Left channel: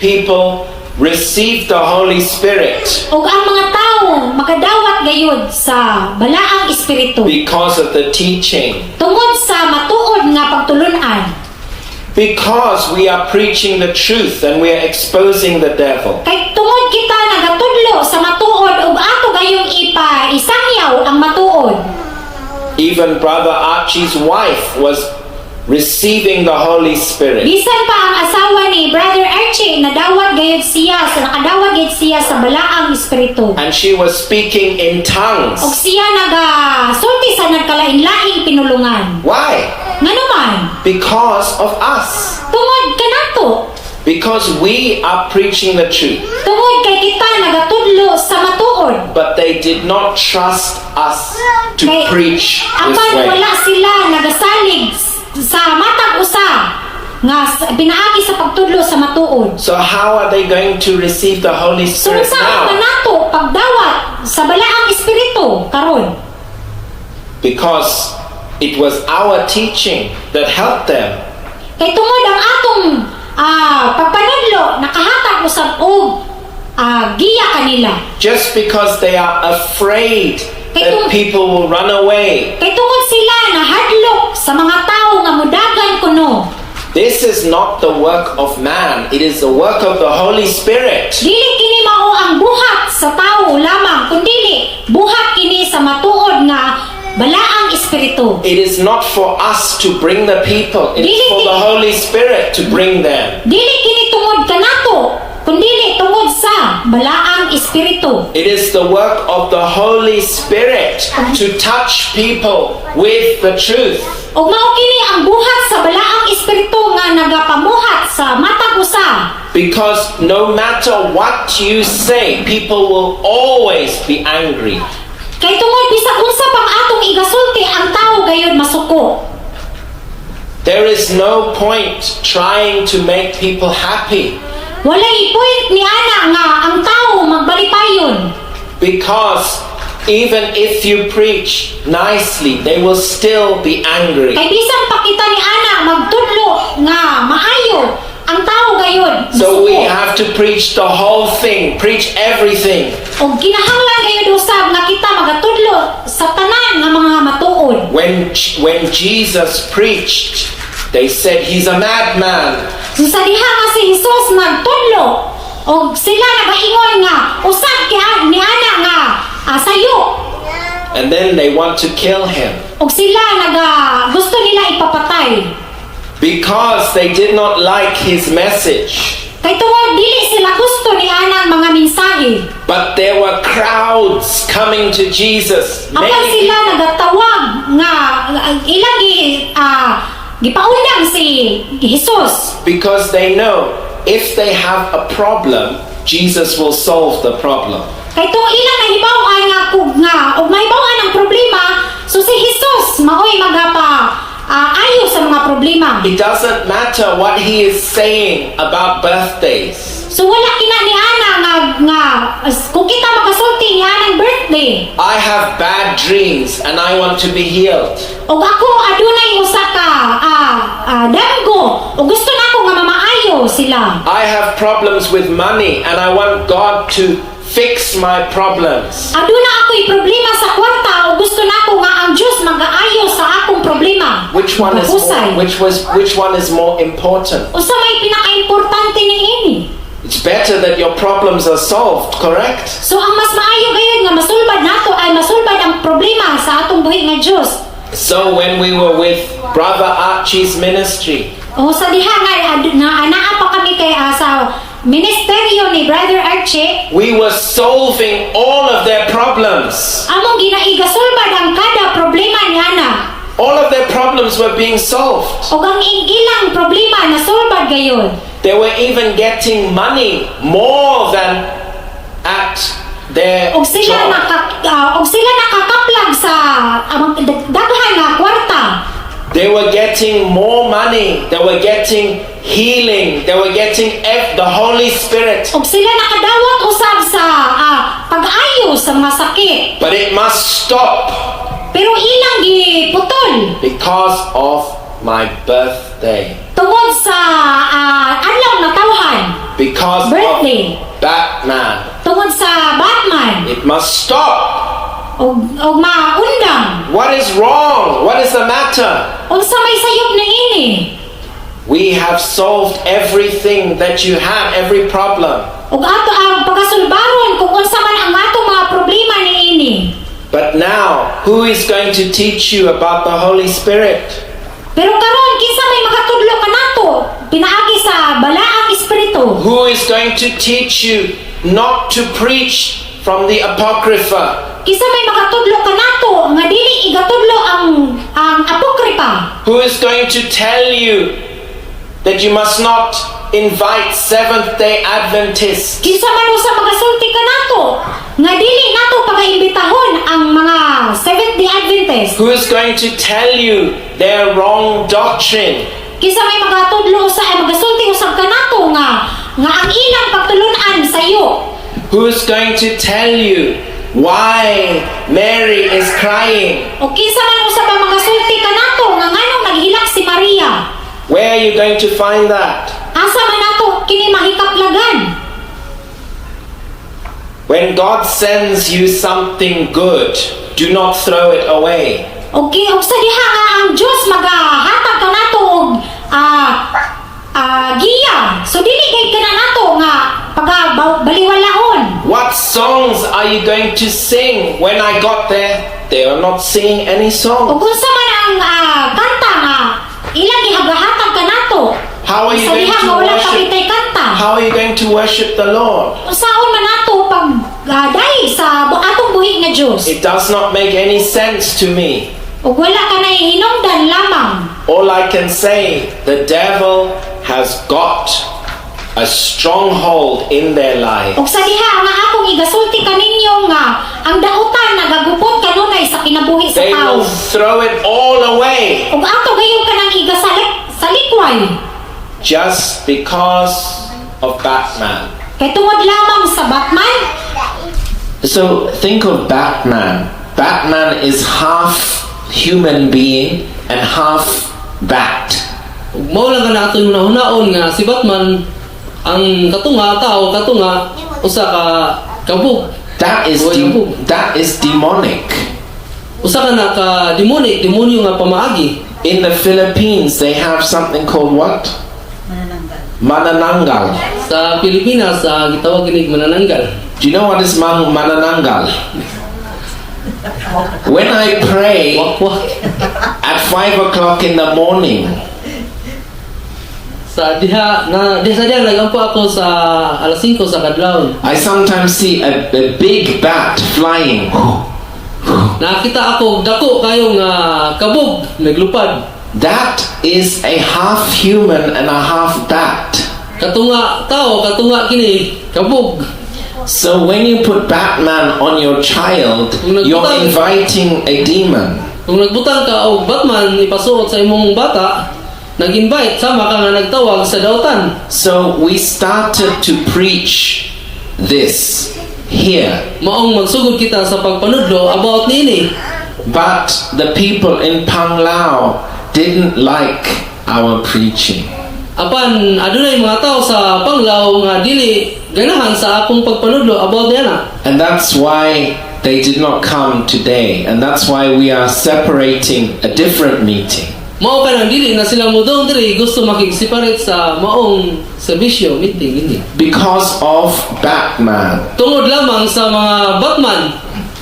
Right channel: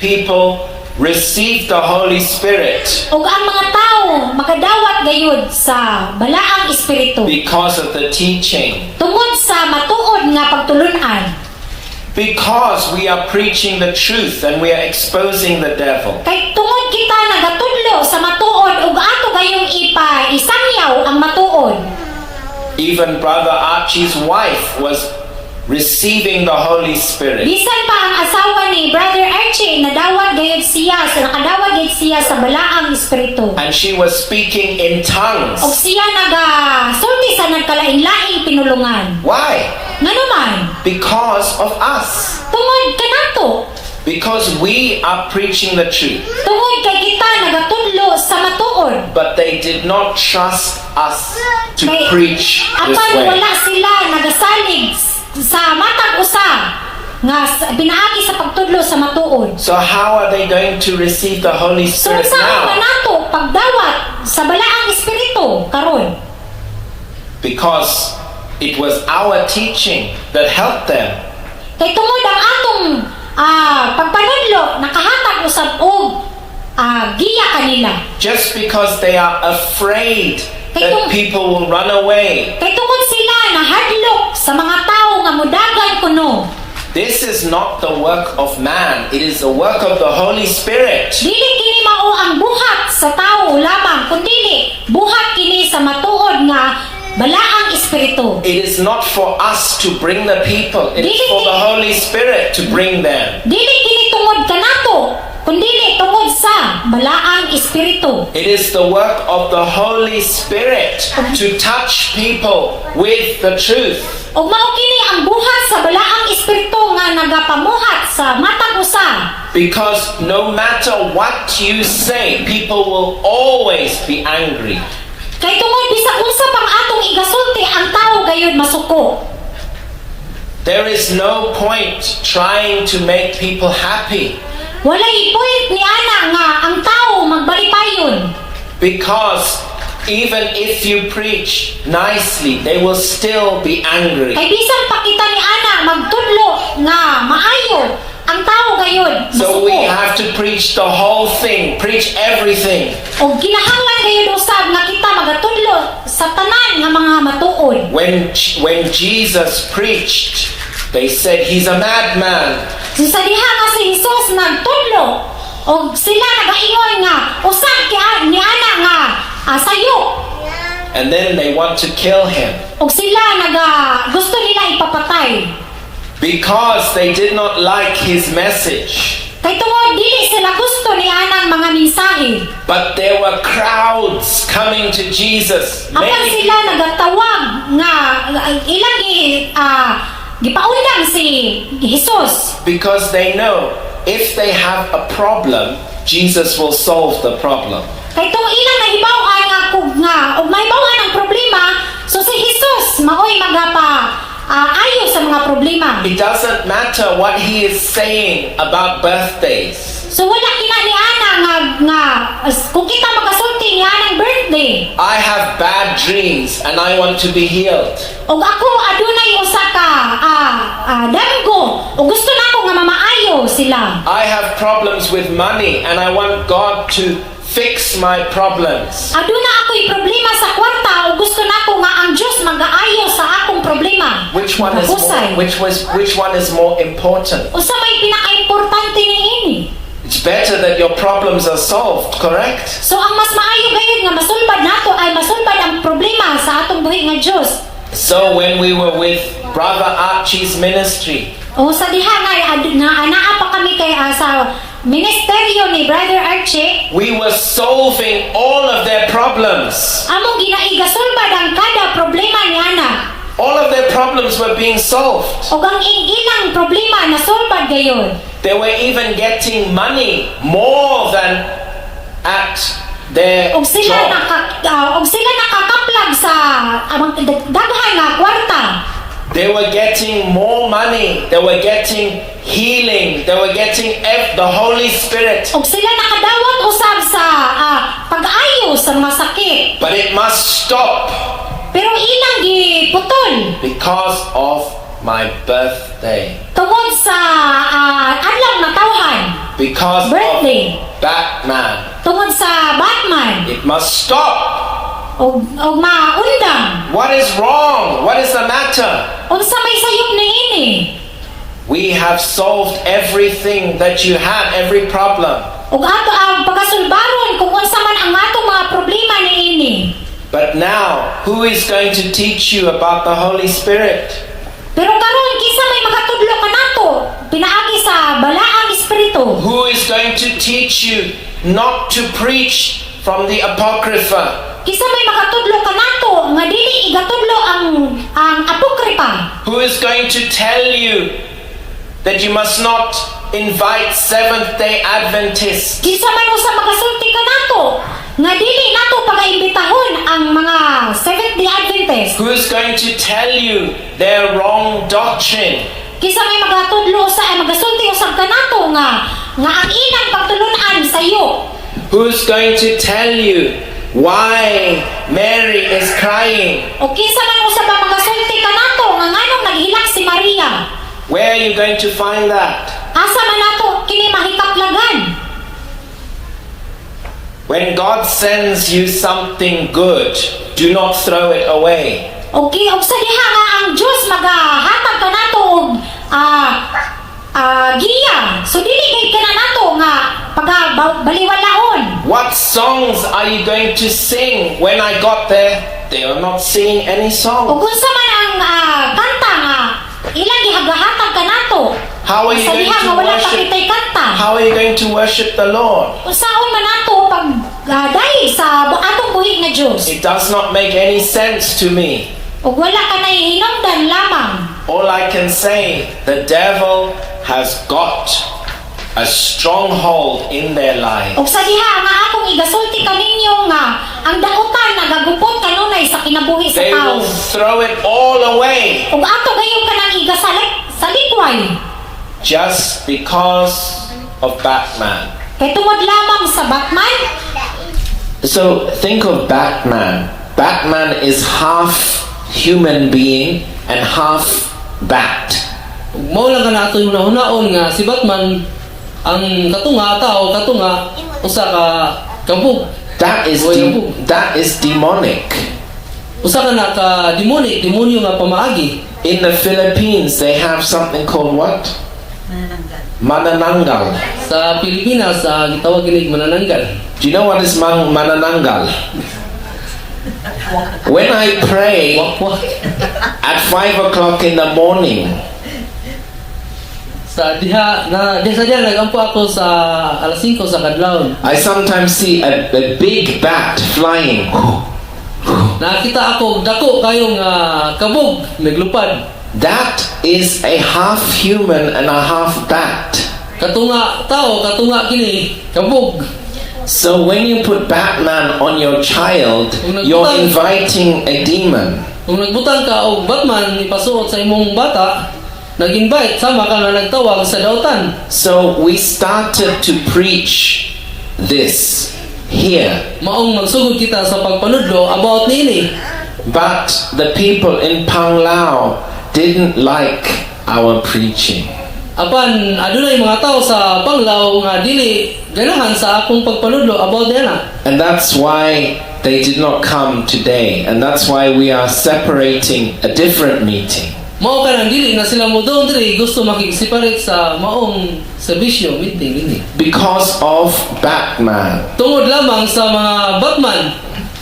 people receive the Holy Spirit ug ang mga tawo makadawat gayud sa balaang espiritu because of the teaching. tungod sa matuod nga pagtulun-an. Because we are preaching the truth and we are exposing the devil. Kay tungod kita nagatudlo sa matuod ug ato gayong isangyaw ang matuod. Even Brother Archie's wife was receiving the Holy Spirit. Bisan pa ang asawa ni Brother Archie nakadawat gayud siya sa balaang espiritu. And she was speaking in tongues. Og siya nagasulti sa nagkalain-laing pinulungan. Why? Nganuman? Because of us. Tungod kanato. Because we are preaching the truth. Tungod kay kita nagatudlo sa matuod. But they did not trust us to Kay preach this apan way. wala sila nagasalig sa matag usa nga pinaagi sa pagtudlo sa matuod. So how are they going to receive the Holy So Spirit saan now? nato pagdawat sa balaang espiritu karon? Because it was our teaching that helped them. Kay tungod ang atong pagpanudlo nakahatag usab og giya kanila. Just because they are afraid that people will run away. Kay tungod sila nahadlok sa mga tawo nga mudagan kuno. This is not the work of man. It is the work of the Holy Spirit. Dili kini mao ang buhat sa tawo lamang kundili buhat kini sa matuod nga balaang espiritu. It is not for us to bring the people. It is for the Holy Spirit to bring them. Dili kini tungod kanato kundili tungod sa balaang espiritu. It is the work of the Holy Spirit to touch people with the truth. Og mao kini ang buhat sa balaang espiritu nga nagapamuhat sa matag usa. Because no matter what you say, people will always be angry. Kay tungod bisag unsa pang atong igasulti ang tawo gayud masuko. There is no point trying to make people happy. Walay point ni ana nga ang tawo magbalipayon. Because even if you preach nicely, they will still be angry. Kay bisan pa kita ni ana magtudlo nga maayo ang tawo gayud So we masuko. have to preach the whole thing, preach everything. Og kinahanglan gayud usab nga kita magatudlo sa tanan nga mga matuod. When Jesus preached, they said he's a madman. So sa diha nga si Jesus nagtudlo og sila nagaingon nga usab kay ni ana nga sayo. And then they want to kill him Og sila gusto nila ipapatay. because they did not like his message. Kay tungod dili sila gusto ni anang mga mensahe. But there were crowds coming to Jesus. Apan sila nagatawag nga ilang gipaundang si Jesus. Because they know if they have a problem, Jesus will solve the problem. Kay tung ilang nahibaw-an nga og mahibaw-an ang problema, so si Jesus maoy ayo sa mga problema. It doesn't matter what he is saying about birthdays. So wala kina ni ana nga kung kita makasulti ni anang birthday. I have bad dreams and I want to be healed. Og ako adunay usa ka damgo, og gusto nako nga mamaayo sila. I have problems with money and I want God to fix my problems. Aduna ako'y problema sa kwarta o gusto nako nga ang Dios mag-aayo sa akong problema. Which one is more important? Usa may pinaka-importante niini. It's better that your problems are solved, correct? So ang mas maayo gayud nga masulbad nato ay masulbad ang problema sa atong buhi nga Dios. So when we were with Brother Archie's ministry, O sa diha nga anaa pa kami kay sa ministeryo ni Brother Archie, we were solving all of their problems. among ginaigasulbad ang kada problema niana. All of their problems were being solved. Og ang ilang problema nasulbad gayud. They were even getting money more than at their Og sila job. nakakaplag sa daghan nga kwarta. They were getting more money. They were getting healing. They were getting the Holy Spirit. Og sila nakadawat usab sa pag-ayo sa mga sakit. But it must stop Pero ilang giputol because of my birthday. tungod sa adlaw na tawhan. because birthday. of Batman. Tungod sa Batman. It must stop. Og maundang. What is wrong? What is the matter? Unsa may sayop ni ini? We have solved everything that you had, every problem. Ug ato ang pagasulbaron kung unsa man ang atong mga problema ni ini. But now, who is going to teach you about the Holy Spirit? Pero karon kinsa may magatudlo kanato pinaagi sa balaang espiritu? Who is going to teach you not to preach from the Apocrypha? Kinsa may makatudlo kanato nga dili igatudlo ang apokripa? Who is going to tell you that you must not invite Seventh-day Adventists? Kinsa man usa magasulti kanato nga dili nato pagaimbitahon ang mga Seventh-day Adventist? Who is going to tell you their wrong doctrine? Kinsa may magatudlo usa ay magasulti usab kanato nga ang ilang pagtulun-an sayo? Who is going to tell you why Mary is crying? O kinsa man usab ang magasulti kanato nga nganong naghilak si Maria? Where are you going to find that? Asa man nato kini mahikaplagan? When God sends you something good, do not throw it away. Og sa diha nga ang Dios magahatag kanato og giya. So dili gay kana nato nga baliwalaon. What songs are you going to sing? When I got there, they were not singing any Og songs. unsa man ang kanta nga ilang gihagahatag kanato? How are you Sa going diha to nga wala worship? pakitay kanta. How are you going to worship the Lord? Unsaon man nato pag dahil sa atong buhi nga Dios? It does not make any sense to me. Og wala ka na hinungdan lamang. All I can say, the devil has got a stronghold in their lives. Og sa diha nga akong igasulti kaninyo nga ang dautan nagagupot kanunay sa kinabuhi sa They tao. will throw it all away Og ato gayon kanang sa likway. just because of Batman. Kay tungod lamang sa Batman. So think of Batman. Batman is half human being and half bat. Mao lang ka na ato yung hunaon nga si Batman ang katunga tao katunga usa ka kabug That is that is demonic. usa ka na ka demonyo nga pamaagi. In the Philippines, they have something called what? Manananggal. Sa Pilipinas gitawag ginig manananggal. Do you know what is manananggal? When I pray Wakwak. at 5 o'clock in the morning, Sa diha nagampo ako sa alas 5 sa kadlawon. I sometimes see a big bat flying. Nakita ako dako kayong kabog naglupad. That is a half human and a half bat. Katunga tao, katunga kini kabog. So when you put Batman on your child, you're inviting a demon. Kung nagbutang ka og Batman ipasuot sa imong bata, nag-invite sama ka nga nagtawag sa dautan. So we started to preach this here. Maong magsugod kita sa pagpanudlo about niini. But the people in Panglao didn't like our preaching. Apan adunay mga tao sa Panglao nga dili ganahan sa akong pagpanudlo about niana. And that's why they did not come today. And that's why we are separating a different meeting. Mao ka nang dili na sila mo doon diri gusto makig-separate sa maong serbisyo meeting dinhi. Because of Batman. Tungod lamang sa mga Batman.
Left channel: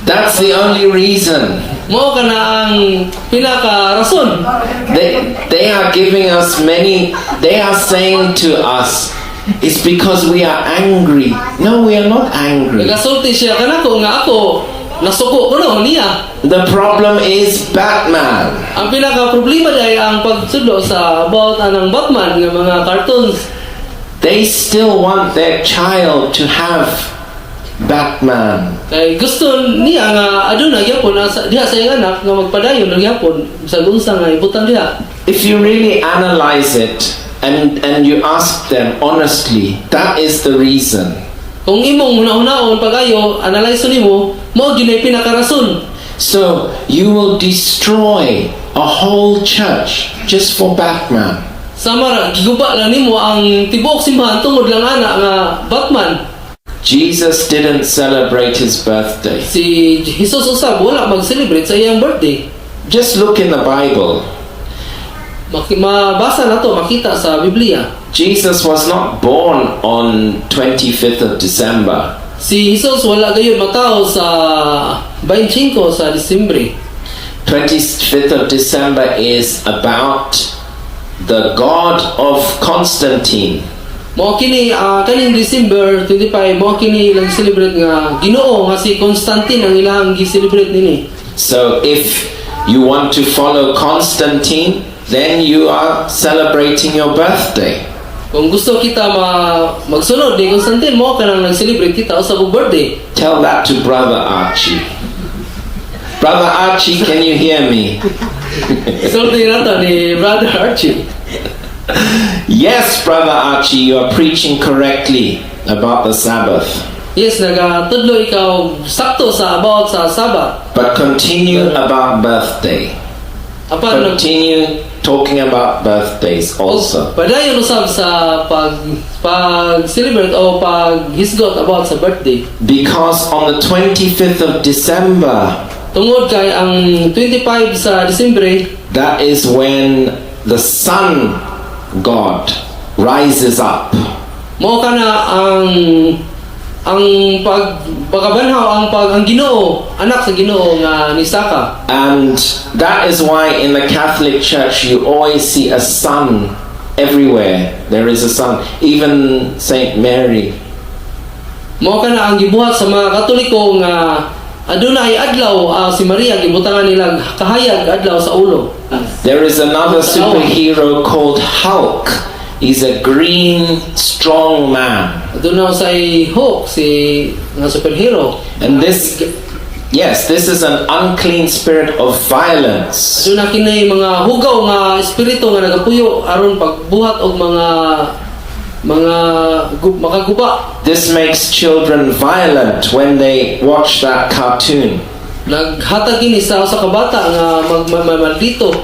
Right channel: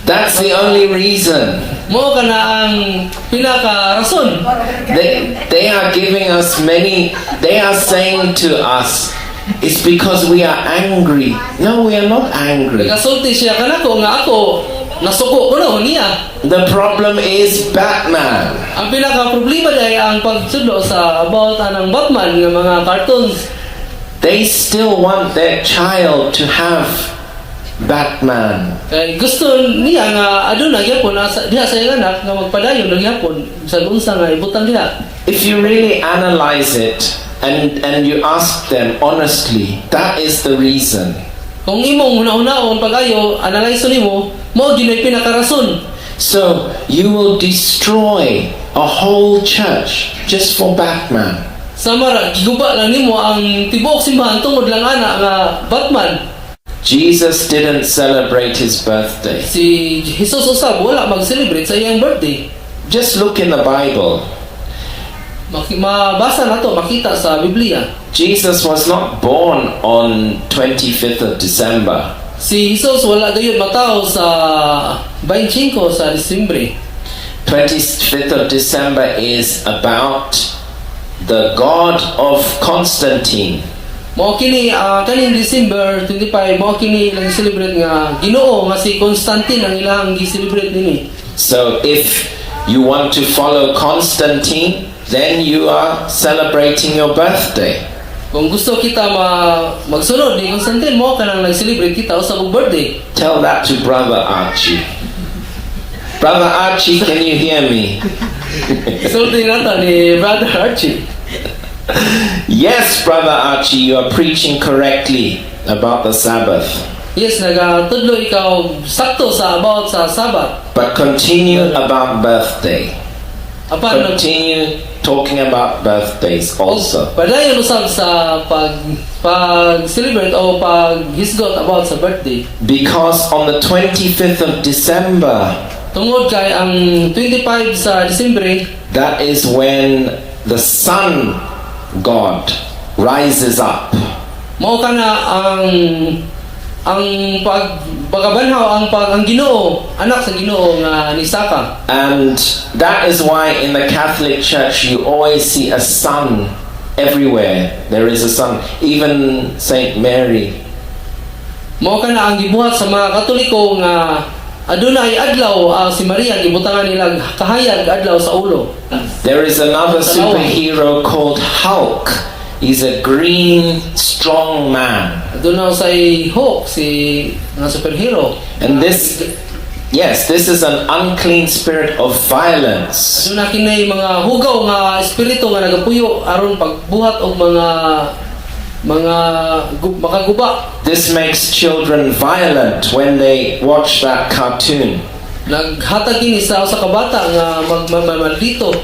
That's the only reason. Mao ka na ang pinaka rason. They are giving us they are saying to us, it's because we are angry. No, we are not angry. Nagasulti siya kanako nga ako nasuko ko no niya. The problem is Batman. Ang pinaka problema day ang pagtudlo sa about anang Batman nga mga cartoons. They still want their child to have Batman. Kay gusto niya nga aduna gyapon diha sa iyang anak nga magpadayon og gyapon sa unsa nga ibutang diha. If you really analyze it and you ask them honestly, that is the reason. Kung imong huna-hunaon pag-ayo analyze nimo mao gyud ay pinakarason. So you will destroy a whole church just for Batman. Samara giguba lang nimo ang tibuok simbahan tungod lang ana nga Batman. Jesus didn't celebrate his birthday. Si Jesus usab wala mag-celebrate sa iyang birthday. Just look in the Bible. Mabasa nato, makita sa Biblia. Jesus was not born on 25th of December. Si Jesus wala gayud matao sa 25 sa Disyembre. 25th of December is about the God of Constantine. Mao kini kaning December 25 mao kini ilang celebrate nga Ginoo nga si Constantine ang ilang gi-celebrate nini. So if you want to follow Constantine, then you are celebrating your birthday. Kung gusto kita magsunod ni Constantine mo kanang nag-celebrate kita sa birthday. Tell that to Brother Archie. Brother Archie, can you hear me? Sulti nato ni Brother Archie. Yes, Brother Archie, you are preaching correctly about the Sabbath. Yes, nagatudlo ikaw sakto sa about sa Sabbath. But continue about birthday. Apan Continue talking about birthdays also. padayon usab sa pag celebrate o pag hisgot about sa birthday. Because on the 25th of December, Tungod kay ang 25 sa Disyembre, that is when the sun God rises up. mao kana ang pagbanhaw ang Ginoo, anak sa Ginoo nga nisaka. And that is why in the Catholic Church you always see a sun everywhere. There is a sun. Even Saint Mary. Mao kana ang gibuhat sa mga Katoliko nga adunay adlaw si Maria gibutangan nila kahayag adlaw sa ulo. There is another superhero called Hulk. He's a green, strong man. Aduna usay Hulk si nga superhero. And this is an unclean spirit of violence. Aduna kini mga hugaw nga espiritu nga nagapuyo aron pagbuhat og makaguba. This makes children violent when they watch that cartoon. Naghatag kini sa usa ka bata nga maldito.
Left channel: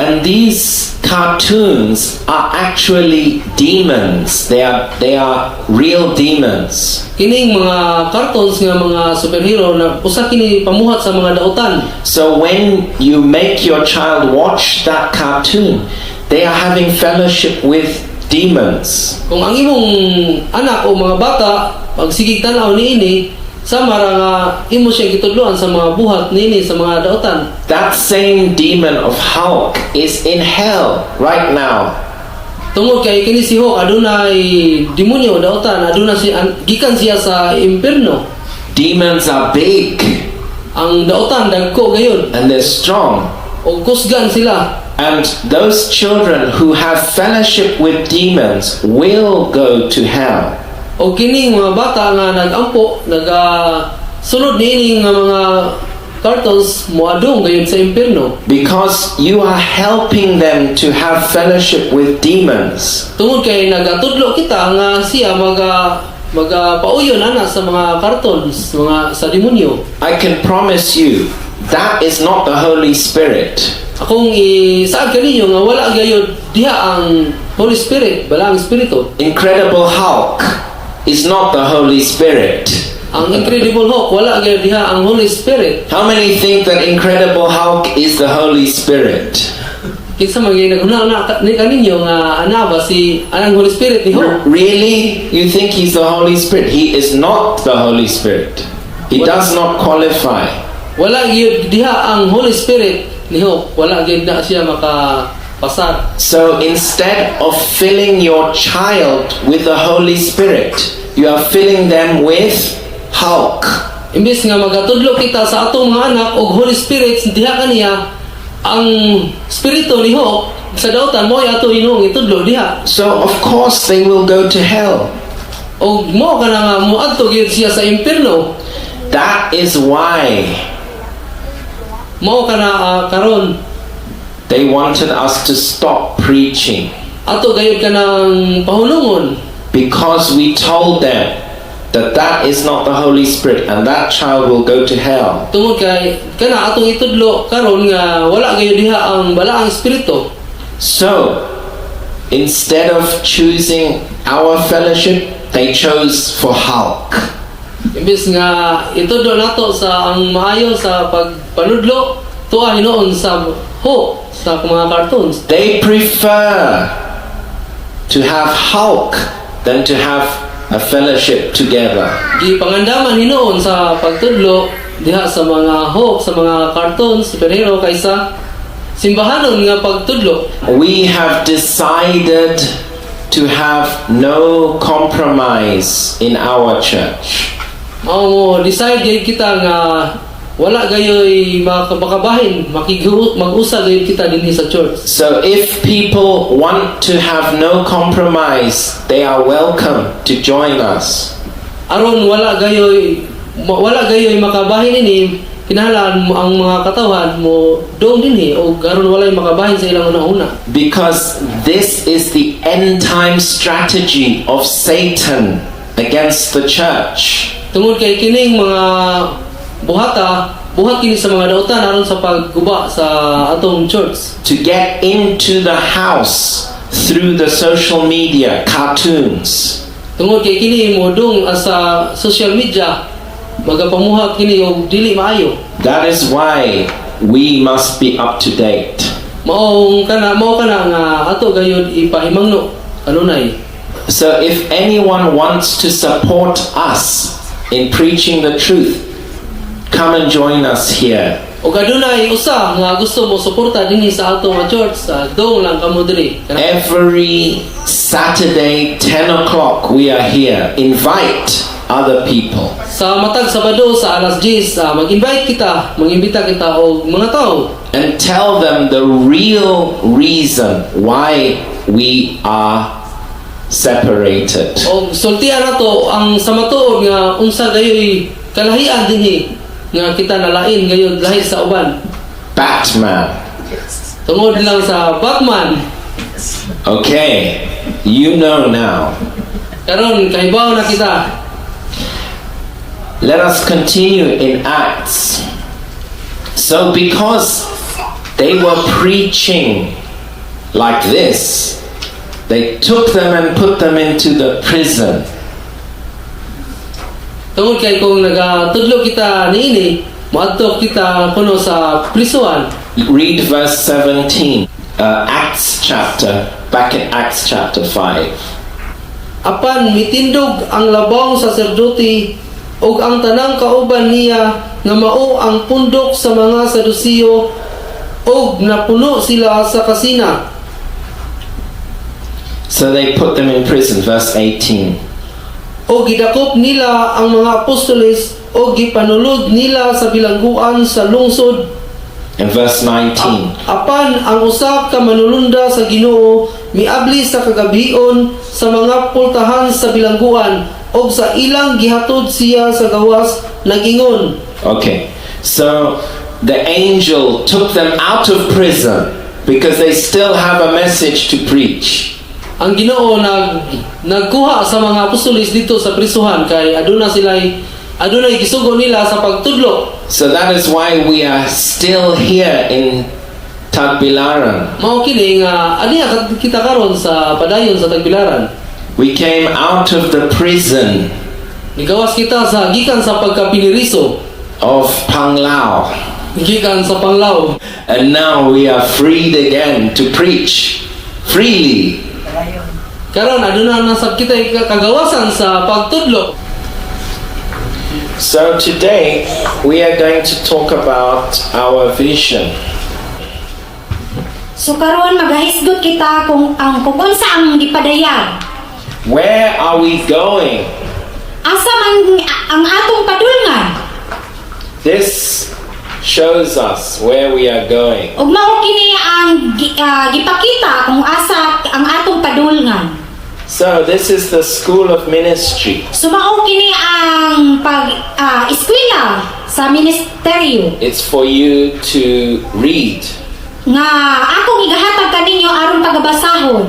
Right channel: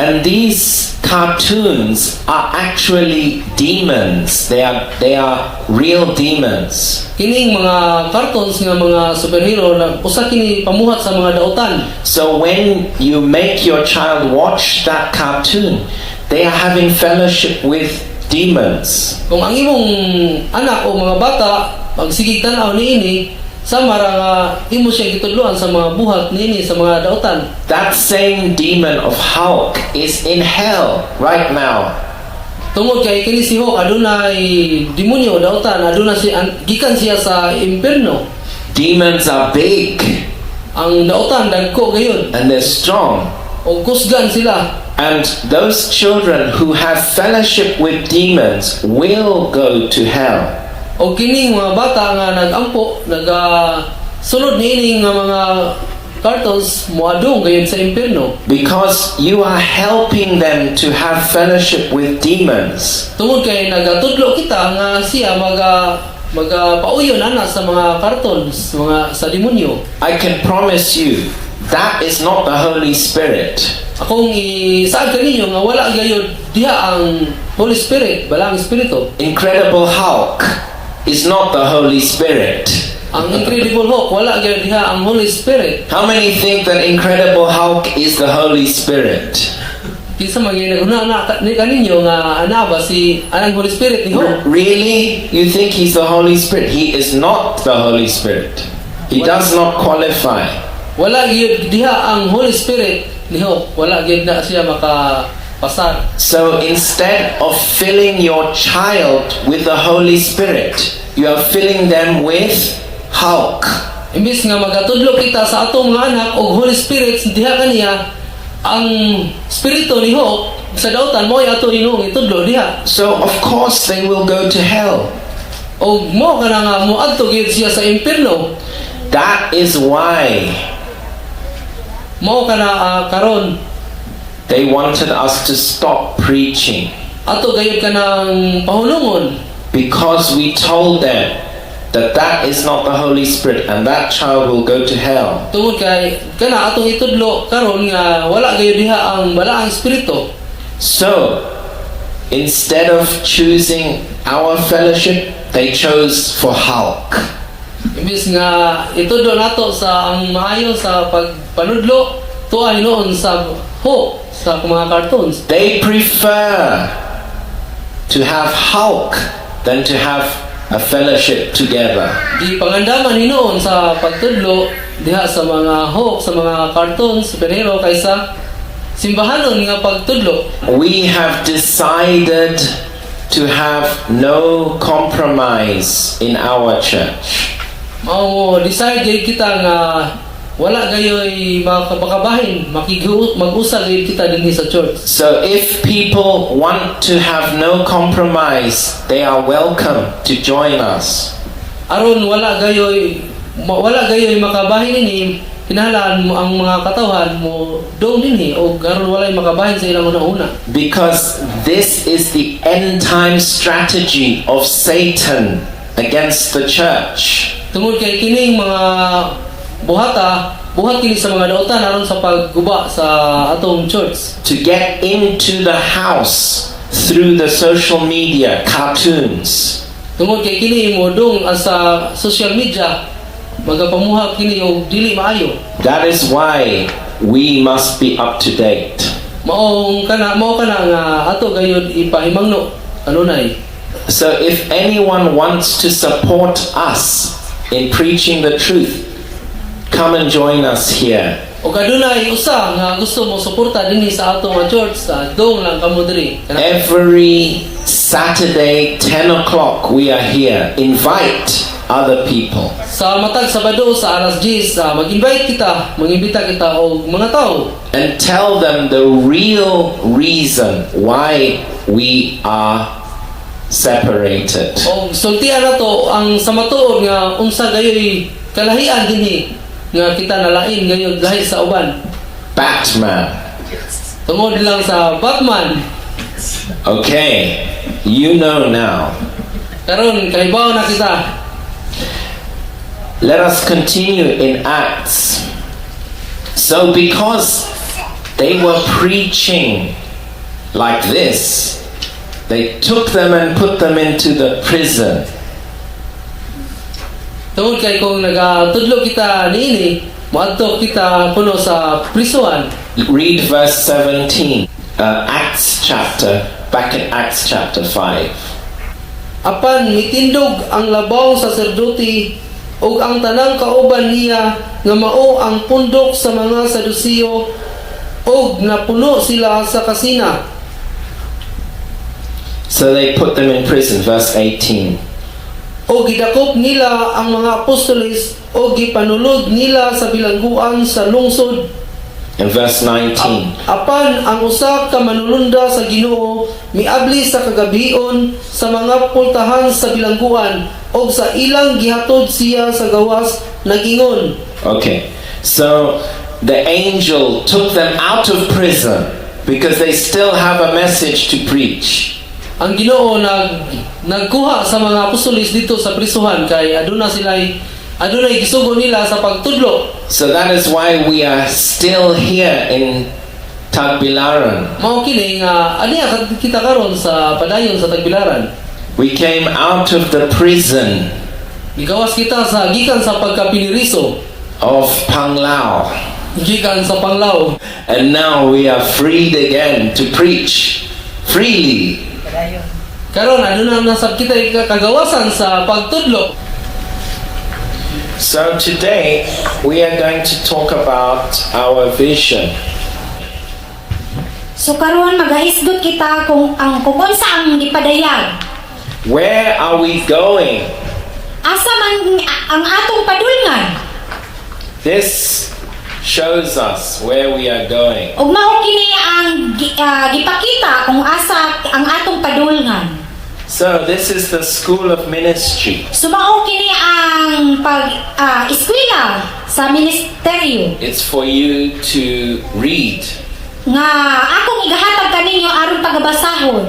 And these cartoons are actually demons. They are real demons. Kining mga cartoons nga mga superhero na usa kini pamuhat sa mga dautan. So when you make your child watch that cartoon, they are having fellowship with demons. Kung ang imong anak o mga bata pagsigig tan-aw niini samara nga imo siya gitudloan sa mga buhat niini sa mga dautan. That same demon of Hulk is in hell right now. Tungod kay kini si Hulk adunay demonyo dautan, aduna si gikan siya sa impierno. Demons are big Ang dautan dagko gayon and they're strong. o kusgan sila. And those children who have fellowship with demons will go to hell. O kining mga bata nga nagampo sunod niini nga mga cartons moadung gayon sa impierno. Because you are helping them to have fellowship with demons. Tungod kay nagatudlo kita nga siya magapauyon ana sa mga cartons mga sa demonyo. I can promise you that is not the Holy Spirit. Akong isaad kaninyo nga wala gayud diha ang Holy Spirit, balang espiritu. Incredible Hulk is not the Holy Spirit. Ang Incredible Hulk wala gayud diha ang Holy Spirit. How many think that Incredible Hulk is the Holy Spirit? Kinsa man gyud naghuna ni kaninyo nga ana ba si anang Holy Spirit ni Hulk? Really? You think he's the Holy Spirit? He is not the Holy Spirit. He does not qualify. Wala gyud diha ang Holy Spirit ni Hulk. Wala gyud na siya makapasar. So instead of filling your child with the Holy Spirit, you are filling them with Hulk. Imbis nga magatudlo kita sa atong mga anak og Holy Spirit diha kaniya ang spirito ni Hulk sa dautan mo ato inong itudlo diha. So of course they will go to hell. Og mo kana nga moadto gyud siya sa impierno. That is why Mo kana karon they wanted us to stop preaching. ato gayud kanang pahulungon Because we told them that is not the Holy Spirit and that child will go to hell. tungod kay kana atong itudlo karon nga wala gayud diha ang balaang espiritu. So instead of choosing our fellowship, they chose for Hulk. Imbis nga itudlo nato sa ang maayo sa pagpanudlo, tuay noon sa hope sa mga cartoons. They prefer to have Hulk than to have a fellowship together. Di pangandaman hinoon sa pagtudlo diha sa mga hope sa mga cartoons, superhero kaysa simbahanon nga pagtudlo. We have decided to have no compromise in our church. Mao decide gayud kita nga wala gayoy makabahin, mag-usa gayud kita dinhi sa church. So if people want to have no compromise, they are welcome to join us. Aron wala gayoy makabahin ini, kinahanglan mo ang mga katawhan mo dong dinhi o aron walay makabahin sa ilang una-una. Because this is the end time strategy of Satan against the church. Tungod kay kining mga buhat kini sa mga dautan aron sa pagguba sa atong church. To get into the house through the social media, cartoons. Tungod kay kini modong sa social media magapamuhat kini og dili maayo. That is why we must be up to date. Mao kana nga ato gayud ipahimangno kanunay. So if anyone wants to support us in preaching the truth, come and join us here. Og adunay usa nga gusto mo suporta dinhi sa ato nga church, dong lang kamo diri. Every Saturday 10 o'clock we are here. Invite other people. Sa matag Sabado sa alas 10 mag-imbita kita og mga tao And tell them the real reason why we are separated. og sultian nato ang sa matuod nga unsa gayoy kalahian dinhi nga kita nalain gayud lahi sa uban. Batman. Tungod lang sa Batman. Okay, you know now. Karon kahibaw na kita. Let us continue in Acts. So because they were preaching like this, they took them and put them into the prison. Tungod kay kung nagatudlo kita niini, moadto kita kuno sa prisuan. Read verse 17, back in Acts chapter 5. Apan mitindog ang labong saserdote ug ang tanang kauban niya nga mao ang pundok sa mga Sadusiyo ug napuno sila sa kasina. So they put them in prison, verse 18. O gidakop nila ang mga apostoles o gipanulod nila sa bilangguan sa lungsod. In verse 19. Apan ang usa ka manulunda sa Ginoo miabli sa kagabion sa mga pultahan sa bilangguan og sa ilang gihatod siya sa gawas nagingon. Okay, so the angel took them out of prison because they still have a message to preach. Ang Ginoo nagkuha sa mga apostoles dito sa prisuhan kay adunay gisugo nila sa pagtudlo. So that is why we are still here in Tagbilaran. Mao kini nga aniya kita karon sa padayon sa Tagbilaran. We came out of the prison Nigawas kita sa gikan sa pagkapiniriso of Panglao, gikan sa Panglao. and now we are freed again to preach freely. Karon aduna nasab kita kagawasan sa pagtudlo. So today we are going to talk about our vision. So karon magahisgot kita kung unsa ang gipadayag. Where are we going? Asa man ang atong padulngan. This shows us where we are going. Ug mao kini ang gipakita kung asa ang atong padulngan. So this is the school of ministry. So mao kini ang eskwela sa ministeryo It's for you to read. nga akong igahatag kaninyo aron pagabasahon.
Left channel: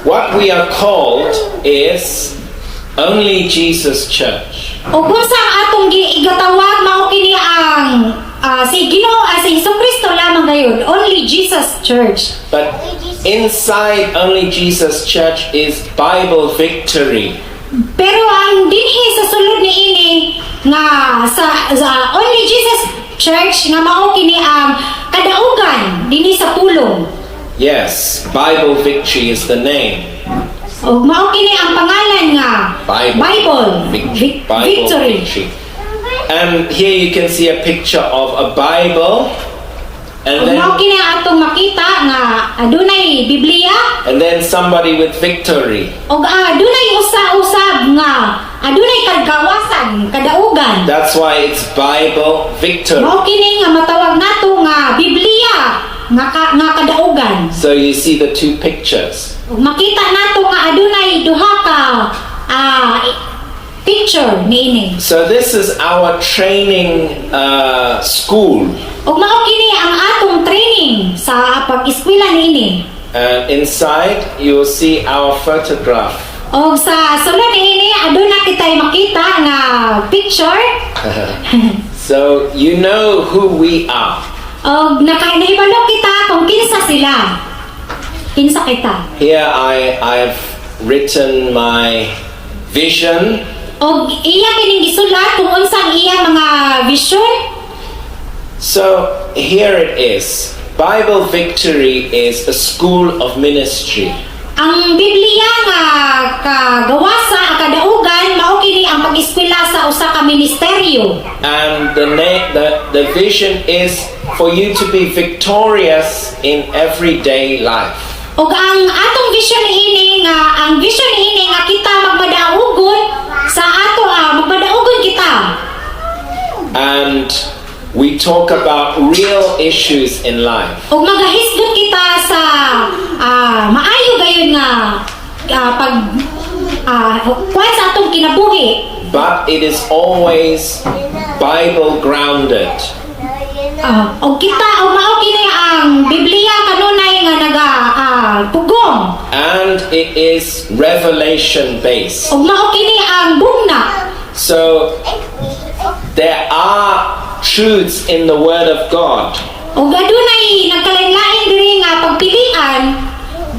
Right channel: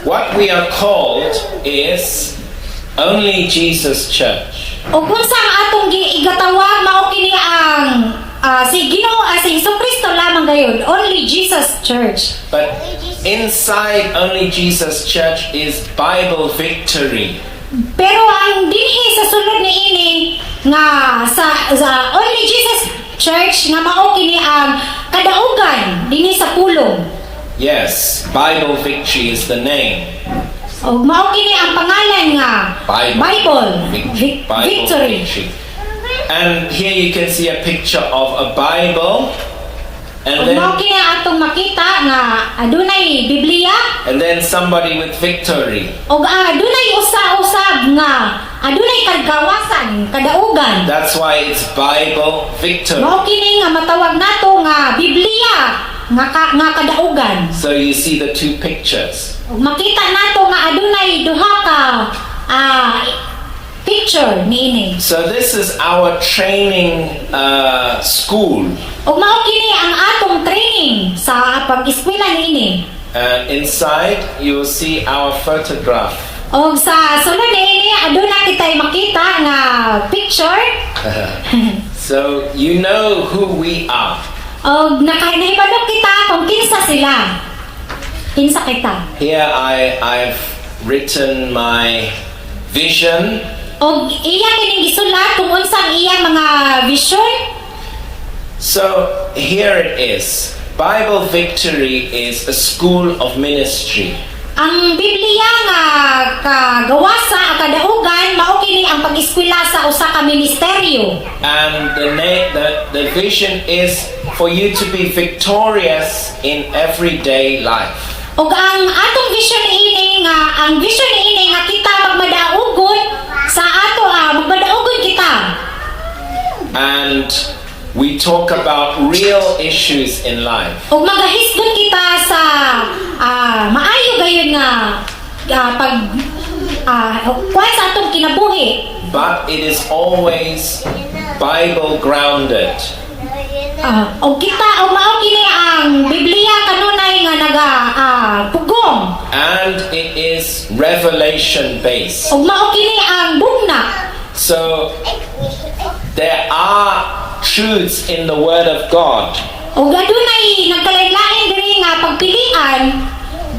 What we are called is Only Jesus Church. O kung sa atong igatawag mao kini ang si Ginoo si Hesukristo lamang gayon, Only Jesus Church. But inside Only Jesus Church is Bible Victory. Pero ang dinhi sa sulod ni ini nga sa Only Jesus Church nga mao kini ang kadaugan dinhi sa pulong. Yes, Bible Victory is the name. O mao kini ang pangalan nga Bible Victory. And here you can see a picture of a Bible, and O mao kini atong makita nga adunay Biblia then somebody with victory. o adunay usa-usab nga adunay kagawasan kadaugan. That's why it's Bible Victory. Mao kini nga matawag nato nga Biblia nga kadaugan. So you see the two pictures. Ug makita nato nga adunay duha ka picture niini. So this is our training school. Ug mao kini ang atong training sa pag-eskwela niini. And inside you will see our photograph. Og sa sulod niini aduna kitay makita nga picture. So you know who we are. Og nahibalo kita kung kinsa sila. Kinsa kita. Here I've written my vision. Og iya kining gisulat kung unsang iya mga vision. So here it is. Bible Victory is a school of ministry. Ang Biblia nga kagawasa kadaugan mao kini ang pag-eskwela sa usa ka ministeryo. And the vision is for you to be victorious in everyday life. Og ang atong vision niini nga ang vision niini nga kita magmadaugon sa ato magmadaugon kita. And we talk about real issues in life. Og magahisgot kita sa maayo gayon nga pag kuwan sa atong kinabuhi. But it is always Bible grounded. Og kita og mao kini ang Biblia kanunay nga pugong. And it is revelation based. Og mao kini ang bugna. So there are truths in the Word of God. Og adunay nagkalain-lain diri nga pagpilian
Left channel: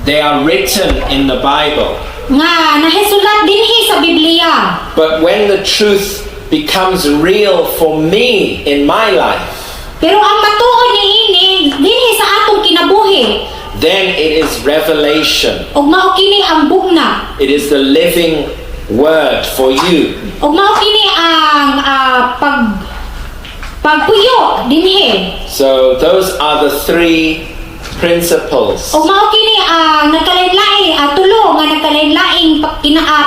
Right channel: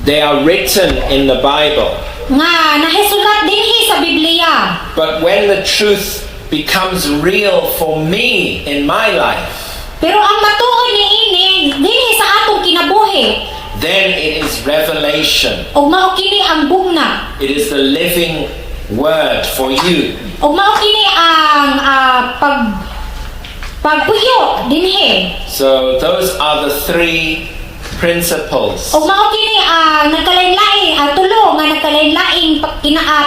They are written in the Bible. nga nahisulat dinhi sa Biblia. But when the truth becomes real for me in my life, Pero ang matuod niini dinhi sa atong kinabuhi. then it is revelation. Og mao kini ang bugna. It is the living word for you. Og mao kini ang pagpuyo dinhi. So those are the three principles. Og mao kini ang nagkalain-lain tulo nga nagkalain-laing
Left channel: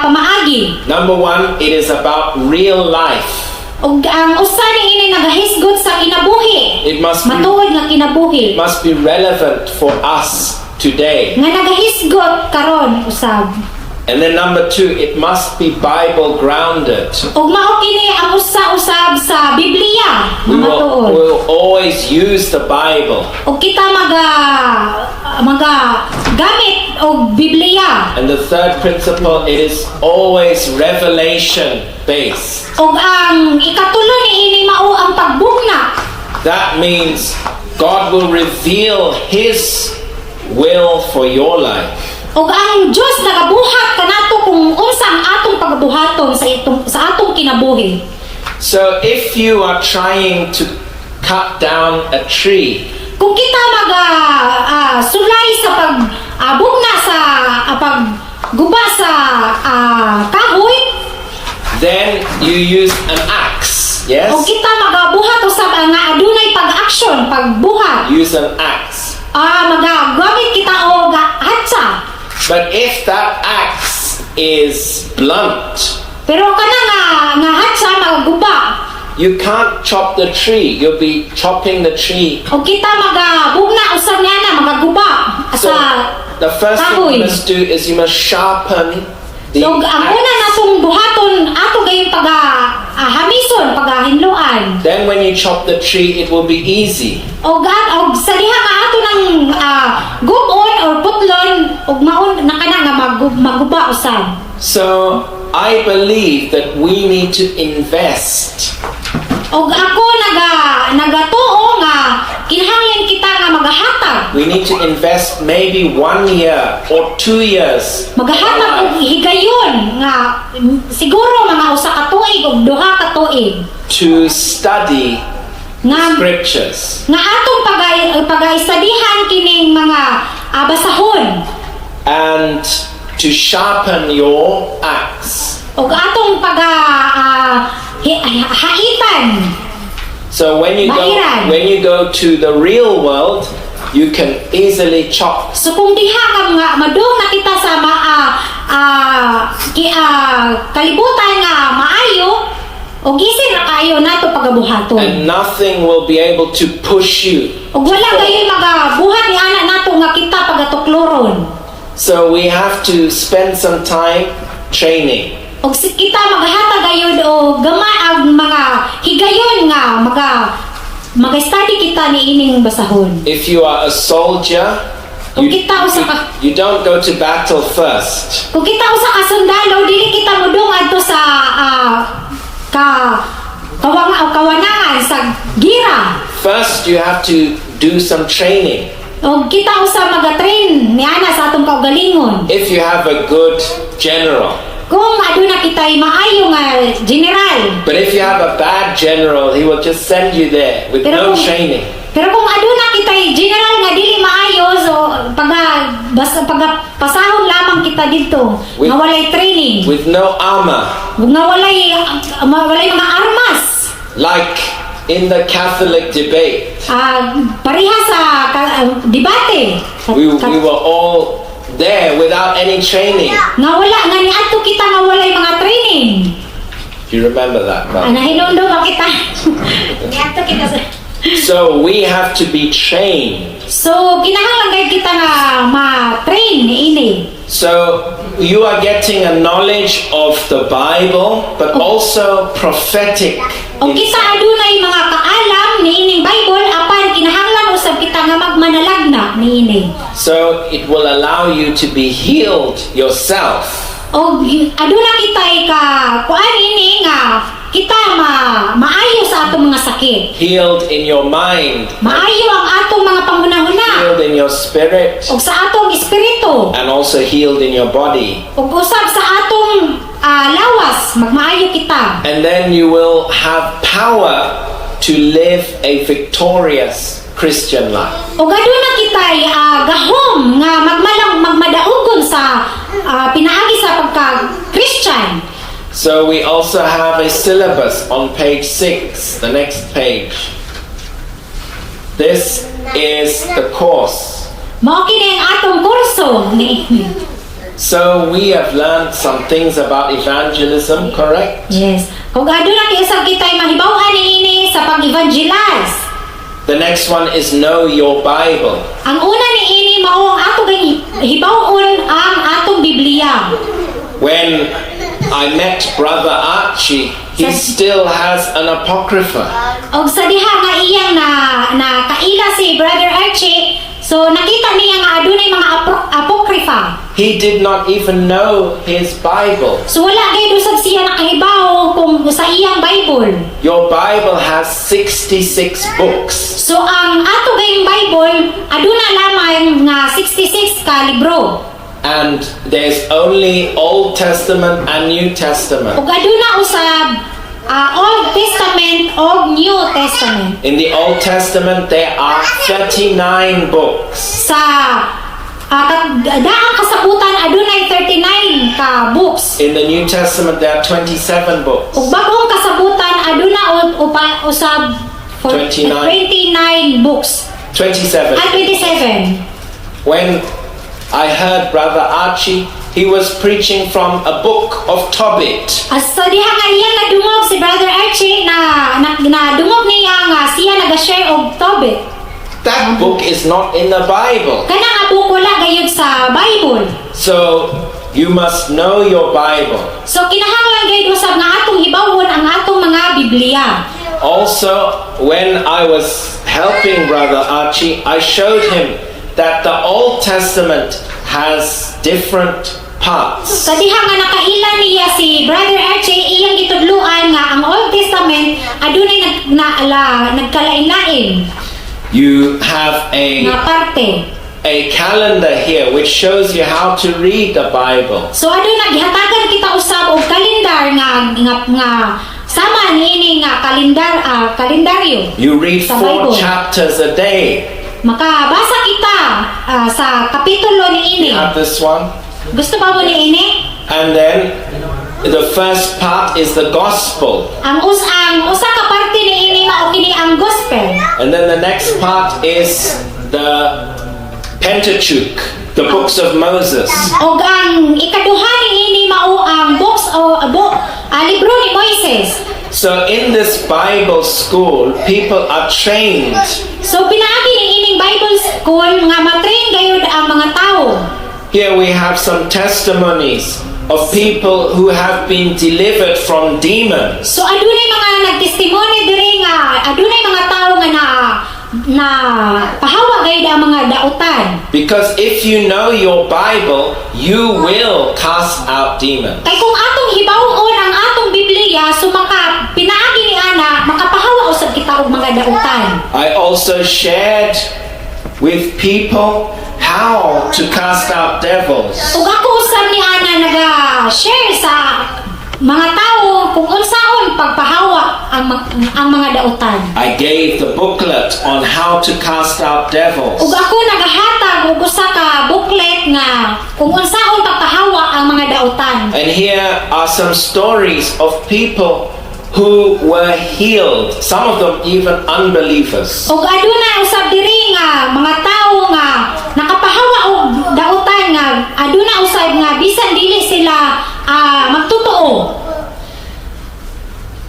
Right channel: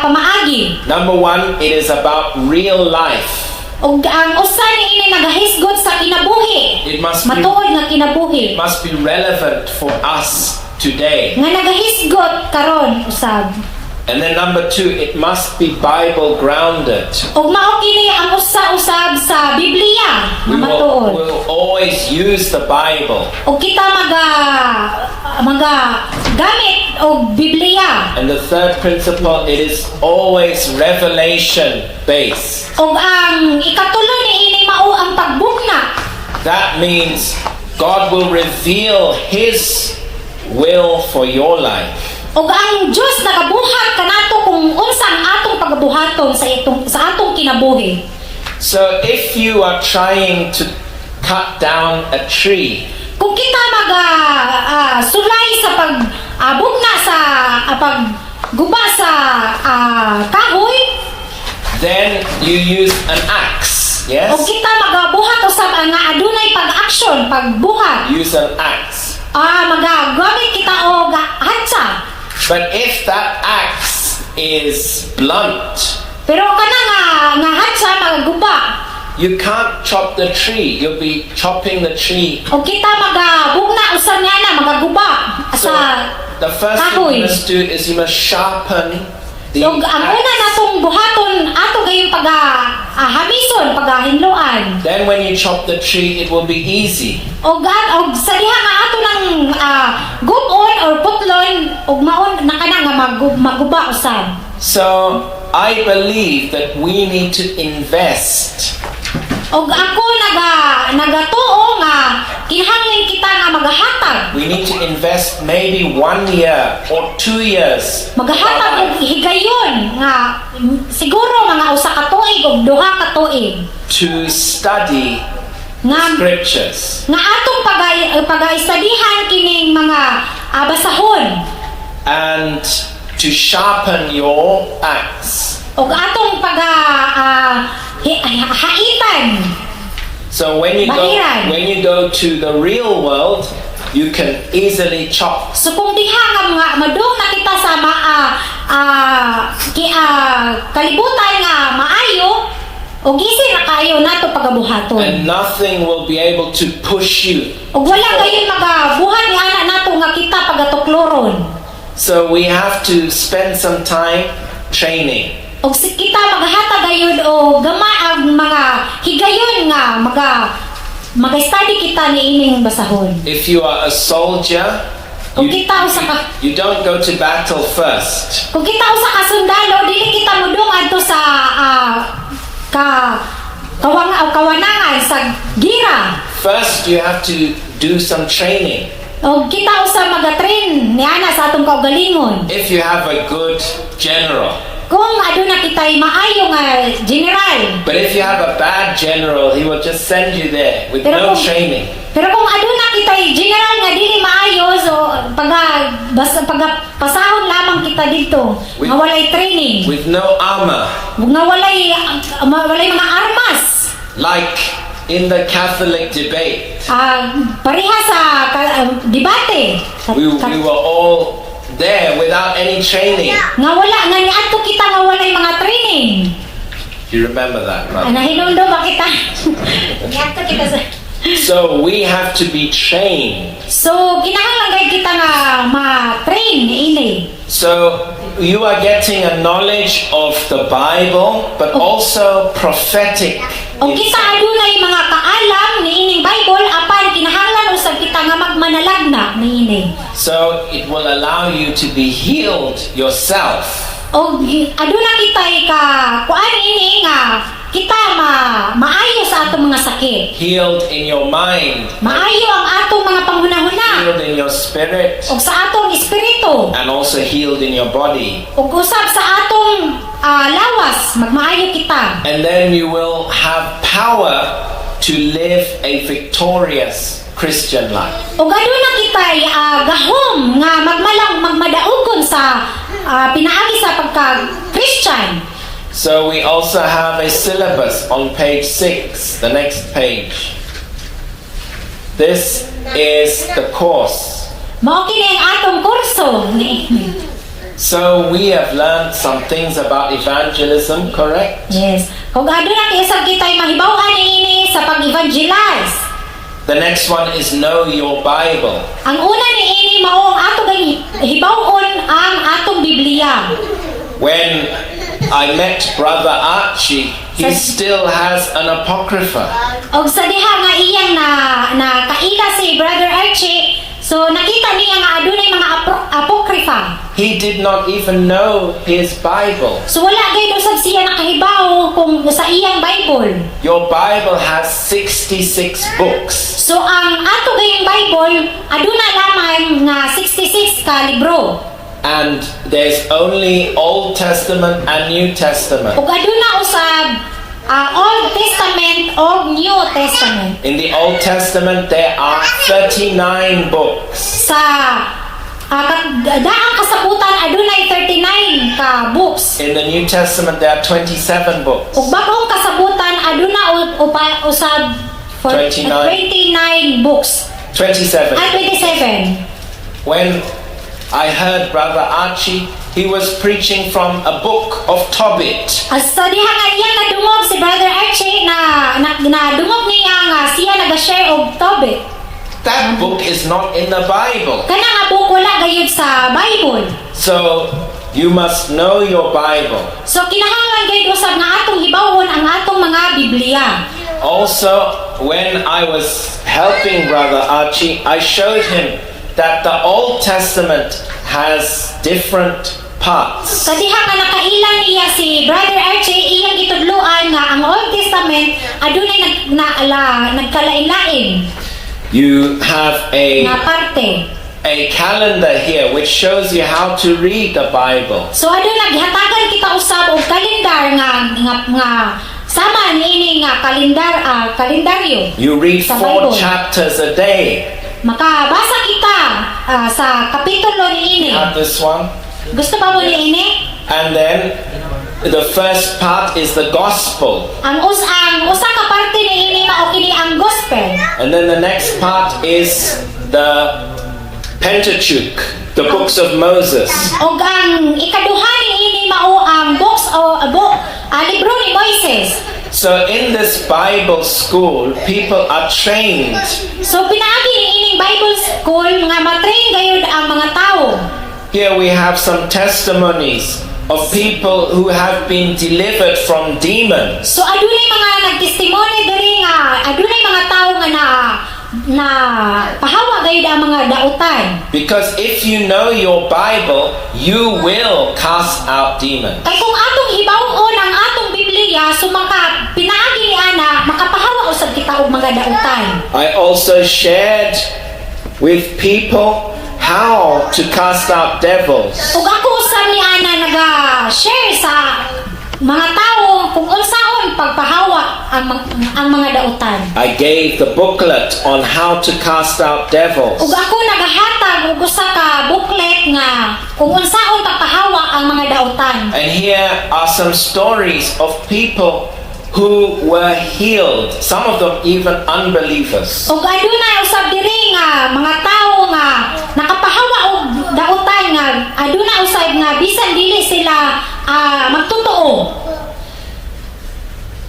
pamaagi. Number one, it is about real life. Og ang usa niini nagahisgot sa kinabuhi. It must be, Matuod nga kinabuhi. must be relevant for us today. Nga nagahisgot karon usab. And then number two, it must be Bible grounded. Og mao kini ang usa-usab sa Biblia nga We matuod. will always use the Bible. Og kita gamit og Biblia. And the third principle, it is always revelation based. Og ang ikatulo niini mao ang pagbugna. That means God will reveal His will for your life. Og ang Dios nagabuhat kanato kung unsang atong pagabuhaton sa atong kinabuhi. So if you are trying to cut down a tree, Kung kita sulay sa pagbugna sa pagguba sa kahoy, then you use an axe. Yes? o kita magabuhat usab nga adunay pag-action, pagbuhat. Use an axe. Magagamit kita og hatsa. But if that axe is blunt, Pero kana nga hatsa magaguba. you can't chop the tree. You'll be chopping the tree. O kita magabugna usab niya na magaguba So sa the first thing kahoy. you must do is you must sharpen the So ang una axe. natong buhaton ato gayong hamison, pagahinluan. Then when you chop the tree, it will be easy. Og sa diha nga ato ng gubon or putlon og maun na kana nga maguba usab. So I believe that we need to invest Og ako nagatuo nga kinahanglan kita nga magahatag. We need to invest maybe 1 year or 2 years of our Magahatag og life higayon nga siguro mga usa ka tuig o duha ka tuig to study nga scriptures atong pag-studyhan kining mga basahon and to sharpen your axe. og atong haitan. So when you Bahiran. go to the real world, you can easily chop. So kung diha nga madung na kita sa kalibutan nga maayo og gisin ra kayo nato pagabuhaton. And nothing will be able to push you. Og wala gayon magabuhat ni ana nato nga kita pagatokloron. So we have to spend some time training. Og kita maghatag gayud og gamay ang mga higayon nga mag-study kita ni ining basahon. If you are a soldier, Kung kita usa ka you don't go to battle first. Kung kita usa ka sundalo, dili kita mudung adto sa kawanangan sa gira. First, you have to do some training. O kita usa magatrain ni ana sa atong kaugalingon. If you have a good general. Kung aduna kitay maayo nga general. But if you have a bad general, he will just send you there with Pero no kung- training. Pero kung aduna kitay general nga dili maayo, so pasahon lamang kita dito With- nga walay training, With no armor. nga walay mga armas. Like in the Catholic debate, Pareha sa debate. we were all there without any training. Nga wala nga niadto kita nga walay mga training. Do you remember that, brother? Nahinundo ba kita? Niadto kita sa So we have to be trained. So kinahanglan gayud kita nga ma-train niini. So you are getting a knowledge of the Bible, but also prophetic. O kita adunay mga kaalam niining Bible apan kinahanglan usab kita nga magmanalagna niini. So it will allow you to be healed yourself. O aduna kitay ka kuan ini nga kita maayo sa atong mga sakit. Healed in your mind. Maayo ang atong mga panghunahuna. Healed in your spirit. O sa atong espiritu. And also healed in your body. Ug usab sa atong lawas magmaayo kita. And then you will have power to live a victorious Christian life. Ug aduna kitay gahom nga magmadaogon sa pinaagi sa pagka-Christian. So we also have a syllabus on page 6, the next page. This is the course. Mao kini ang atong kurso ni. So we have learned some things about evangelism, correct? Yes. Kung aduna kay usab kitay mahibaw-an niini sa pag-evangelize. The next one is know your Bible. Ang una niini mao ang ato gay hibaw-on ang atong Biblia. When I met Brother Archie, he still has an apocrypha. Og sa diha nga iyang na kaila si Brother Archie, so nakita niya nga adunay mga apokrypha. He did not even know his Bible. So wala gayud usab siya nakahibaw kung sa iyang Bible. Your Bible has 66 books. So ang ato gayong Bible aduna lamang nga 66 ka libro. And there's only Old Testament and New Testament. Ug aduna usab Old Testament o New Testament. In the Old Testament, there are 39 books. Sa daang kasabutan adunay 39 ka books. In the New Testament, there are 27 books. Ug bagong kasabutan aduna usab 29. 29 books. 27. 27. When I heard Brother Archie, he was preaching from a book of Tobit. So diha nga iyang nadungog si Brother Archie na dungog niya nga siya naga-share og Tobit. That book is not in the Bible. Kana nga book wala gayud sa Bible. So you must know your Bible. So kinahanglan gayud usab nga atong hibawon ang atong mga Biblia. Also, when I was helping Brother Archie, I showed him that the Old Testament has different parts. Sa diha nga nakaila niya si Brother Archie iyang gitudloan nga ang Old Testament adunay nagkalain-lain. You have nga parte. a calendar here which shows you how to read the Bible. So aduna gihatagan kita usab og kalendar nga sama niini nga kalendaryo. You read Sa 4 Bible. chapters a day. Makabasa kita sa kapitulo niini. You have this one. Gusto ba mo niini? And then the first part is the gospel. Ang usa ka parte niini mao kini ang gospel. And then the next part is the Pentateuch, the books of Moses. Og ang ikaduha niini mao ang libro ni Moises. So in this Bible school, people are trained So pinaagi niining Bible school nga matrain gayud ang mga tawo. Here we have some testimonies of people who have been delivered from demons. So adunay mga nagtestimony diri nga adunay mga tawo nga na pahawa gayud ang mga dautan. Because if you know your Bible, you will cast out demons. Kay kung atong hibawon ang atong Biblia so maka pinaagi ni ana makapahawa usab kita og mga dautan. I also shared with people how to cast out devils. Ug ako usab ni ana naga-share sa mga tawo kung unsaon pagpahawa ang mga dautan. I gave the booklet on how to cast out devils. Ug ako nagahatag og usa ka booklet nga kung unsaon pagpahawa ang mga dautan. And here are some stories of people who were healed, some of them even unbelievers. Ug aduna usab diri nga mga tawo nga nakapahawa og dautan nga aduna usab nga bisan dili sila magtotoo.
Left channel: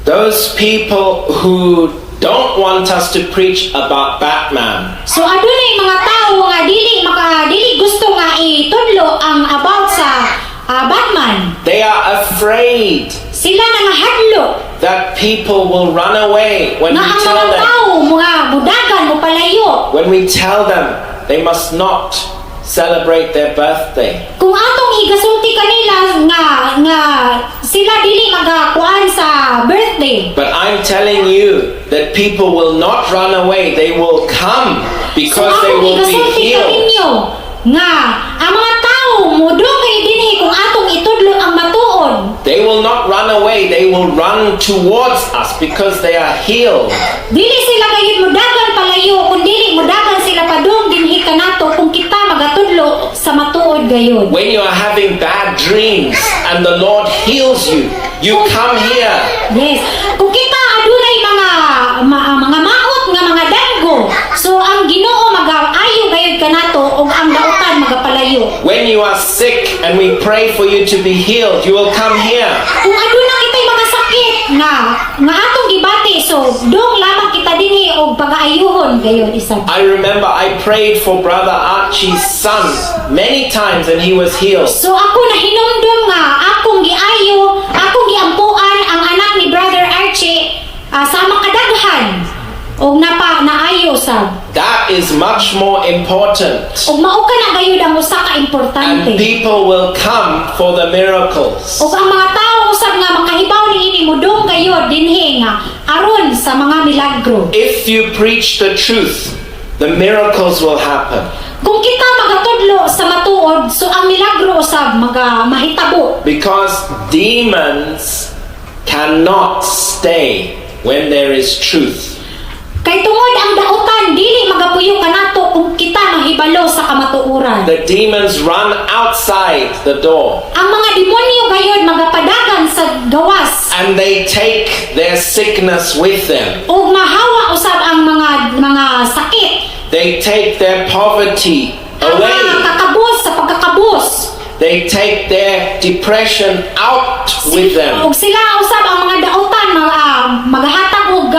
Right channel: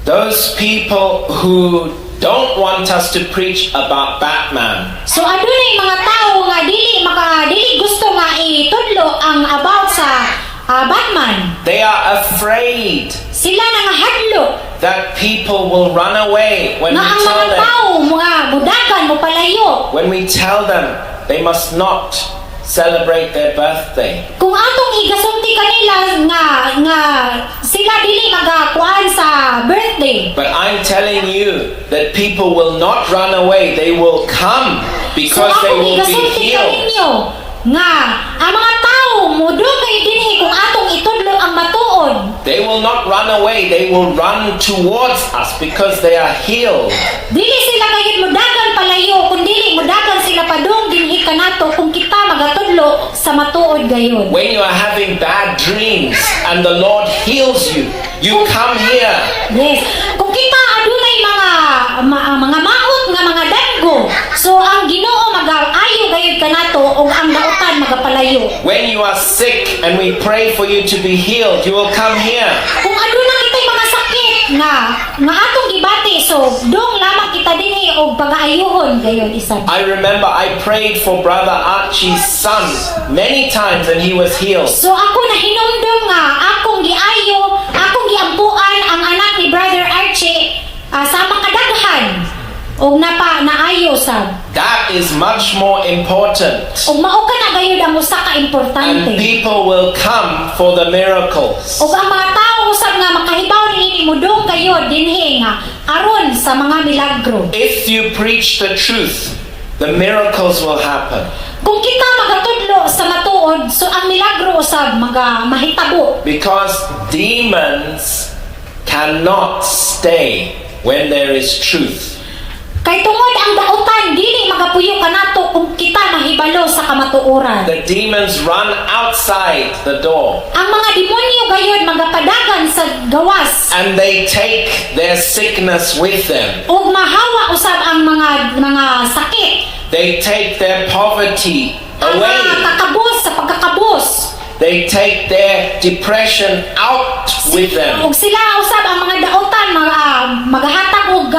Those people who don't want us to preach about Batman. So adunay mga tawo nga dili gusto nga itudlo ang about sa Batman. They are afraid Sila nangahadlo that people will run away when nga we ang tell mga them. tawo mga mudagan mo palayo. When we tell them they must not celebrate their birthday. Kung atong higasulti kanila nga sila dili magakuan sa birthday. But I'm telling you that people will not run away. They will come because So they akong will be higasulti healed. kaninyo nga ang mga tawo mudugay dinhi kung atong itudlo ang matuod. They will not run away. They will run towards us because they are healed. Dili sila gayud mudagan palayo kun dili mudagan sila padung dinhi kanato kung kita magatudlo sa matuod gayud. When you are having bad dreams and the Lord heals you, you come here. Yes. Kung kita adunay mga maot nga mga daggo, so ang Ginoo magaayo gayud kanato ug ang dautan magapalayo. When you are sick and we pray for you to be healed, you will come here. Kung aduna kitay mga sakit nga atong gibati, so dong lamang kita dinhi og pagaayuhon gayud isab. I remember I prayed for Brother Archie's son many times and he was healed. So ako nahinumdum nga akong giayo, akong giampuan ang anak ni Brother Archie sa makadaghan og naayo sab. That is much more important. Og mao ka na gayud ang usa ka And importante. people will come for the miracles. Og ang mga tawo usab nga makahibaw niini mudong gayud dinhi nga aron sa mga milagro. If you preach the truth, the miracles will happen. Kung kita magatudlo sa matuod, so ang milagro usab mahitabo. Because demons cannot stay when there is truth. Kay tungod ang dautan dili magapuyo kanato kung kita mahibalo sa kamatuoran. The demons run outside the door Ang mga demonyo gayud magapadagan sa gawas and they take their sickness with them. ug mahawa usab ang mga sakit. They take their poverty Ang mga away. kakabos sa pagkakabos. They take their depression out with them. Ug sila usab ang mga dautan magahatag og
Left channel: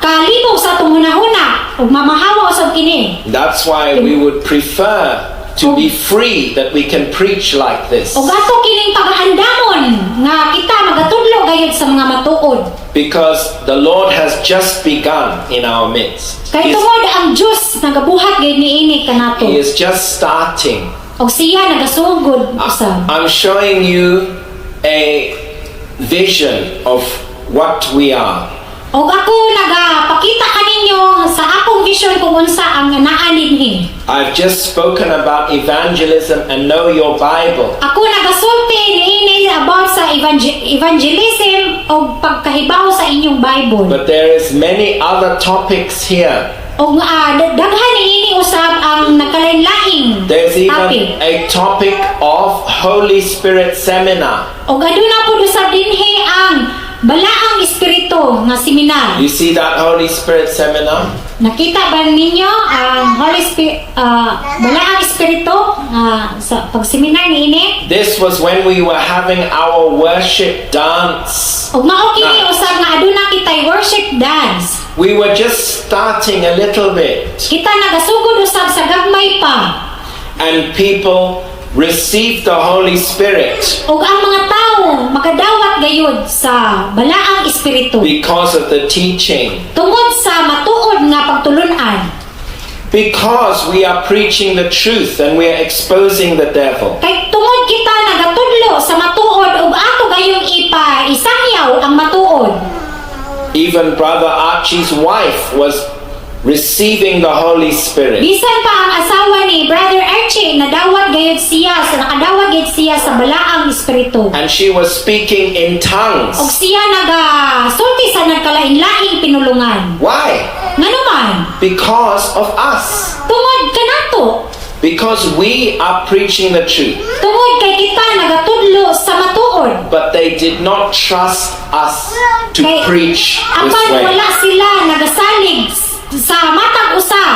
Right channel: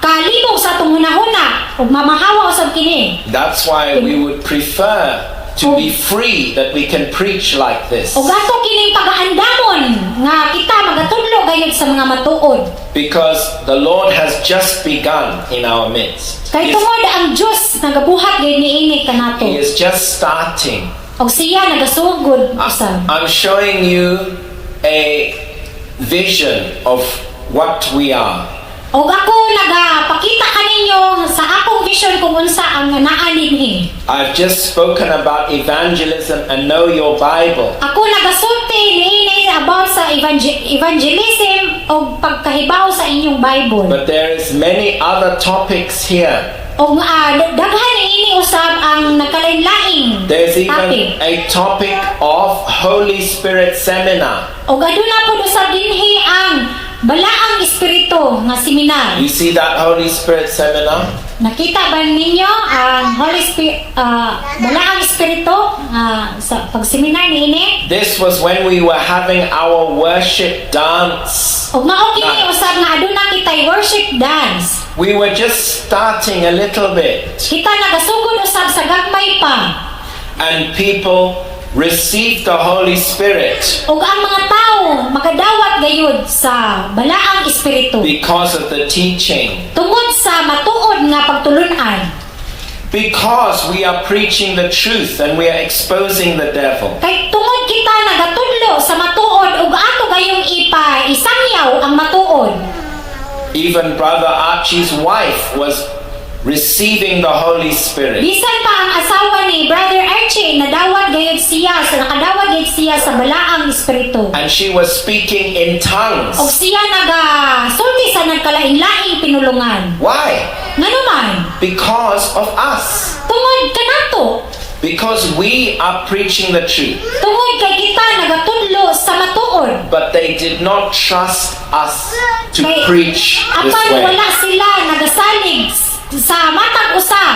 kalibog sa atong hunahuna ug mamahawa usab kini. That's why we would prefer to be free, that we can preach like this. Ug ato kining pagaandamon nga kita magatudlo gayud sa mga matuod. Because the Lord has just begun in our midst. Kay tungod ang Dios nagabuhat gayud niini kanato. He is just starting. Og siya nagasugod usab. I'm showing you a vision of what we are. Og ako nagapakita kaninyo sa akong vision kung unsa ang naa dinhi. I've just spoken about evangelism and know your Bible. Ako nagasulti niini about sa evangelism o pagkahibaw sa inyong Bible. But there is many other topics here. Og daghan niini usab ang nagkalain-laing There's topic. even a topic of Holy Spirit seminar. Og aduna po usab dinhi ang balaang espiritu nga seminar. You see that Holy Spirit seminar? Nakita ba ninyo ang Holy Spirit balaang espiritu sa pagseminar niini? This was when we were having our worship dance. Og mao kini Nice. usab nga aduna kitay worship dance. We were just starting a little bit, Kita nagasugod usab sa gagmay pa. and people received the Holy Spirit Og ang mga tao makadawat gayud sa balaang espiritu because of the teaching. tungod sa matuod nga pagtulunan. Because we are preaching the truth and we are exposing the devil. Kay tungod kita nagatudlo sa matuod ug ato gayong isangyaw ang matuod. Even Brother Archie's wife was receiving the Holy Spirit. Bisan pa ang asawa ni Brother Archie nakadawat gayud siya sa balaang espiritu. And she was speaking in tongues. Og siya nagasulti sa nagkalain-laing pinulungan. Why? Nganuman, Because of us. tungod kanato, Because we are preaching the truth. tungod kay kita nagatudlo sa matuod. But they did not trust us to Kay preach this apan way. wala sila nagasalig sa matag usa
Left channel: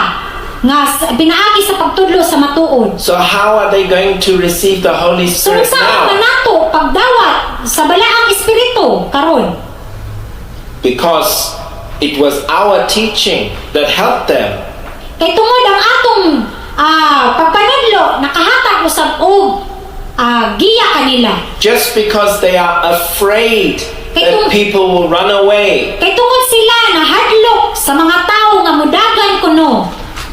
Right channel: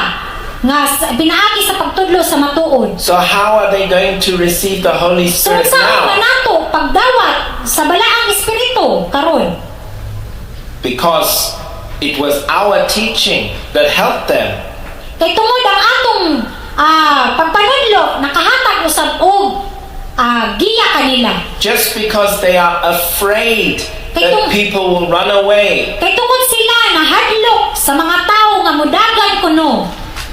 nga pinaagi sa pagtudlo sa matuod. So how are they going to receive the Holy So Spirit saan now? kanato pagdawat sa balaang espiritu karon? Because it was our teaching that helped them. Kay tungod ang atong pagpanudlo nakahatag usab og giya kanila. Just because they are afraid that people will run away. Kay tungod sila nahadlok sa mga tao nga mudagan kuno.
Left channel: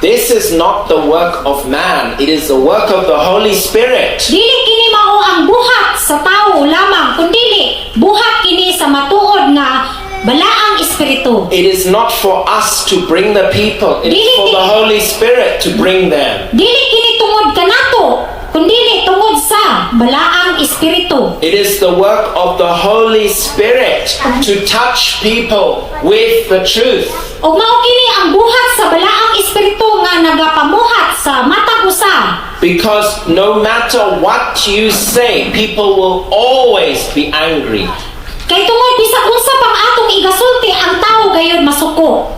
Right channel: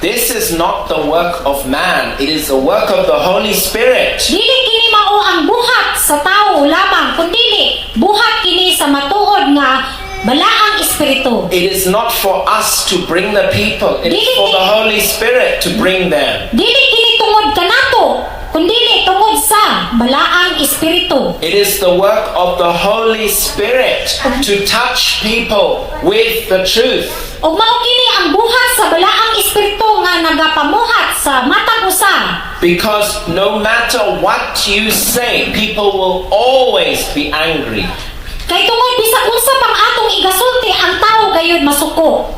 This is not the work of man. It is the work of the Holy Spirit. Dili kini mao ang buhat sa tao lamang kundili buhat kini sa matuod nga balaang espiritu. It is not for us to bring the people. It is for the Holy Spirit to bring them. Dili kini tungod kanato kundili tungod sa balaang espiritu. It is the work of the Holy Spirit to touch people with the truth. Og mao kini ang buhat sa balaang espiritu nga nagapamuhat sa matag usa. Because no matter what you say, people will always be angry. Kay tungod bisag unsa pang atong igasulti ang tao gayud masuko.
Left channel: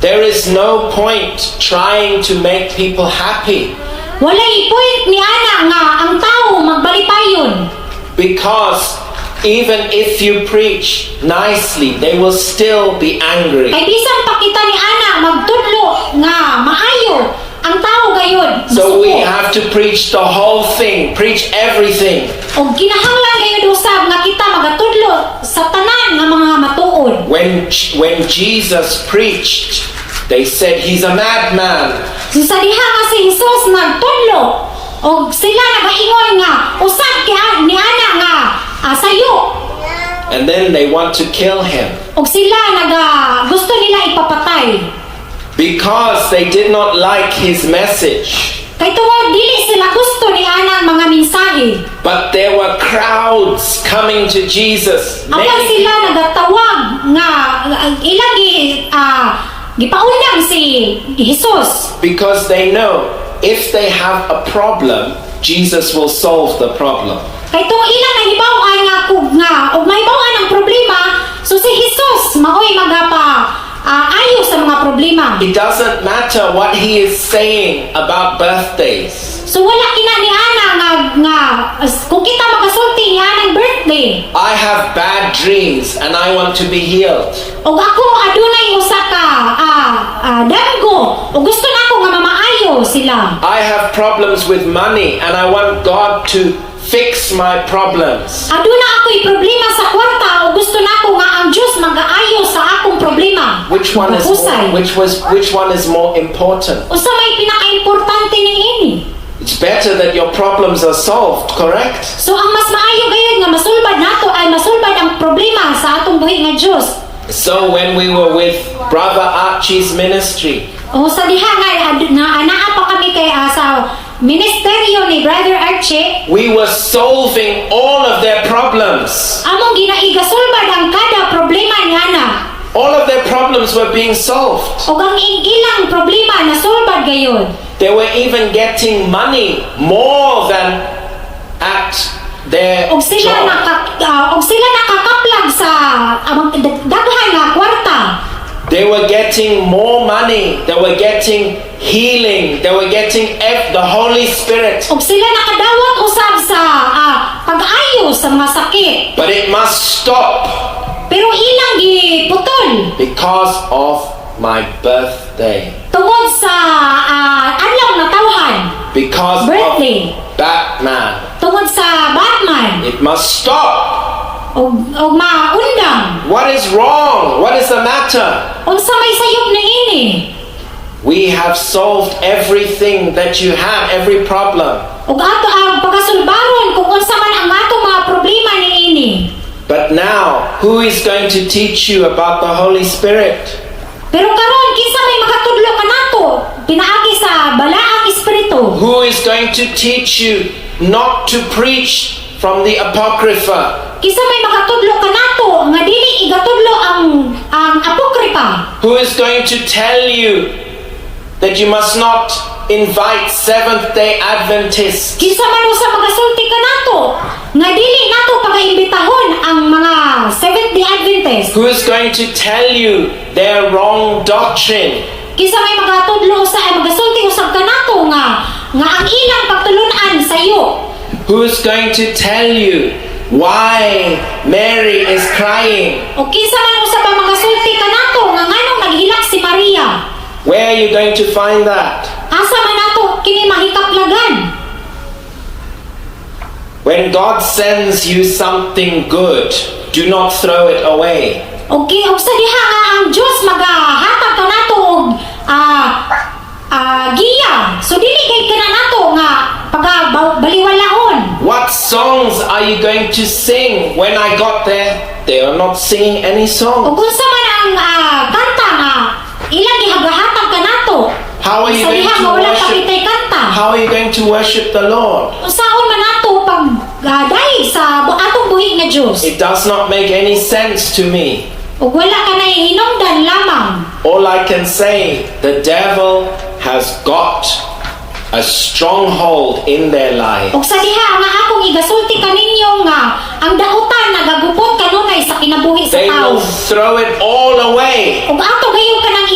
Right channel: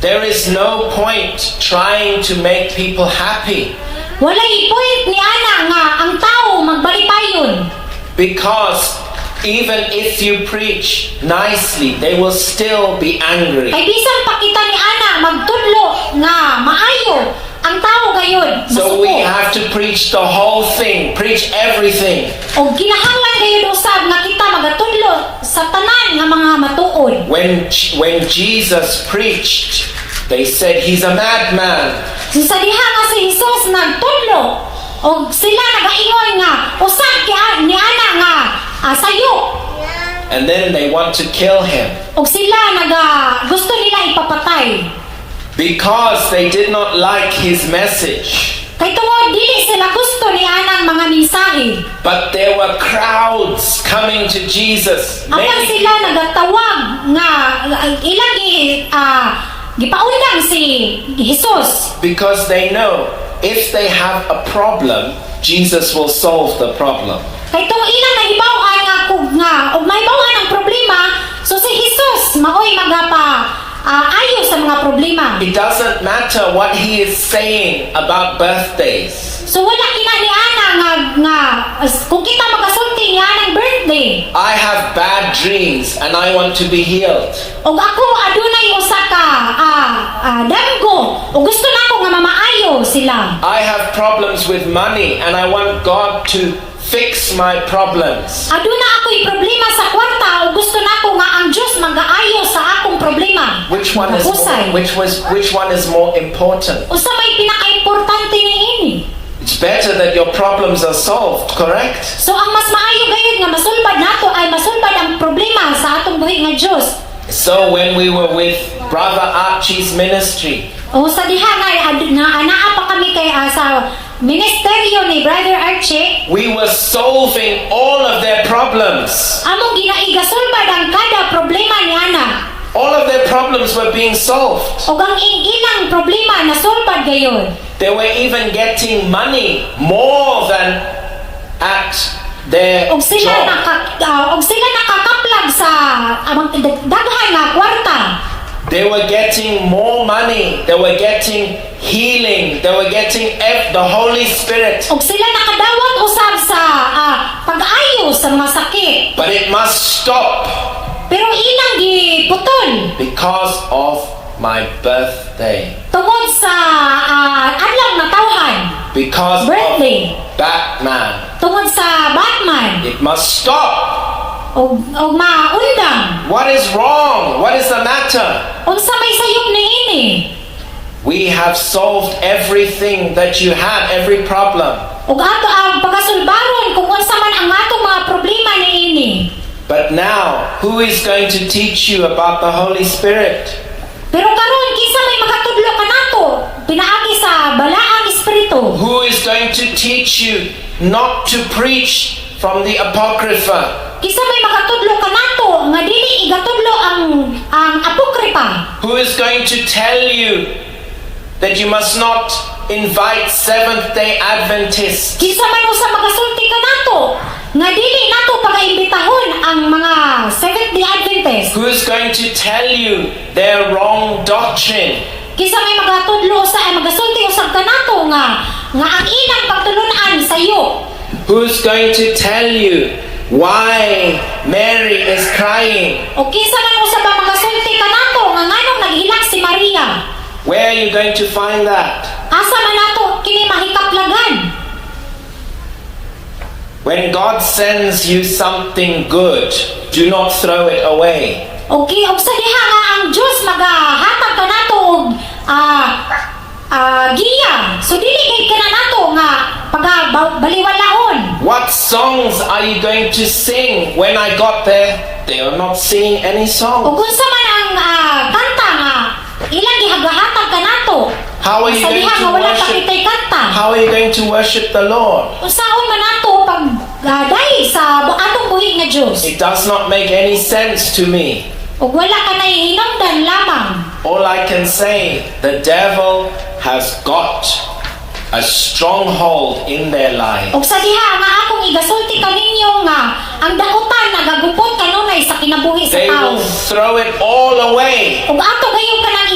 There is no point trying to make people happy. Walay point ni ana nga ang tao magbalipayon. Because even if you preach nicely, they will still be angry. Kay bisan pa kita ni ana magtudlo nga maayo ang tao gayud So we masuko. have to preach the whole thing, preach everything. Og kinahanglan gayud usab nga kita magatudlo sa tanan nga mga matuod. When Jesus preached, they said he's a madman. So sa diha nga si Jesus nagtudlo og sila nagaingon nga usab kay ni ana nga sayo. And then they want to kill him Og sila gusto nila ipapatay. because they did not like his message. Kay tungod dili sila gusto ni anang mga mensahe. But there were crowds coming to Jesus. Apan Many sila nagatawag nga ilang gipaundang si Jesus. because they know if they have a problem, Jesus will solve the problem. Kay tong ilang nahibaw-an nga og mahibaw-an ang problema, so si Jesus maoy ayo sa mga problema. It doesn't matter what he is saying about birthdays. So wala kina ni ana nga kung kita magasulti ni anang birthday. I have bad dreams and I want to be healed. Og ako adunay usa ka damgo og gusto nako nga mamaayo sila. I have problems with money and I want God to fix my problems. Aduna ako'y problema sa kwarta o gusto nako nga ang Dios mag-aayo sa akong problema. Which one is more important? Usa may pinaka-importante niini. It's better that your problems are solved, correct? So ang mas maayo gayud nga masulbad nato ay masulbad ang problema sa atong buhi nga Dios. So when we were with Brother Archie's ministry, O sa diha nga naa pa kami kay sa ministeryo ni Brother Archie, we were solving all of their problems. among ginaigasulbad ang kada problema niana. All of their problems were being solved. O ang ilang problema na solbad gayon. They were even getting money more than at their Og sila job. nakakaplag sa daghan nga kwarta. They were getting more money. They were getting healing. They were getting the Holy Spirit. Og sila nakadawat usab sa pag-ayo sa mga sakit. But it must stop Pero ilang giputol because of my birthday. tungod sa adlaw na tawhan, Because birthday, of Batman. tungod sa Batman, It must stop. og maundang. What is wrong? What is the matter? Unsa may sayop ni ini? We have solved everything that you had, every problem. Og ato ang pagasulbaron kung unsa man ang atong mga problema ni ini. But now, who is going to teach you about the Holy Spirit? Pero karon kinsa may makatudlo kanato pinaagi sa balaang espiritu? Who is going to teach you not to preach from the Apocrypha? Kinsa may makatudlo kanato nga dili igatudlo ang apokripa? Who is going to tell you that you must not invite Seventh-day Adventists? Kinsa man usa magasulti kanato nga dili nato pagaimbitahon ang mga Seventh-day Adventist? Who is going to tell you their wrong doctrine? Kinsa may magatudlo usa ay magasulti usab kanato nga ang ilang pagtulun-an sayo? Who is going to tell you why Mary is crying? O kinsa man usab ang magasulti kanato nga nganong naghilak si Maria? Where are you going to find that? Asa man nato kini mahikaplagan? When God sends you something good, do not throw it away. Og sa diha nga ang Dios magahatag kanato og giya. So dili kay kana nato nga baliwalaon. What songs are you going to sing? When I got there, they were not singing any Og songs. unsa man ang kanta nga ilang gihagahatag kanato? How are you Sa going diha to nga wala worship? pakitay kanta. How are you going to worship the Lord? Unsaon man nato pag dahil sa atong buhi nga Dios? It does not make any sense to me. Ug wala ka na hinungdan lamang. All I can say, the devil has got a stronghold in their life. Og sa diha nga akong igasulti kaninyo nga ang dautan nagagupot kanunay sa kinabuhi sa They tao. will throw it all away Ug ato gayon kanang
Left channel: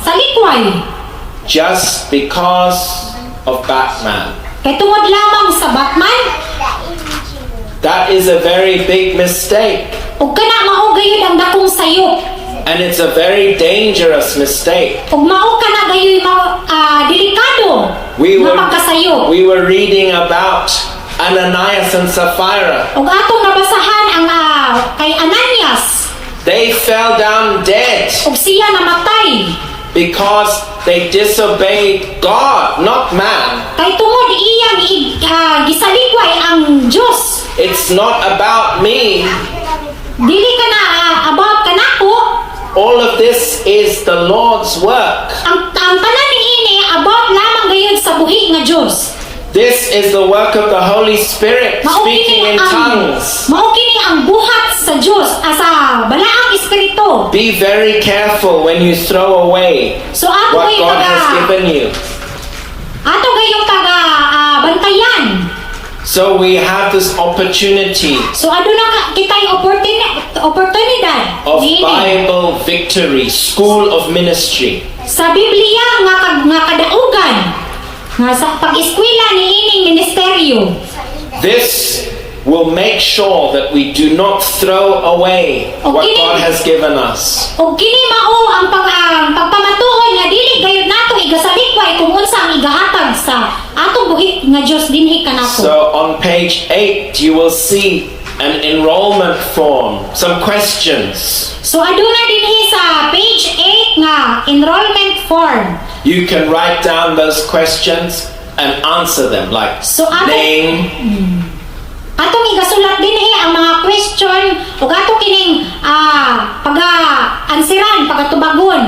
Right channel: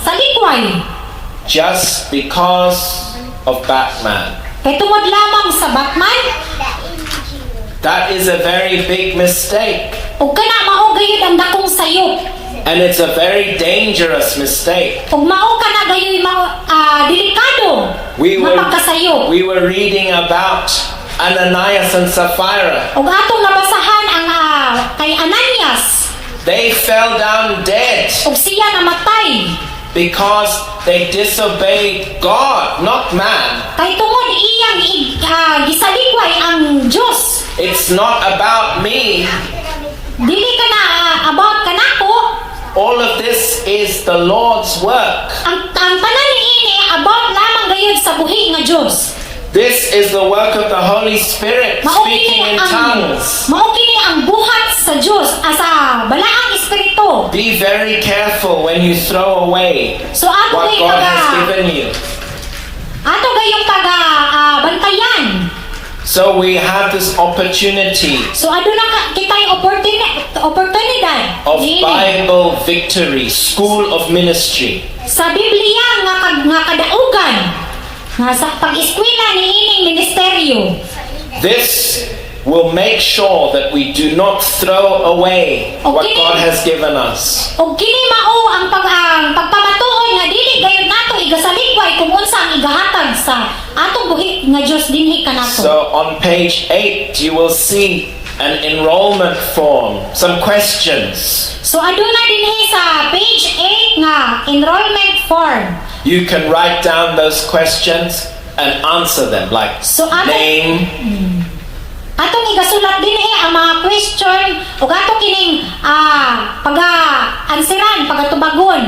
sa likway. just because of Batman. Kay tungod lamang sa Batman, That is a very big mistake. ug kana mao gayud ang dakong sayop. And it's a very dangerous mistake. Ug mao kana gayoy delikado nga pagkasayop. We were reading about Ananias and Sapphira. Ug atong nabasahan ang kay Ananias, They fell down dead ug siya namatay because they disobeyed God, not man. kay tungod iyang gisalikway ang Dios. It's not about me. Dili kana about kanako. All of this is the Lord's work. Ang tanan niini about lamang gayud sa buhi nga Dios. This is the work of the Holy Spirit speaking in tongues. Mao kini ang buhat sa Dios sa balaang espiritu. Be very careful when you throw away So ato what gayong God has given you. ato gayong bantayan. So we have this opportunity So aduna kitay oportunidad of niini. Bible Victory, School of Ministry. Sa Biblia nga kadaugan nga sa pag-eskwela niining ministeryo. This will make sure that we do not throw away what God has given us. Og kini mao ang pagpamatuon nga dili gayud nato igasalikway kung unsa ang igahatag sa atong buhi nga Dios dinhi kanato. So on page 8 you will see an enrollment form, some questions. So aduna dinhi sa page 8 nga enrollment form. You can write down those questions and answer them, like So name, atong igasulat dinhi ang mga question ug ato kining paga-ansiran, pagatubagon.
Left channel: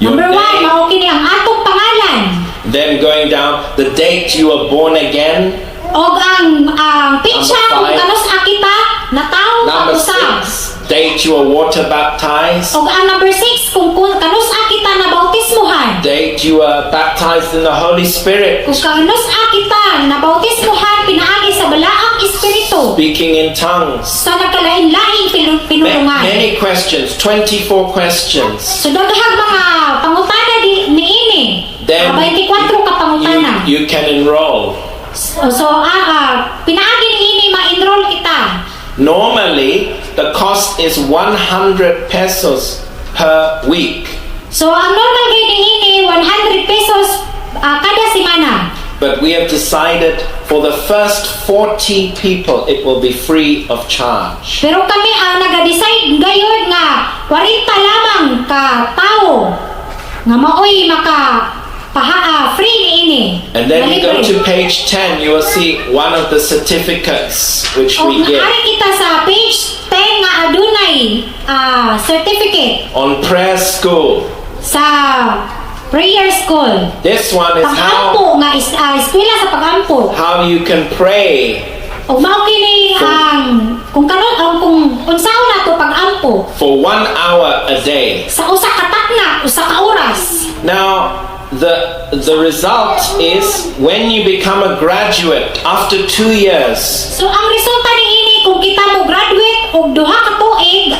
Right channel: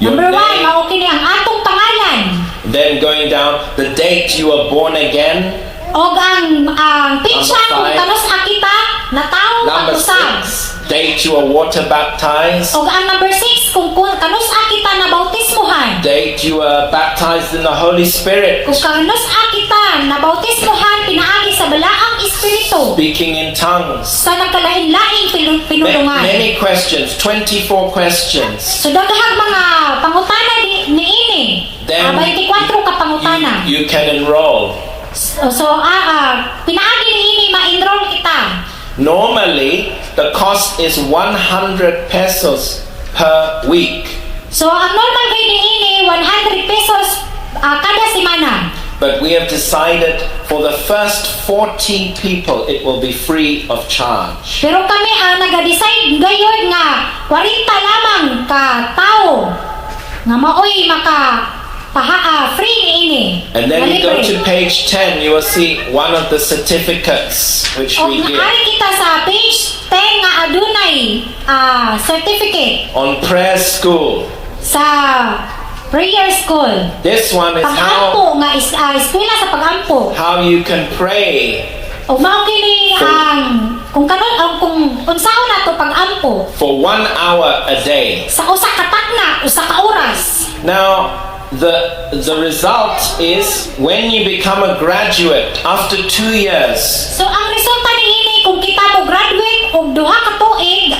Your Number 1, name. mao kini ang atong pangalan. Then going down, the date you were born again. Og ang pitsa Number kung 5. kanus akita na tao Number usab. 6, date you were water baptized. Og ang number 6 kung kanus akita na bautismuhan. Date you were baptized in the Holy Spirit. Kung kanus akita na bautismuhan pinaagi sa balaang espiritu Speaking in tongues. sa nagkalain-laing pinulungan. Many questions, 24 questions. So daghang mga pangutana niini. Then 24 ka pangutana. you can enroll. So pinaagi niini ma-enroll kita. Normally, the cost is 100 pesos per week. So ang normal rate niini 100 pesos kada semana. But we have decided for the first 40 people, it will be free of charge. Pero kami ang nag-decide gayud nga 40 lamang ka tao nga maoy free niini. And then nga you go libre. to page 10, you will see one of the certificates which Og we give naari kita sa page 10 nga adunay certificate on prayer school. sa prayer school. This one is Pag-ampo nga eskwela sa pag-ampo. how you can pray Og mao kini ang kung kung unsaon nato pag-ampo for 1 hour a day. sa usa ka takna, usa ka oras. Now, the result is when you become a graduate after 2 years, So ang resulta niini kung kita mo graduate og duha ka tuig,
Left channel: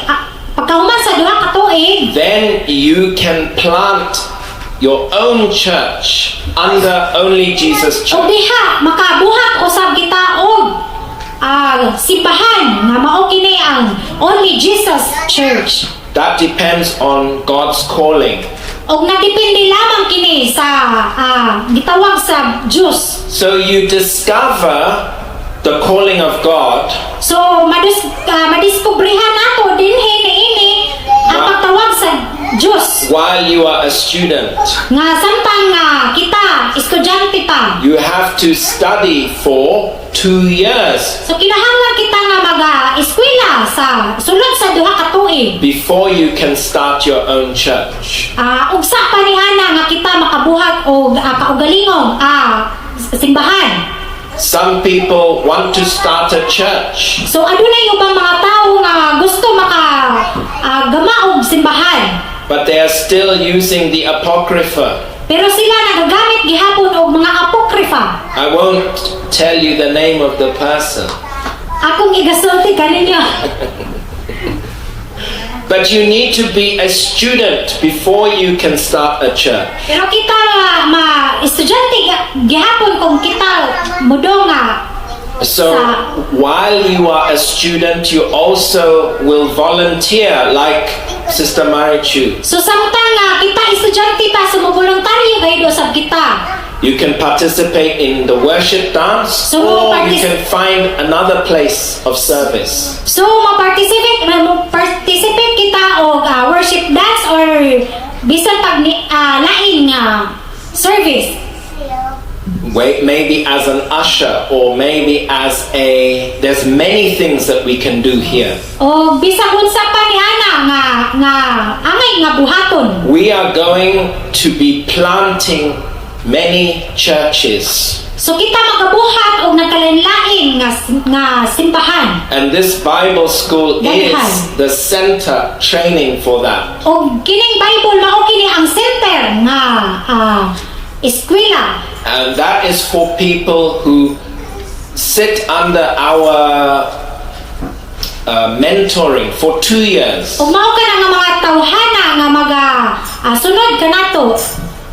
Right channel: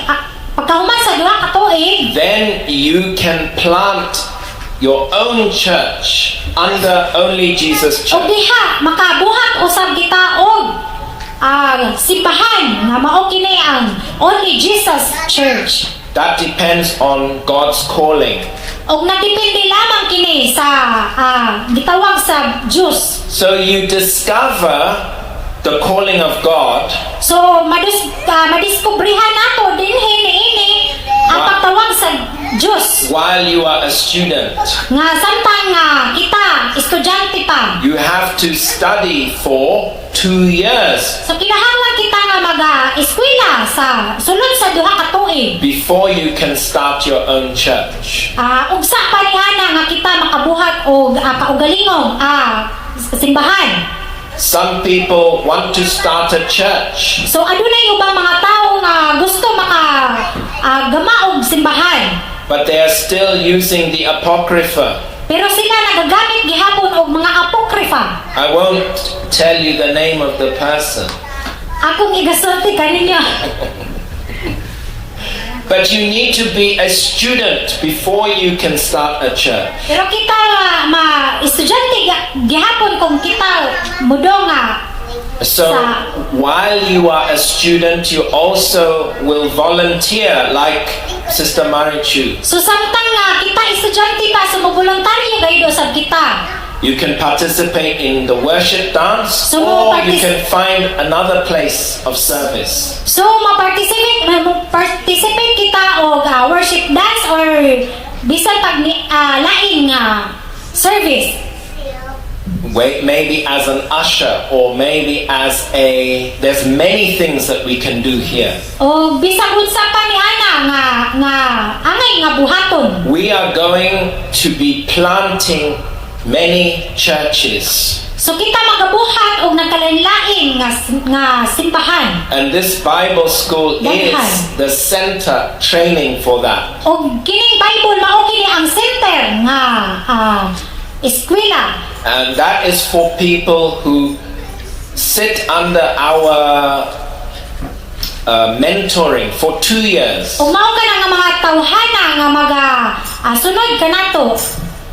pagkahuman sa duha ka tuig, then you can plant your own church under Only Jesus og Church. diha makabuhat usab kita og simbahan nga mao kini ang Only Jesus Church. That depends on God's calling. Og nadepende lamang kini sa gitawag sa Diyos. So you discover the calling of God So madiskubrihan nato dinhi niini ang pagtawag sa Diyos while you are a student. nga samtang kita estudyante pa. You have to study for 2 years So kinahanglan kita nga mag-eskwela sa sulod sa duha ka tuig. before you can start your own church. Ugsa pa ni ana nga kita makabuhat og kaugalingong simbahan. Some people want to start a church, So adunay ubang mga tao nga gusto gama og simbahan. but they are still using the Apocrypha. Pero sila nagagamit gihapon og mga apokrifa. I won't tell you the name of the person, Akong igasulti kaninyo. but you need to be a student before you can start a church. Pero kita estudyante gihapon kung kita mudo nga. So while you are a student, you also will volunteer like Sister Marichu. So samtang kita estudyante pa sumuboluntaryo gayud usab kita. You can participate in the worship dance, So, or you can find another place of service. So ma-participate kita og worship dance or bisan pag lain nga service. Wait, maybe as an usher, or maybe as there's many things that we can do here. O bisag unsa pa ni ana nga angay nga buhaton. We are going to be planting many churches. So kita magabuhat og nagkalain-lain nga simbahan. And this Bible school is Daghan. the center training for that. Og kining Bible mao kini ang center nga eskwela. And that is for people who sit under our mentoring for 2 years. Og mao kana nga mga tawhana nga sunod kanato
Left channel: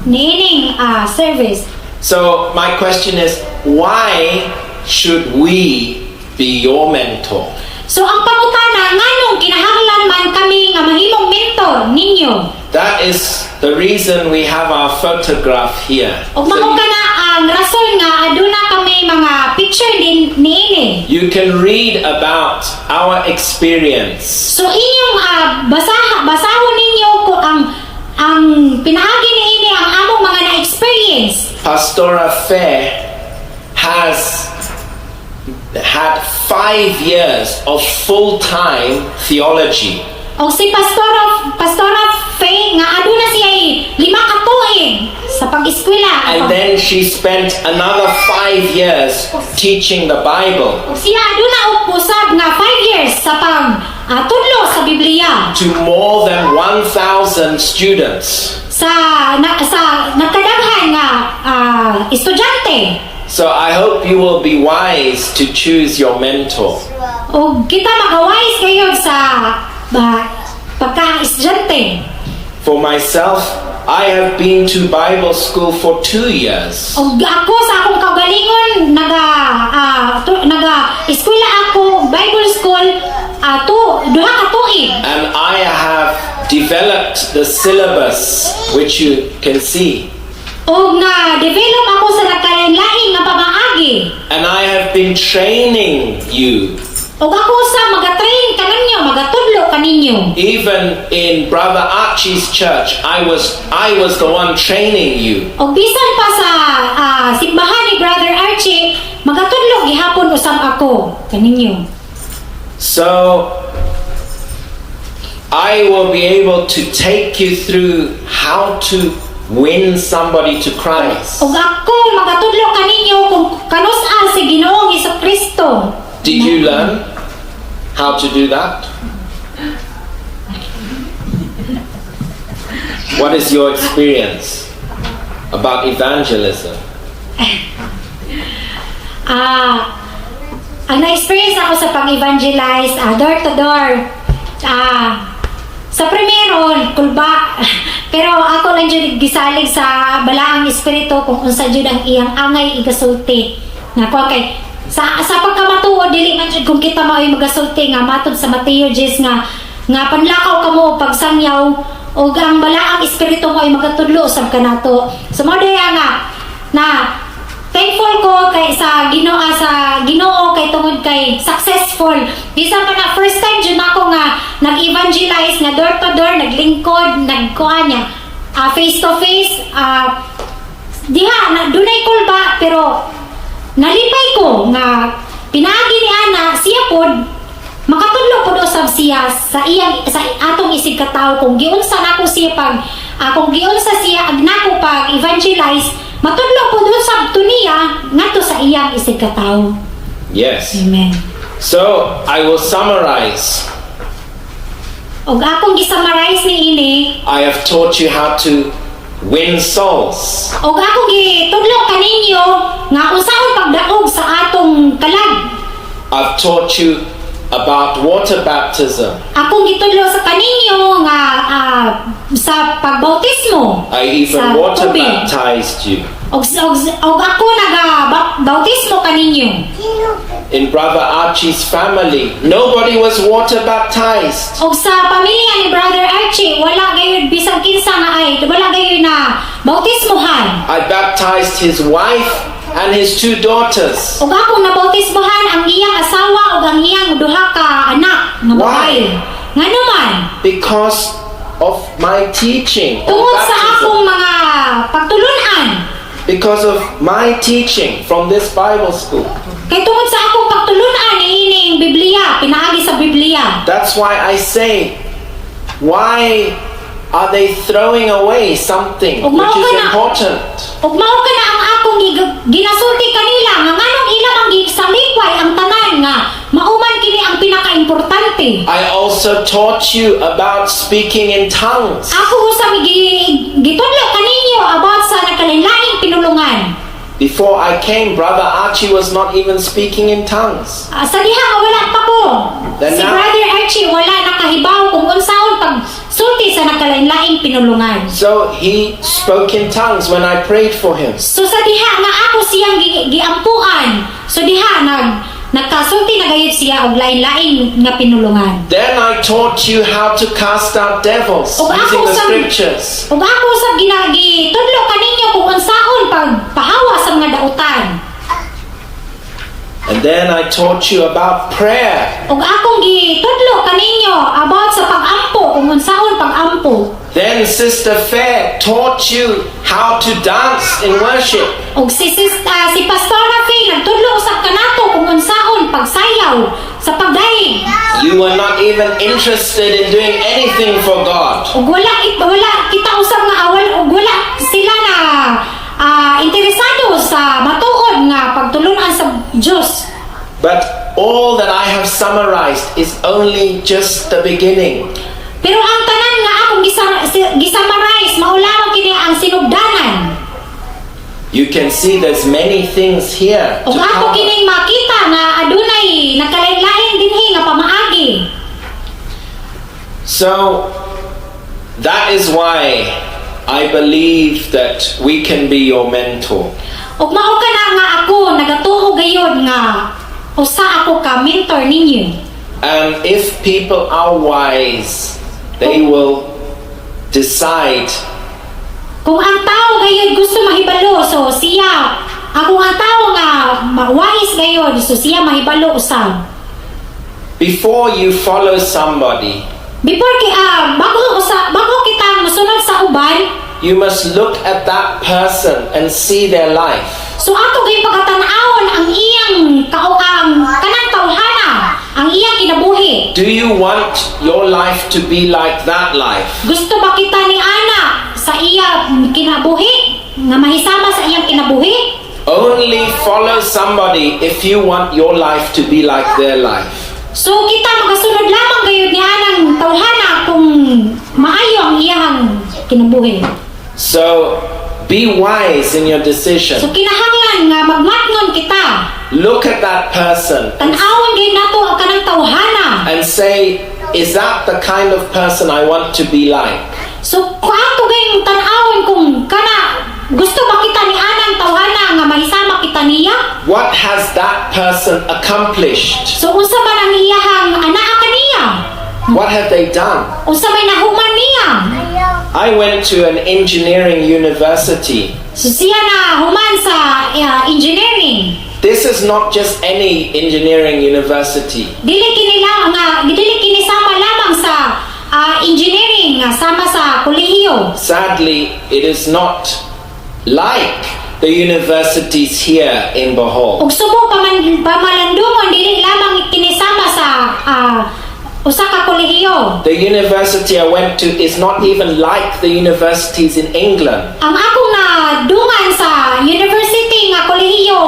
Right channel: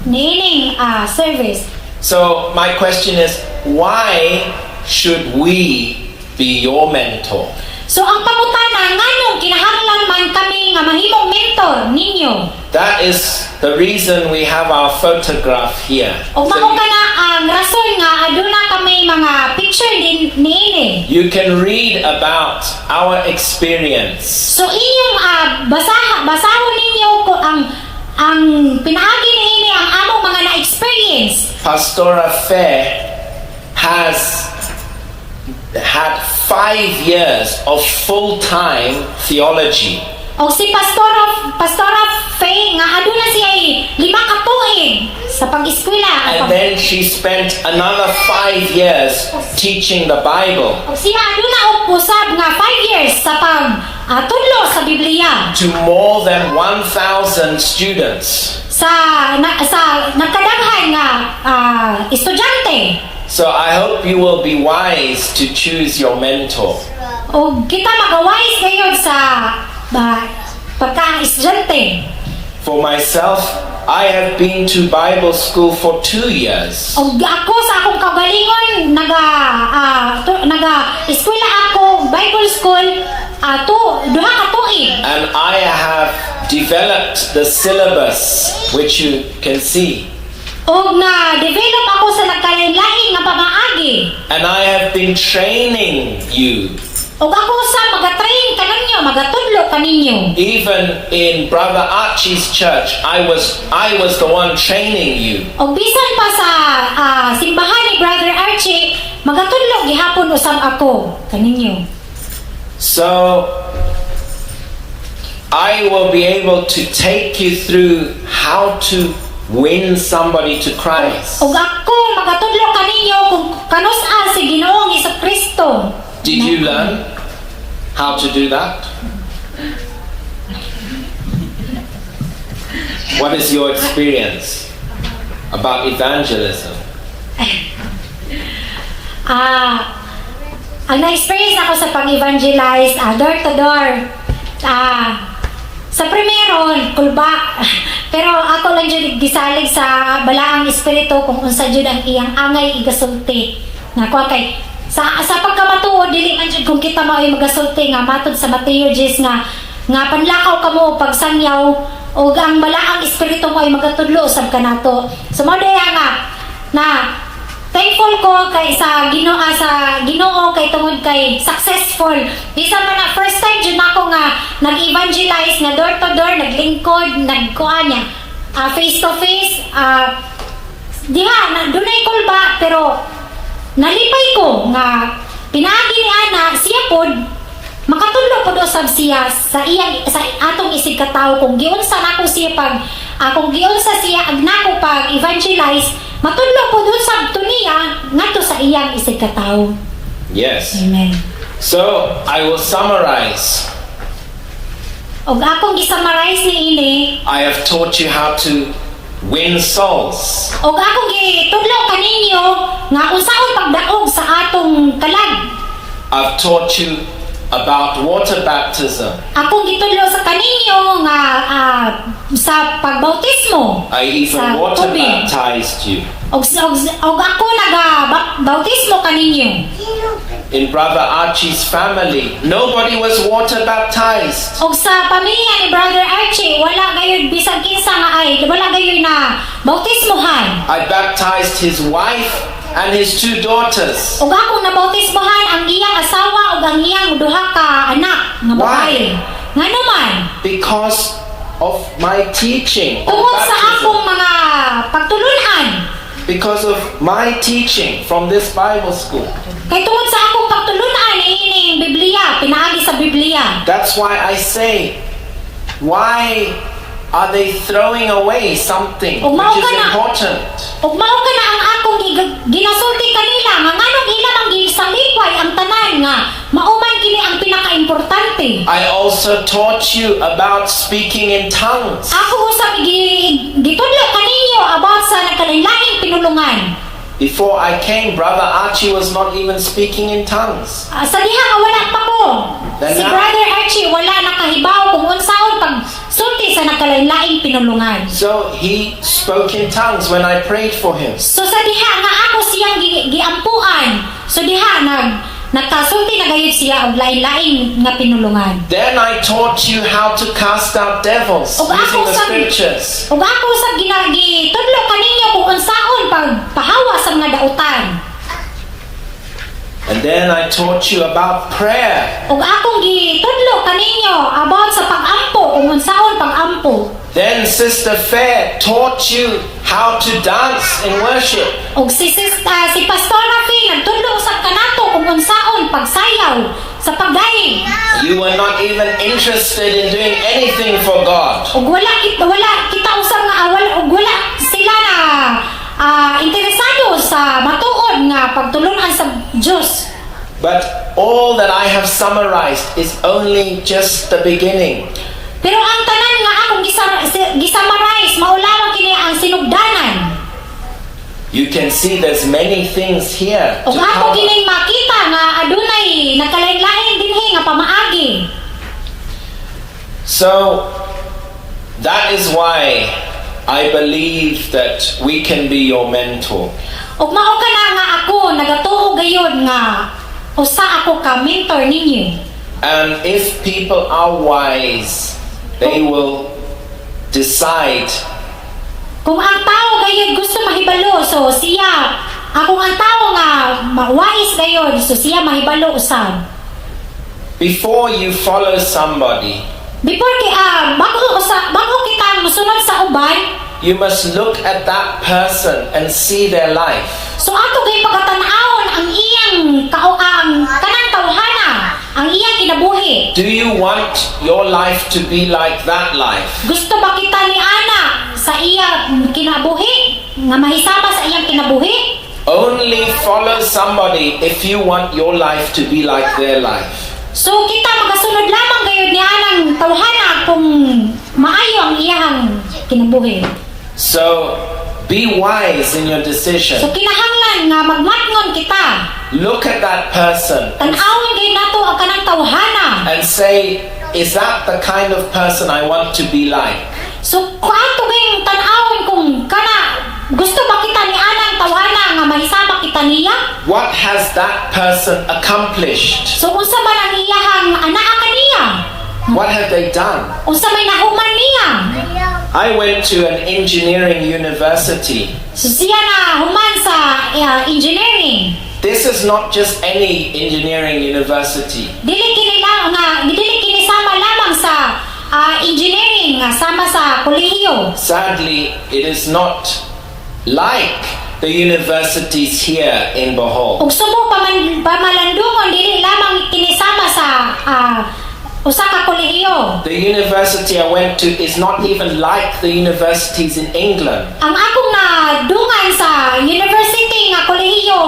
niining service. So my question is, why should we be your mentor? So ang pangutana nganong kinahanglan man kami nga mahimong mentor ninyo. That is the reason we have our photograph here. Og mao kana ang rason nga aduna kami mga picture din niini. You can read about our experience. So inyong basahon ninyo ko ang pinaagi niini ang among mga na-experience. Pastora Fair has had 5 years of full-time theology. Og si Pastora Faye nga aduna siya 5 ka tuig sa pag-eskwela. And then she spent another 5 years teaching the Bible Og siya aduna og usab nga 5 years sa tudlo sa Biblia to more than 1,000 students. sa nagkadaghan nga estudyante. So I hope you will be wise to choose your mentor. Og kita magawais kayo sa pagka-estudyante. For myself, I have been to Bible school for 2 years. Og ako sa akong kagalingon eskwela ako Bible school duha ka tuig. And I have developed the syllabus, which you can see. Og na-develop ako sa nagkalain-lain nga pamaagi. And I have been training you. Og ako sa magatrain kaninyo, magatudlo kaninyo. Even in Brother Archie's church, I was the one training you. Og bisan pa sa simbahan ni Brother Archie, magatudlo gihapon usab ako kaninyo. So I will be able to take you through how to win somebody to Christ. Og ako magatudlo kaninyo kung kanus-a si Ginoong Hesukristo. Did you learn how to do that? What is your experience about evangelism? Ang na-experience ako sa pag-evangelize, door to door. Sa primero, kulba. Pero ako lang dyan gisalig sa balaang espiritu kung unsa dyan ang iyang angay igasulti. Nga ko kay sa pagkamatuod dili man jud kung kita maoy magasulti nga matud sa Mateo 10 nga panlakaw kamo og pagsangyaw og ang balaang espiritu mo ay magatudlo usab kanato. So mao nga na thankful ko kay sa Ginoo kay tungod kay successful. Bisan pa na first time jud nako nga nag-evangelize nga door to door, naglingkod, nagkuan niya face to face diha na dunay kulba pero nalipay ko nga pinaagi ni ana siya pod makatudlo pod usab siya sa atong isig katawo kung giunsa nako siya kung giunsa siya agnako pag evangelize matudlo pod usab to niya ngadto sa iyang isig katawo. Yes. Amen. So I will summarize. Og akong gisummarize ni ini, I have taught you how to win souls. og akong gitudlo kaninyo nga unsaon pagdaog sa atong kalag. I've taught you about water baptism. Akong gitudlo sa kaninyo nga sa pagbautismo. I even sa water tubig. baptized you. Og ako bautismo kaninyo. In Brother Archie's family, nobody was water baptized. Og sa pamilya ni Brother Archie, wala gayud bisag kinsa nga wala gayud na bautismohan. I baptized his wife and his 2 daughters. Og akong nabautismohan ang iyang asawa ug ang iyang duha ka anak nga babae. Ngano man? Because of my teaching on Tungod sa baptism. akong mga pagtulunan. Because of my teaching from this Bible school. Kay tungod sa akong pagtulunan ining Biblia, pinaagi sa Biblia. That's why I say, why are they throwing away something Og mao which is ka na. important? Ug mao ka na ang akong ginasulti kanila nga nganong ila man gisalikway ang tanan nga mauman kini ang pinakaimportante. I also taught you about speaking in tongues. Ako usab gitudlo kaninyo about sa nagkalain-laing pinulungan. Before I came, Brother Archie was not even speaking in tongues. Sa diha nga wala pa ko. Then Si now- Brother Archie wala nakahibaw kung unsaon pag sulti sa nagkalain-laing pinulungan. So he spoke in tongues when I prayed for him. So sa diha nga ako siyang giampuan. So diha nagkasulti na gayud siya og lain-laing nga pinulungan. Then I taught you how to cast out devils Og using ako the sa scriptures. ug ako sa gitudlo kaninyo kung unsaon pagpahawa sa mga dautan. And then I taught you about prayer. Ug akong gitudlo kaninyo about sa pag-ampo kung unsaon pag-ampo. Then Sister Fair taught you how to dance in worship. Og si Pastora Faye nagtudlo usab kanato kung unsaon pagsayaw sa pagdaig. You were not even interested in doing anything for God. Ug wala kita usab nga wala sila na interesado sa matuod nga pagtulunan sa Dios. But all that I have summarized is only just the beginning. Pero ang tanan nga akong gisumarize mao lamang kini ang sinugdanan. You can see there's many things here to Ug ato cover. kining makita nga adunay nagkalain-lain dinhi nga pamaagi. So that is why I believe that we can be your mentor. Ug mao kana nga ako nagatuo gayud nga usa ako ka mentor ninyo. And if people are wise, they will decide. Kung ang tao gayud gusto mahibalo, so siya, akong ang tao nga mawais gayud, so siya mahibalo usab. Before you follow somebody, Before bago kita musunod sa uban, you must look at that person and see their life. so ato gayud pagatan-awon ang iyang ang kanang tawhana, ang iyang kinabuhi. Do you want your life to be like that life? Gusto ba kita ni ana sa iya kinabuhi nga mahisama sa iyang kinabuhi? Only follow somebody if you want your life to be like their life. So kita magasunod lamang gayud ni anang tawhana kung maayo ang iyang kinabuhi. So be wise in your decision. So kinahanglan nga magmatngon kita. Look at that person Tan-awon gayud nato ang kanang tawhana. and say, is that the kind of person I want to be like? So kung ato gayud tan-awon kung kana gusto ba kita ni anang tawhana nga mahisama kita niya? What has that person accomplished? So unsa man ang iyahang anaa kaniya? What have they done? Unsa may nahuman niya? I went to an engineering university. So siya na human sa engineering. This is not just any engineering university. Dili kini sama lamang sa engineering nga sama sa kolehiyo. Sadly, it is not like the universities here in Bohol. Ug subo pamalandungon dili lamang kinisama sa usa ka kolehiyo. The university I went to is not even like the universities in England. Ang akong nadungan sa university nga kolehiyo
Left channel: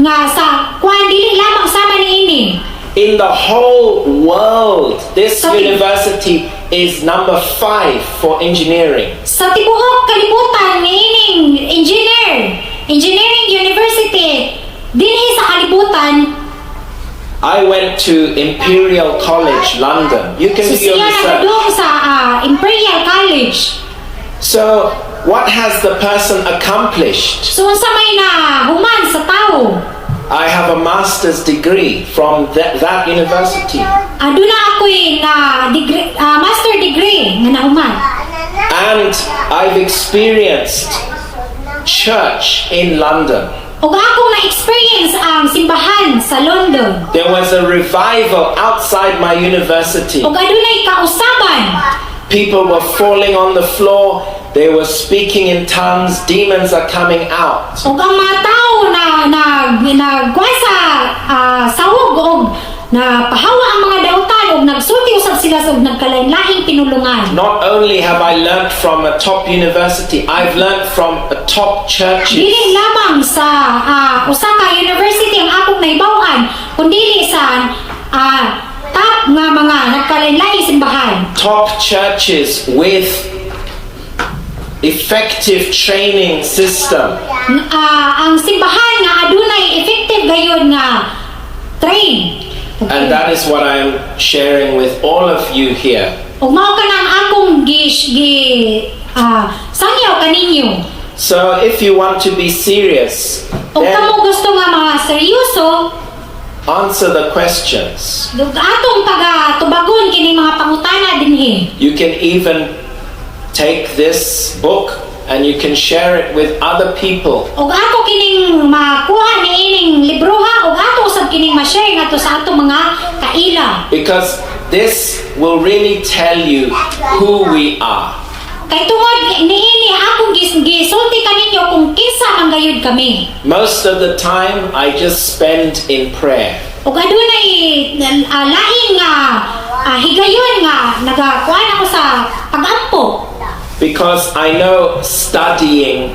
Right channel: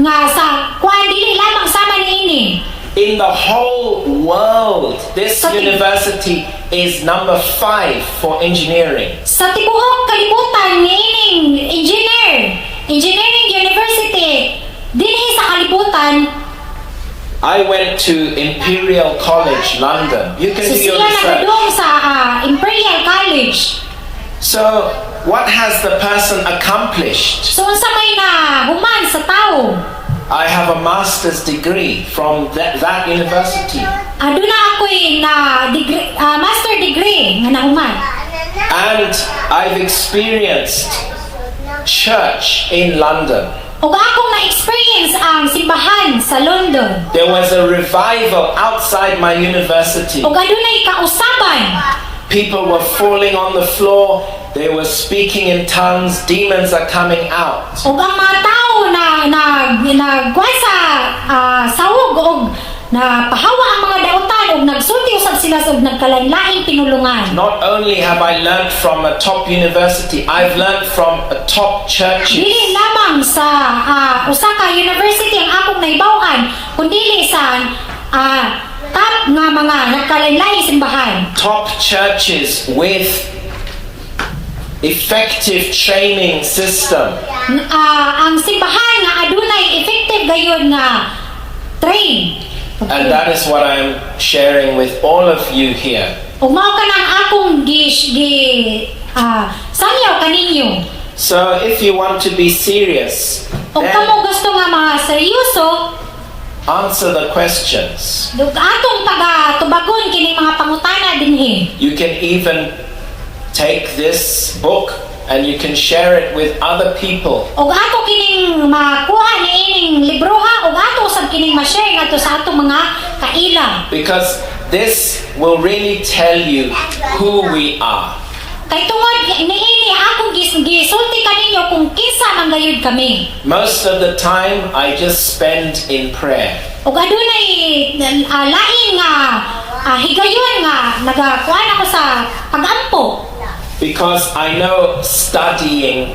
nga sa kuan dili lamang sama niini. In the whole world, this university is number 5 for engineering. Sa tibuok kalibutan niining engineering university dinhi sa kalibutan. I went to Imperial College, London. You can So do your siya research. nagadung sa Imperial College. So, what has the person accomplished? So unsa may na human sa tao? I have a master's degree from that university. Aduna ako'y na degree, master degree nga nahuman. And I've experienced church in London. Ug akong na-experience ang simbahan sa London. There was a revival outside my university. Ug adunay kausaban. People were falling on the floor. They were speaking in tongues. Demons are coming out. Ug ang mga tao na kuan sa sawog og na pahawa ang mga dautan ug nagsulti usab sila og nagkalain-laing pinulungan. Not only have I learned from a top university, I've learned from a top churches. Dili lamang sa usa ka university ang akong nahibaw-an, kundi sa top nga mga nagkalain-laing simbahan. Top churches with effective training system. Ang simbahan nga adunay effective gayud nga train. And that is what I'm sharing with all of you here. Ug mao kanang akong sangyaw kaninyo. So if you want to be serious, Ug then kamo gusto nga mga seryoso, answer the questions. dug atong taga-tubagon kining mga pangutana dinhi. You can even take this book and you can share it with other people. Ug ato kining makuha niining libroha ug ato usab kining ma-share ngadto sa atong mga kaila. Because this will really tell you who we are. Kay tungod niini akong gisulti kaninyo kung kinsa man gayud kami. Most of the time, I just spend in prayer. ug adunay lain nga higayon nga nagakuan ako sa pagampo. Because I know studying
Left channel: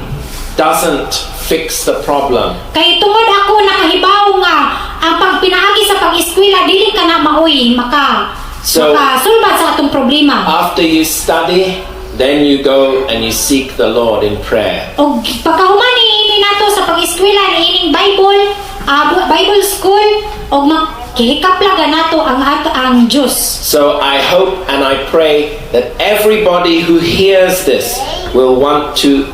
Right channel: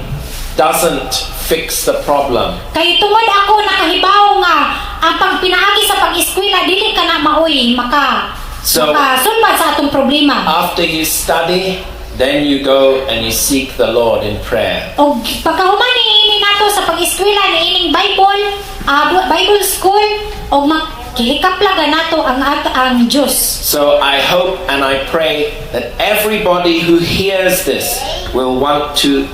doesn't fix the problem. Kay tungod ako nakahibaw nga ang pagpinaagi sa pag-eskwela dili ka na maoy makasulbad sa atong problema. After you study, then you go and you seek the Lord in prayer. Og pagkahuman ni nato sa pag-eskwela ni ining Bible school og makihikaplaga nato ang Diyos. So I hope and I pray that everybody who hears this will want to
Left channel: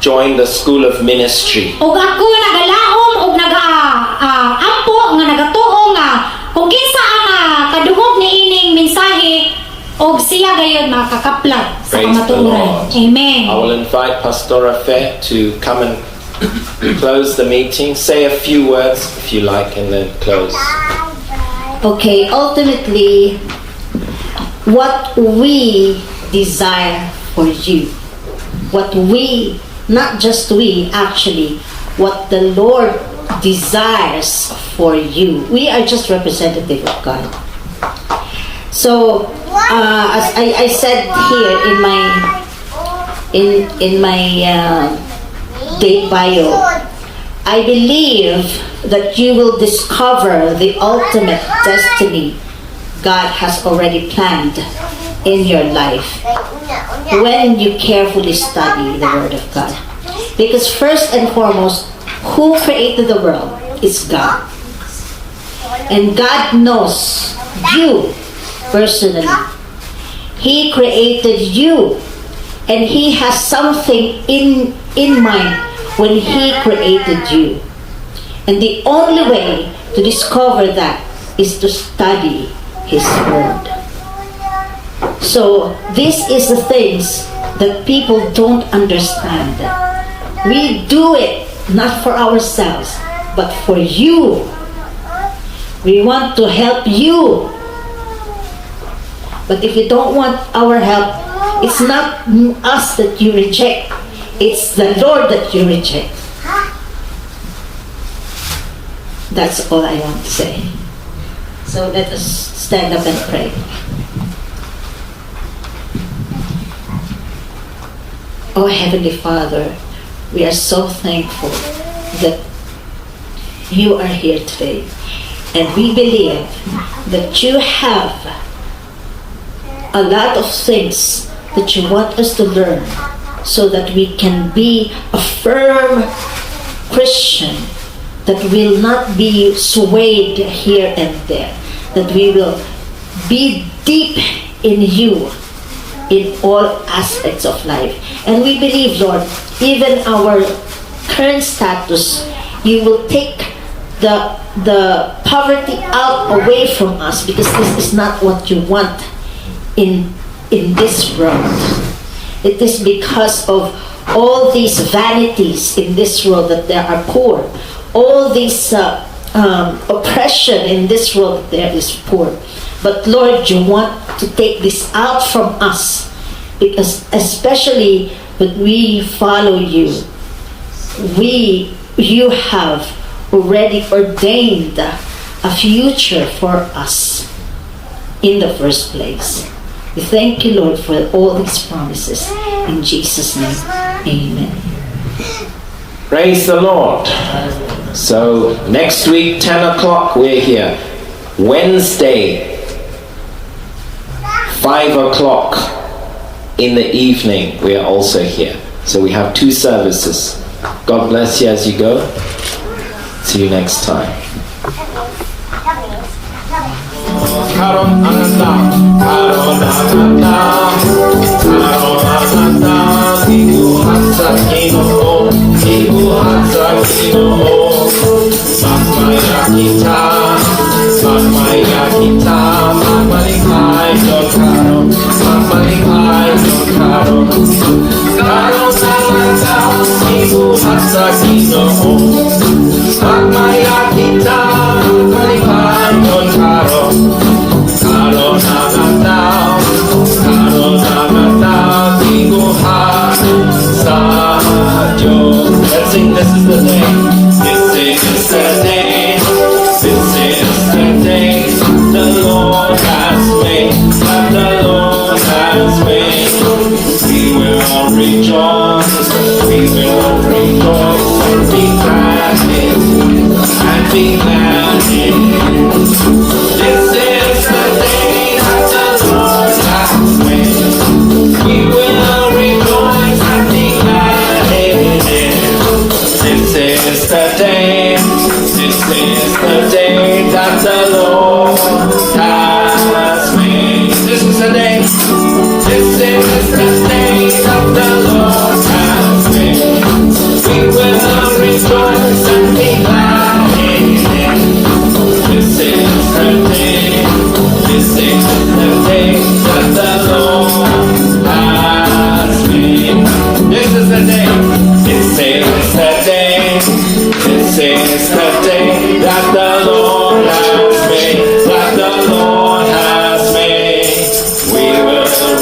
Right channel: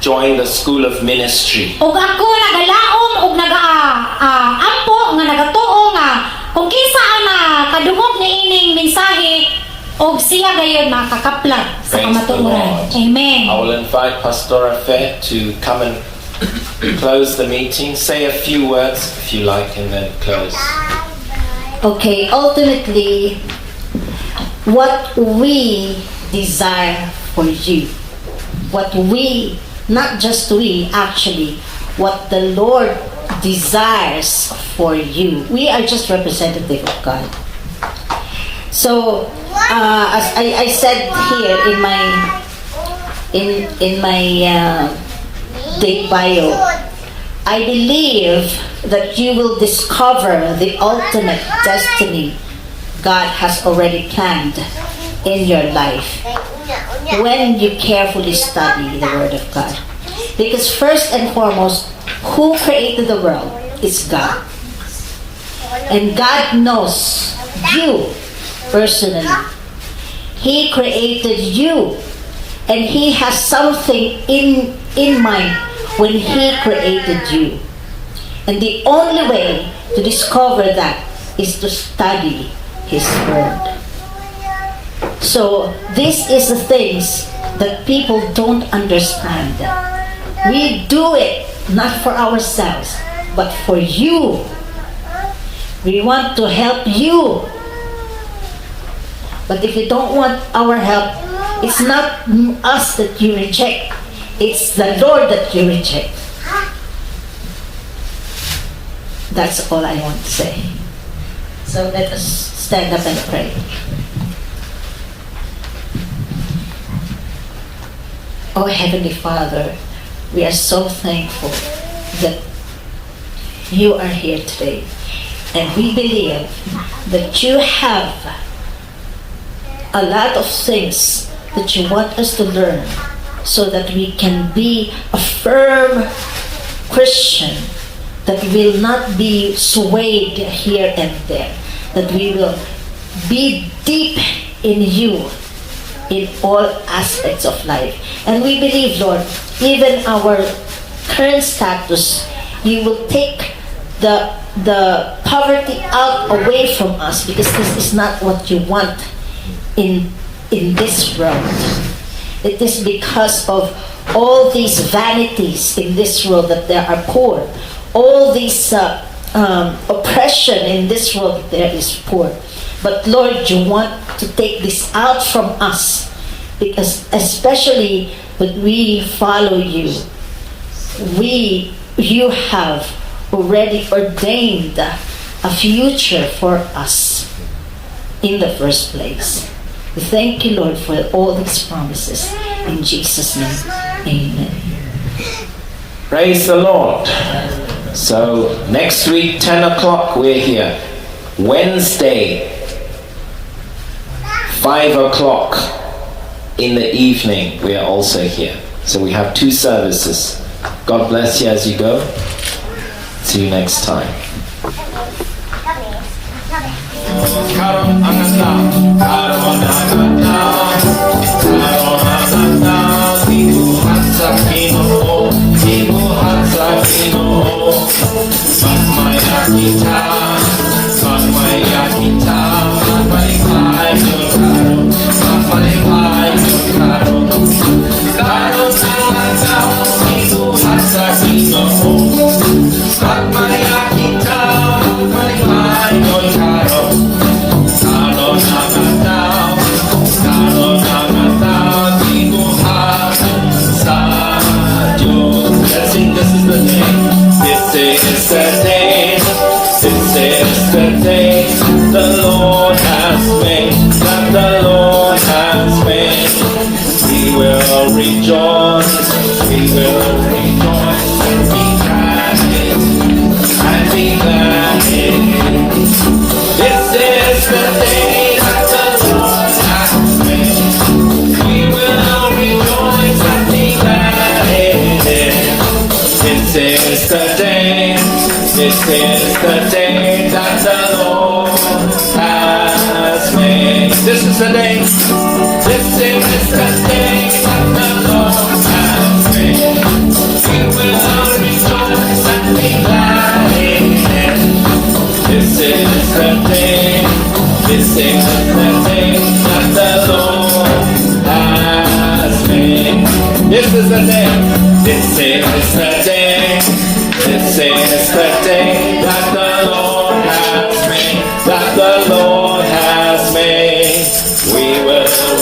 join the school of ministry. Og ako nagalaom og nagaampo nga nagatuo nga kung kinsa ang kadungog ni ining mensahe og siya gayon makakaplag sa Praise the kamatuoran. Lord. Amen. I will invite Pastor Fair to come and close the meeting. Say a few words if you like and then close. Okay, ultimately, what we desire for you, not just we, actually, what the Lord desires for you. We are just representative of God. So, as I said here in my date bio, I believe that you will discover the ultimate destiny God has already planned in your life when you carefully study the Word of God. Because first and foremost, who created the world is God. And God knows you personally. He created you, and He has something in mind when He created you. And the only way to discover that is to study His Word. So this is the things that people don't understand. We do it not for ourselves, but for you. We want to help you. But if you don't want our help, it's not us that you reject. It's the Lord that you reject. That's all I want to say. So let us stand up and pray. Oh Heavenly Father, we are so thankful that you are here today. And we believe that you have a lot of things that you want us to learn so that we can be a firm Christian, that will not be swayed here and there, that we will be deep in you in all aspects of life. And we believe, Lord, even our current status, you will take the poverty out away from us, because this is not what you want in this world. It is because of all these vanities in this world that there are poor, all this oppression in this world that there is poor. But Lord, you want to take this out from us, because especially when we follow you, you have already ordained a future for us in the first place. We thank you, Lord, for all these promises. In Jesus' name, amen. Praise the Lord. So next week, 10 o'clock, we're here. Wednesday, 5 o'clock in the evening, we are also here. So we have 2 services. God bless you as you go. See you next time. Karo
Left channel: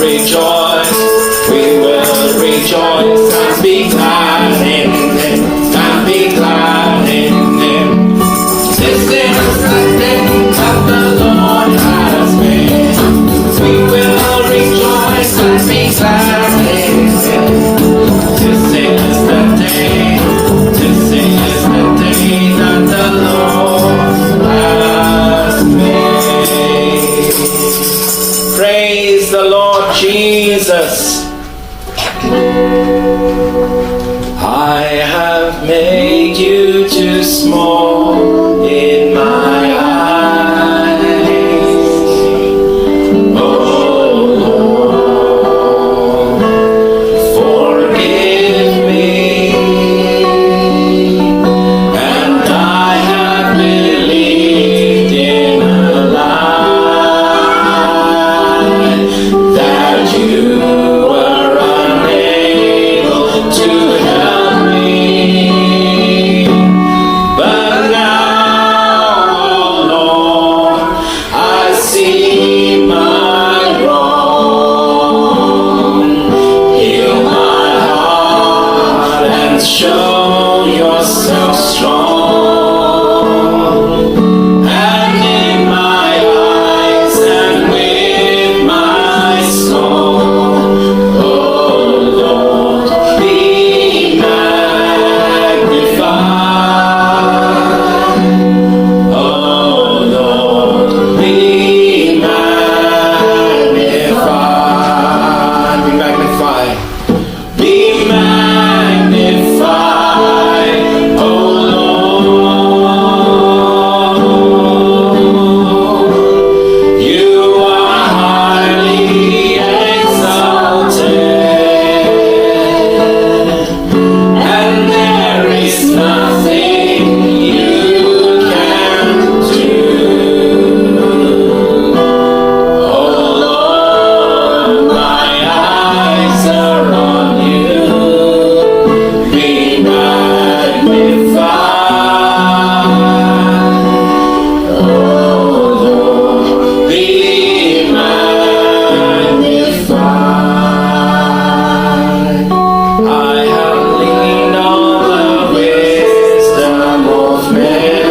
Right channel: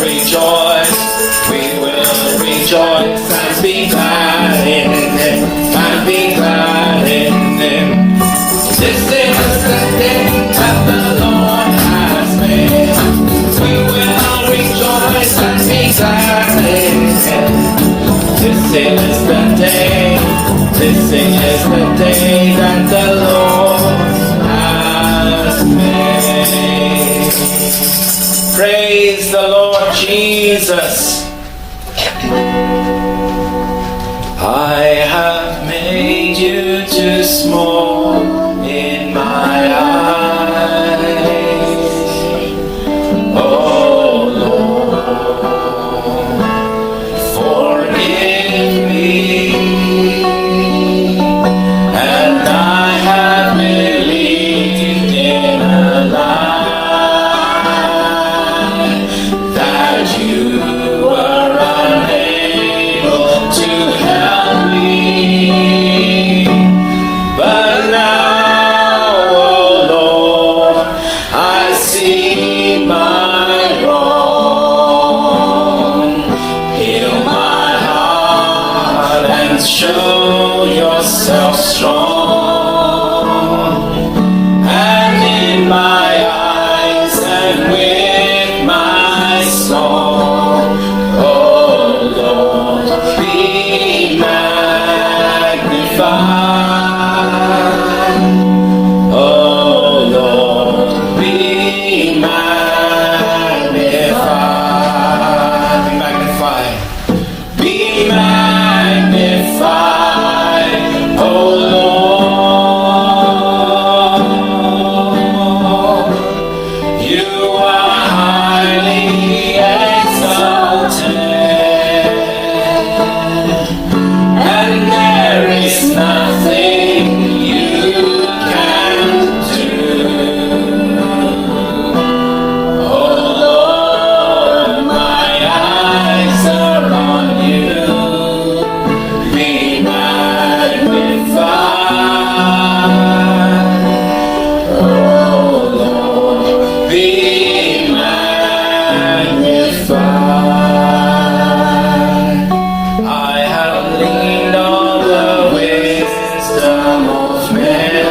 rejoice. We will rejoice and be glad in Him, and be glad in Him. This is the day that the Lord has made. We will rejoice and be glad in Him. This is the day. This is the day that the Lord has made. Praise the Lord Jesus. I have made you too small in my eyes. Oh Lord, forgive me. And I have believed in a lie that you were unable to help me. But now, oh Lord, I see my wrong. Heal my heart and show yourself strong. And in my eyes and with my soul, oh Lord, be magnified. Oh Lord, be magnified. Be magnified. Be magnified, oh Lord. You are highly exalted, and there is nothing you can do. Oh Lord, my eyes are on you. Be magnified. Oh Lord, be magnified. I have leaned on the wisdom of men.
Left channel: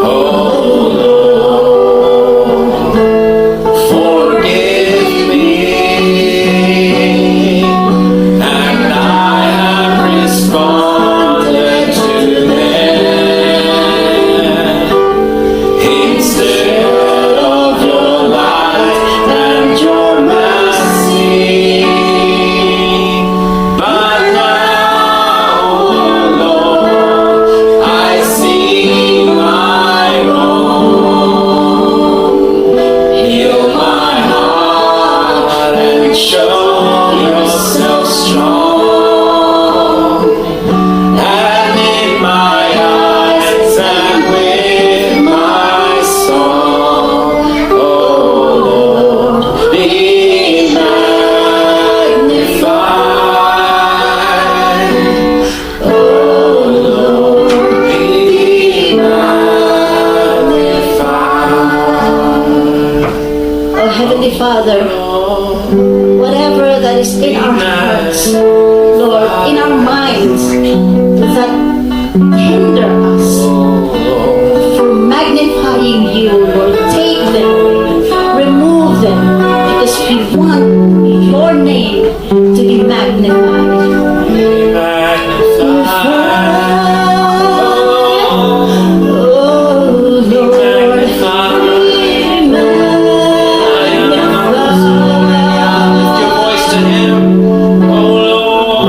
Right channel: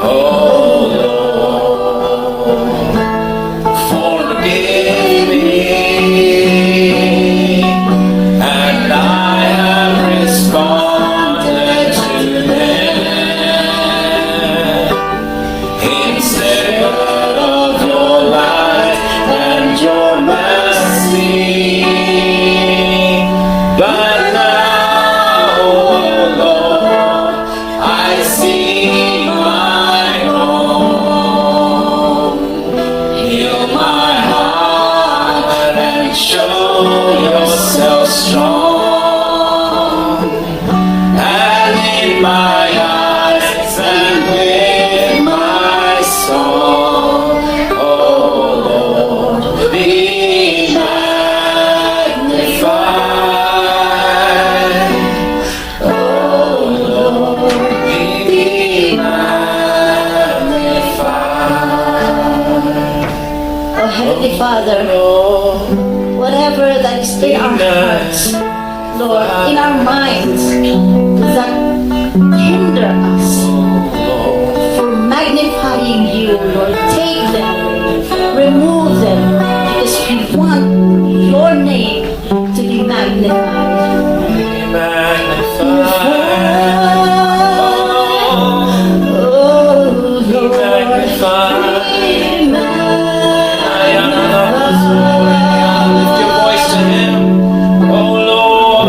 Oh Lord, forgive me. And I have responded to men instead of your light and your mercy. But now, oh Lord, I see my wrong. Heal my heart and show yourself strong. And in my eyes and with my soul, oh Lord, be magnified. Oh Lord, be magnified. Oh Heavenly Father, whatever that is in our hearts, Lord, in our minds, that hinder us for magnifying you, Lord, take them, remove them, because we want your name to be magnified. Be magnified. Oh Be Lord, magnified. be magnified. Lift your voice to Him. Oh Lord.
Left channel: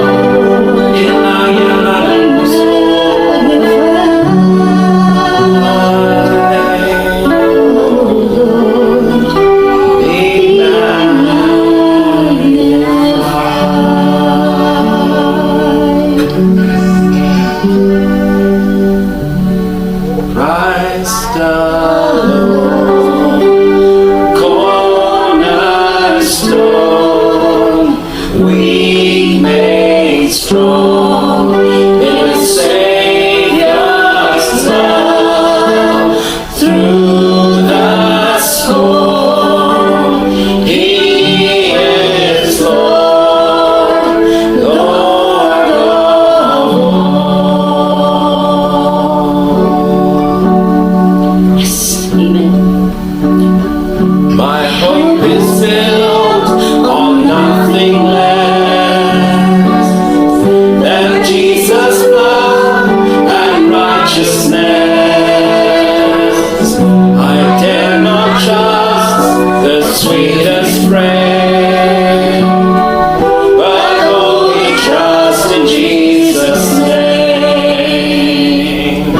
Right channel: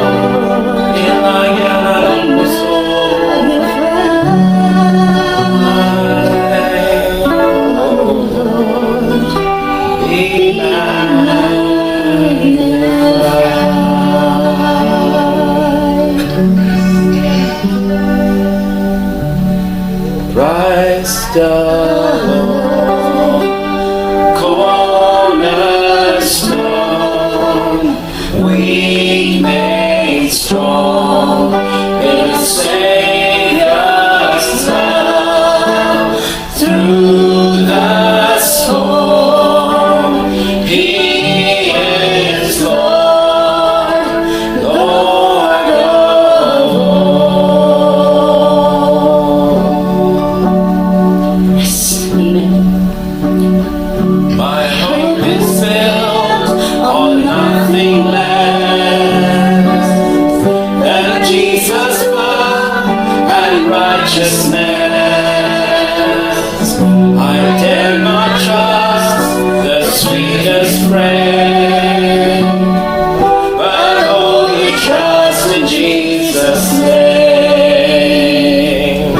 sweetest friend, but only trust in Jesus' name.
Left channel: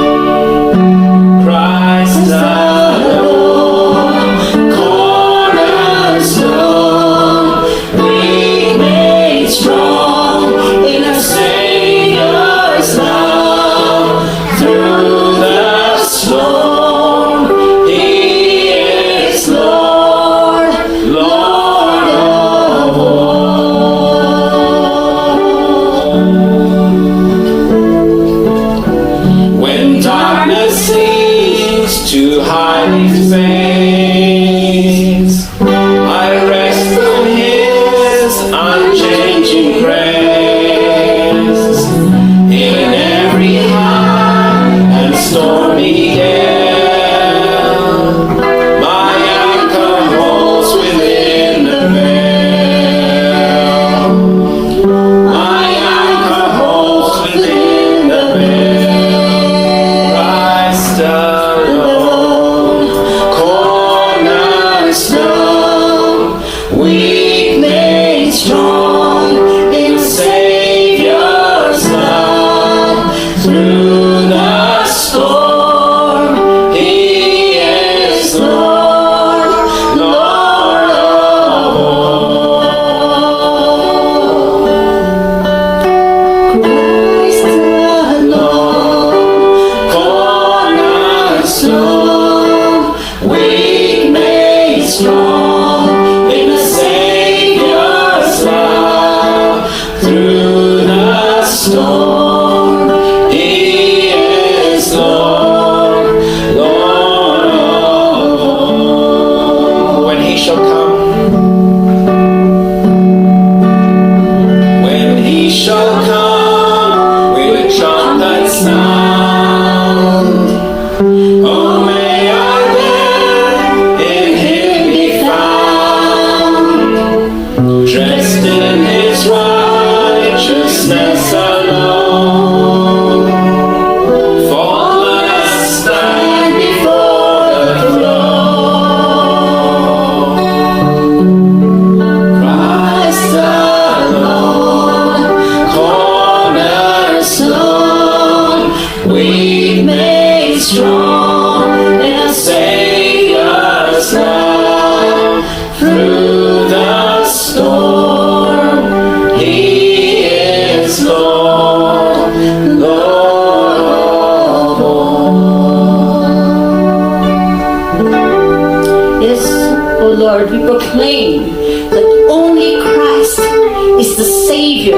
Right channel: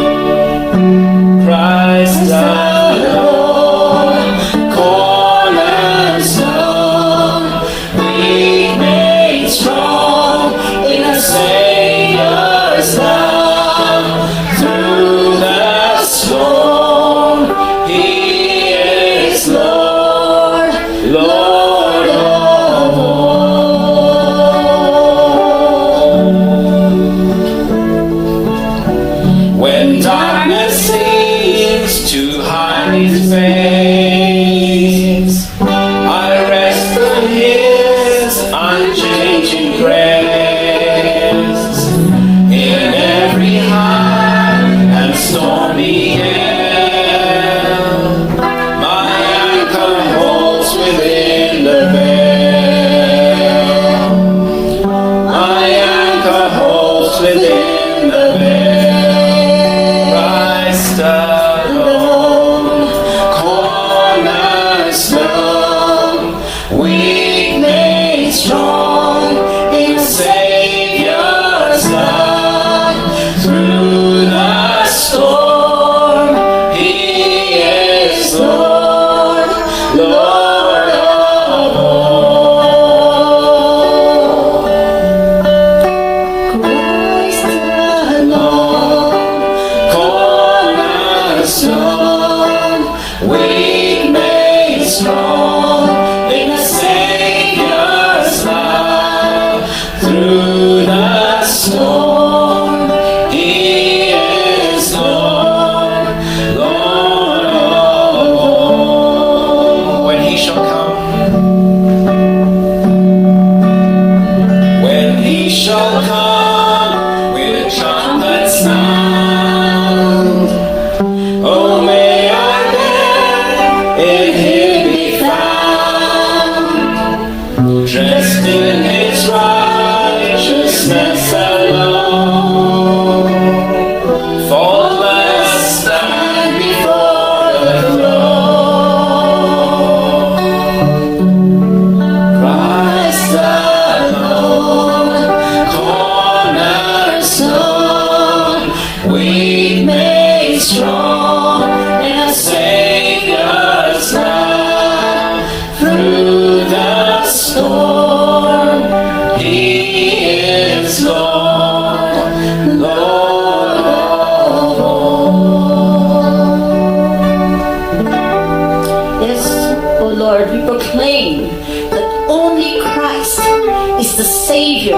Christ alone, cornerstone, weak made strong in a Savior's love. Through the storm, He is Lord, Lord of all. When darkness seems to hide His face, I rest on His unchanging grace. In every high and stormy gale, my anchor holds within the veil. My anchor holds within the veil. Christ alone, cornerstone, weak made strong in Savior's love. Through the storm, He is Lord, Lord of all. Christ alone, cornerstone, weak made strong in the Savior's love. Through the storm, He is Lord, Lord of all. When He shall come, when He shall come with trumpet sound, oh, may I then in Him be found, dressed in His righteousness alone, faultless stand before the throne. Christ alone, cornerstone, weak made strong in a Savior's love. Through the storm, He is Lord, Lord of all. Yes, O Lord, we proclaim that only Christ is the Savior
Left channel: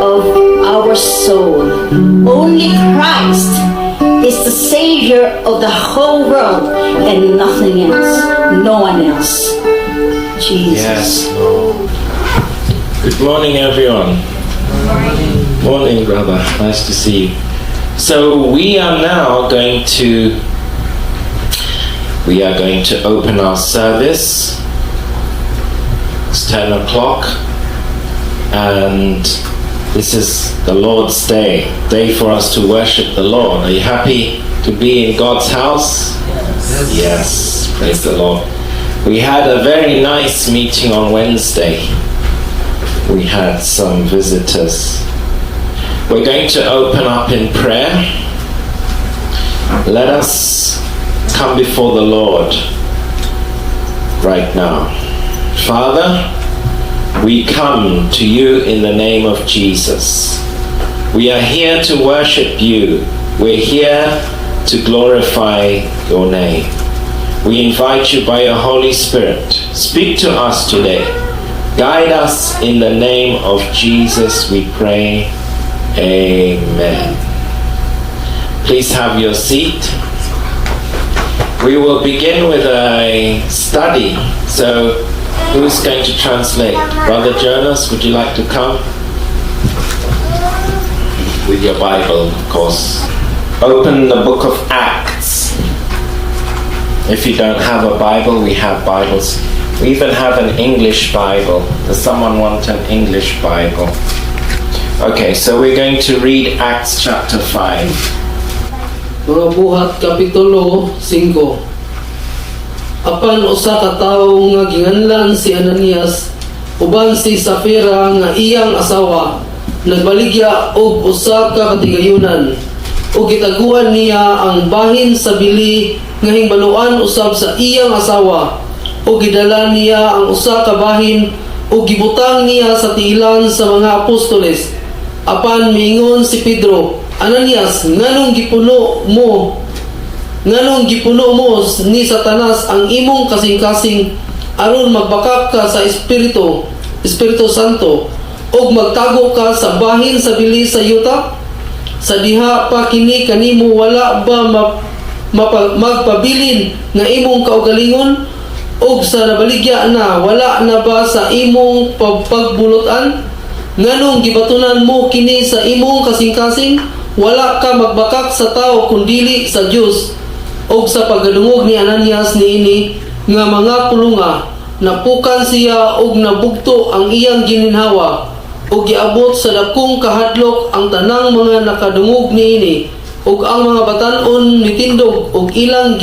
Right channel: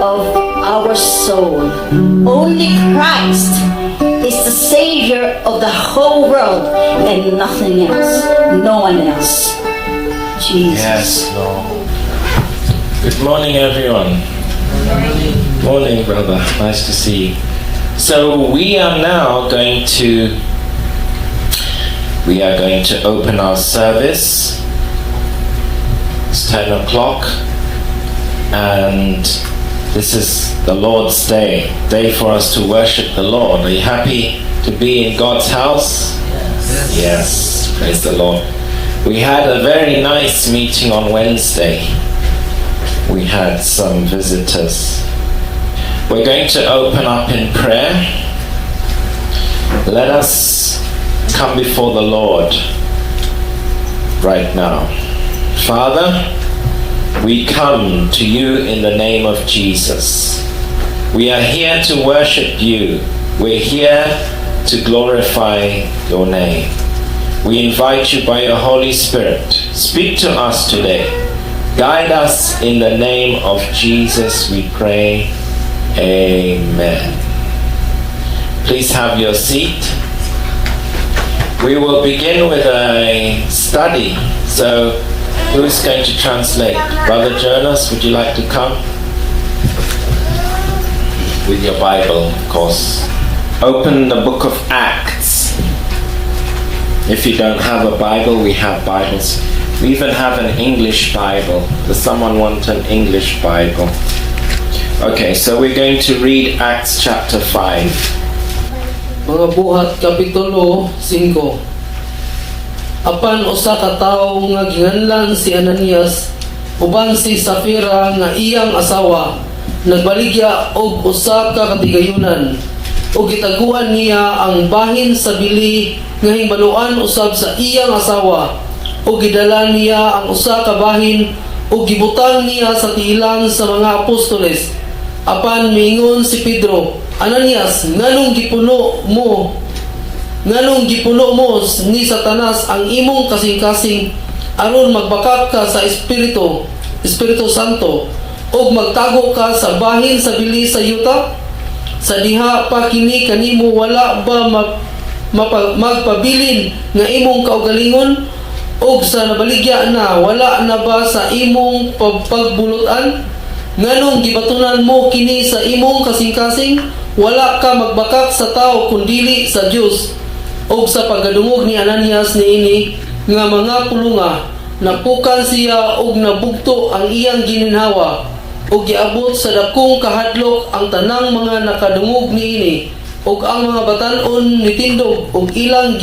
of our soul. Only Christ is the Savior of the whole world and nothing else, no one else. Jesus. Yes, Lord. Good morning, everyone. Morning, brother. Nice to see you. So we are now going to open our service. It's 10 o'clock, and this is the Lord's day for us to worship the Lord. Are you happy to be in God's house? Yes, praise the Lord. We had a very nice meeting on Wednesday. We had some visitors. We're going to open up in prayer. Let us come before the Lord right now. Father, we come to you in the name of Jesus. We are here to worship you. We're here to glorify your name. We invite you by your Holy Spirit. Speak to us today. Guide us in the name of Jesus, we pray. Amen. Please have your seat. We will begin with a study. So, who's going to translate? Brother Jonas, would you like to come? With your Bible, of course. Open the book of Acts. If you don't have a Bible, we have Bibles. We even have an English Bible. Does someone want an English Bible? Okay, so we're going to read Acts chapter 5. Mga buhat Kapitulo 5. apan usa ka tawo nga ginganlan si Ananias uban si Safira nga iyang asawa nagbaligya og usa ka katigayunan ug gitaguan niya ang bahin sa bili nga hingbaluan usab sa iyang asawa ug gidala niya ang usa ka bahin ug gibutang niya sa tiilan sa mga apostoles. Apan miingon si Pedro, Ananias, nganong gipuno mo ni Satanas ang imong kasing-kasing aron magbakak ka sa Espiritu Santo ug magtago ka sa bahin sa bili sa yuta? Sa diha pa kini kanimo wala ba magpabilin nga imong kaugalingon? Og sa nabaligya na wala na ba sa imong pagbulutan? Nganong gibatunan mo kini sa imong kasing-kasing? Wala ka magbakak sa tao kundili sa Dios. Og sa pagdungog ni Ananias niini nga mga pulunga, napukan siya og nabugto ang iyang gininhawa og giabot sa dakong kahadlok ang tanang mga nakadungog niini og ang mga batan-on nitindog og ilang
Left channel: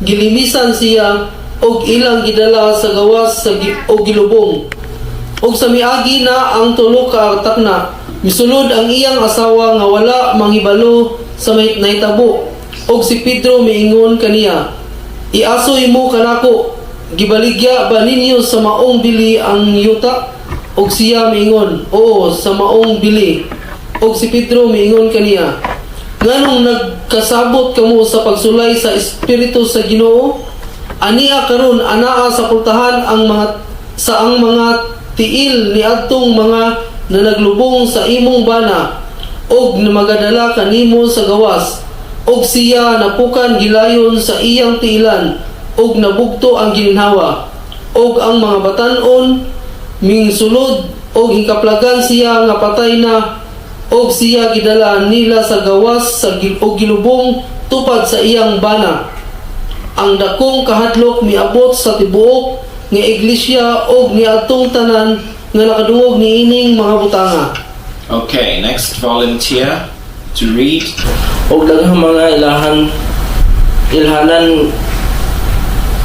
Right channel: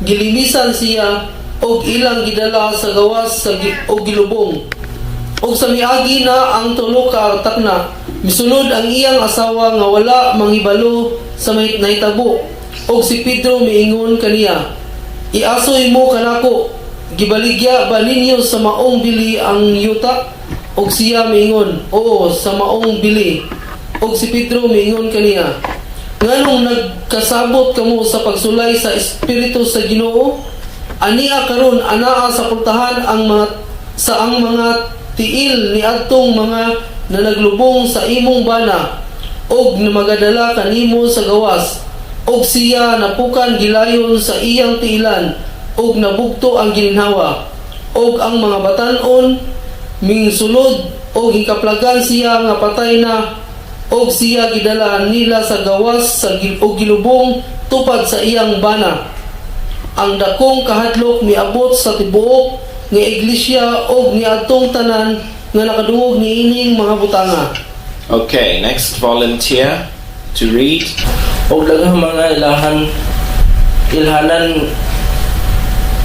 gilimisan siya og ilang gidala sa gawas og gilubong. Og sa miagi na ang tulo ka takna, misulod ang iyang asawa nga wala manghibalo sa nahitabo. Og si Pedro miingon kaniya, Iasoy mo kanako, gibaligya ba ninyo sa maong bili ang yuta? Og siya miingon, Oo, sa maong bili. Og si Pedro miingon kaniya, Nganong nagkasabot kamo sa pagsulay sa Espiritu sa Ginoo? Ania karon anaa sa pultahan ang mga tiil ni adtong mga na naglubong sa imong bana og magadala kanimo sa gawas. Og siya napukan gilayon sa iyang tiilan og nabugto ang gininhawa og ang mga batan-on mingsulod og hikaplagan siya nga patay na og siya gidala nila sa gawas og gilubong tupad sa iyang bana. Ang dakong kahadlok miabot sa tibuok nga iglesia og niadtong tanan nga nakadungog niining mga butanga. Okay, next volunteer to read. Og daghang mga ilhanan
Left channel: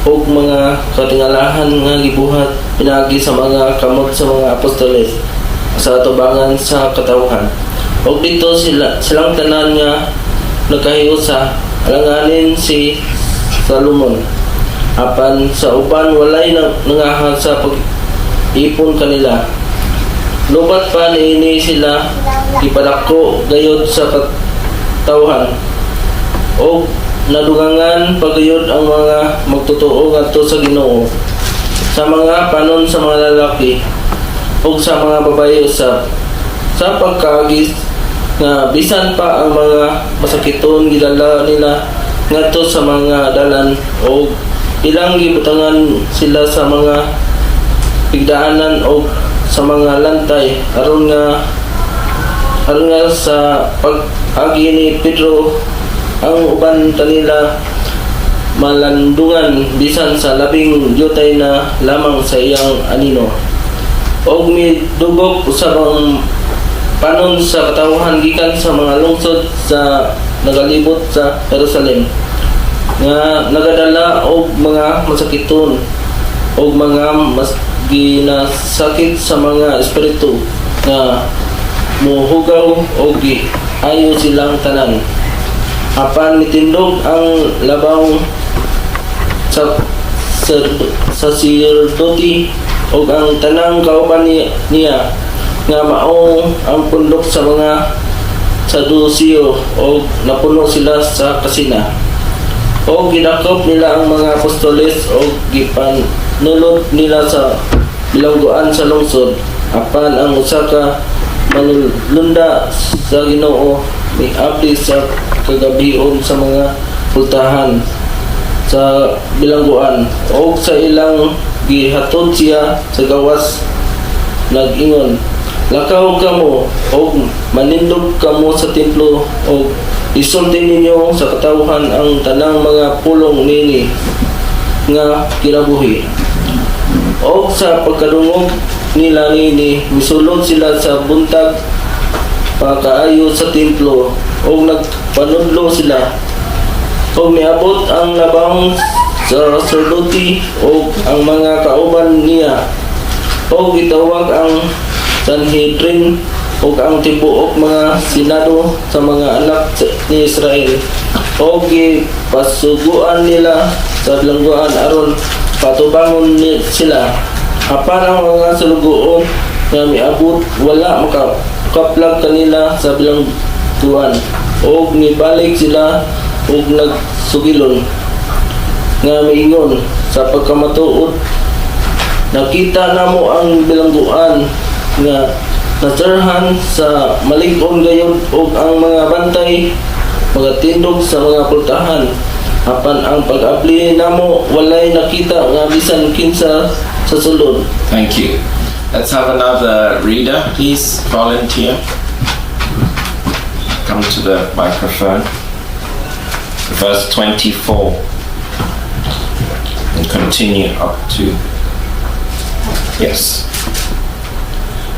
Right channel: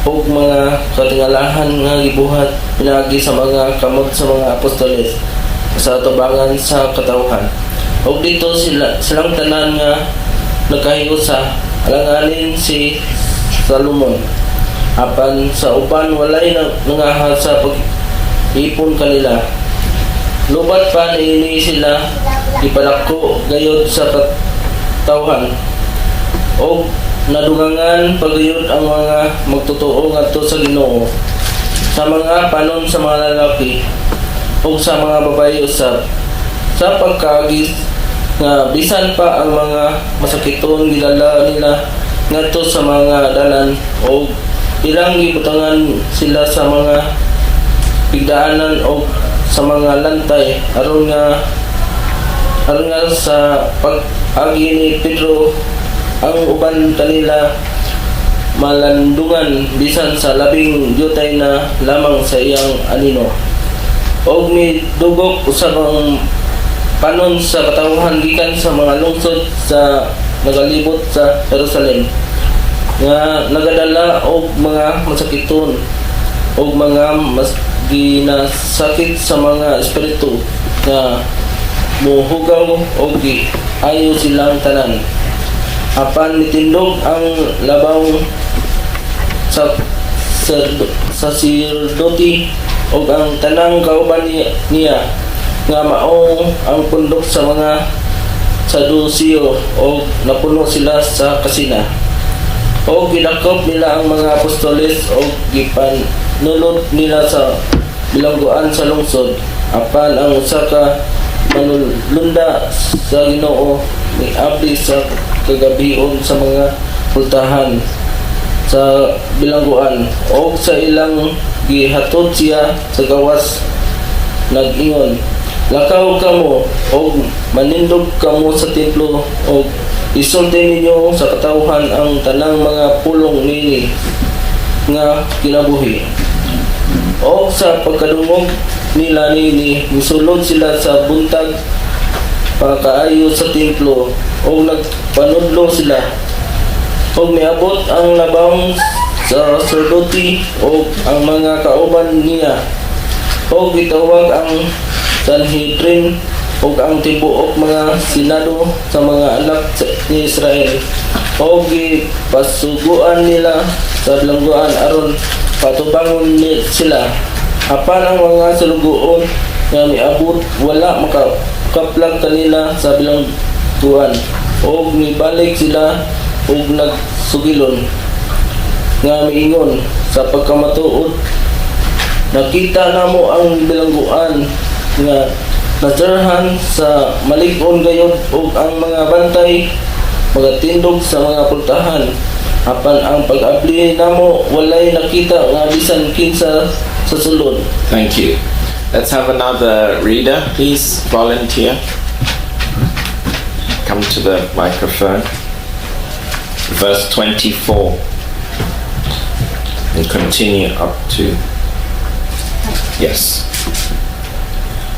og mga katingalahan nga gibuhat pinagi sa mga kamot sa mga apostoles sa atubangan sa katawhan. Og dito silang tanan nga nagkahiusa alanganin si Salomon. Apan sa uban walay nangahat sa pag-ipon kanila. Lubat pa niini sila ipadako gayod sa katawhan. Og nadugangan pagayod ang mga magtotoo ngadto sa Ginoo sa mga panon sa mga lalaki og sa mga babaye usab sa pagkaagis nga bisan pa ang mga masakiton gidala nila ngadto sa mga dalan og ilang gibutangan sila sa mga pigdaanan og sa mga lantay aron nga sa pag-agi ni Pedro ang uban kanila malandungan bisan sa labing yutay na lamang sa iyang anino. Og midugok usab ang panon sa katawhan gikan sa mga lungsod sa nagalibot sa Jerusalem nga nagadala og mga masakiton og mga mas ginasakit sa mga espiritu nga muhugaw og ayo silang tanan. Apan mitindog ang labaw sa sirduti og ang tanang kauban niya nga mao ang pundok sa mga Sadusiyo og napuno sila sa kasina. Og gidakop nila ang mga apostoles og gipanulod nila sa bilangguan sa lungsod. Apan ang usa ka manulunda sa Ginoo miabli sa kagabion sa mga pultahan sa bilangguan og sa ilang gihatod siya sa gawas nag-ingon, lakaw kamo og manindog kamo sa templo og isulti ninyo sa katawhan ang tanang mga pulong nini nga kinabuhi. Og sa pagkadungog nila nini misulod sila sa buntag pakaayo sa templo og nagpanudlo sila og miabot ang labawng sa sacerdote o ang mga kauban niya, o gitawag ang Sanhedrin o ang tibuok mga senado sa mga anak ni Israel, o gipasuguan nila sa bilangguan aron patubangon sila. Apan ang mga salugoon nga miabot wala makaplag kanila sa bilangguan, o mibalik sila og nagsugilon nga miingon sa pagkamatuod, nakita namo ang bilangguan nga nasirhan sa malig-on gayod og ang mga bantay mga tindog sa mga pultahan. Apan ang pag-abli namo walay nakita nga bisan kinsa sa sulod. Thank you. Let's have another reader, please volunteer. Come to the microphone. Verse 24 and continue up to, yes.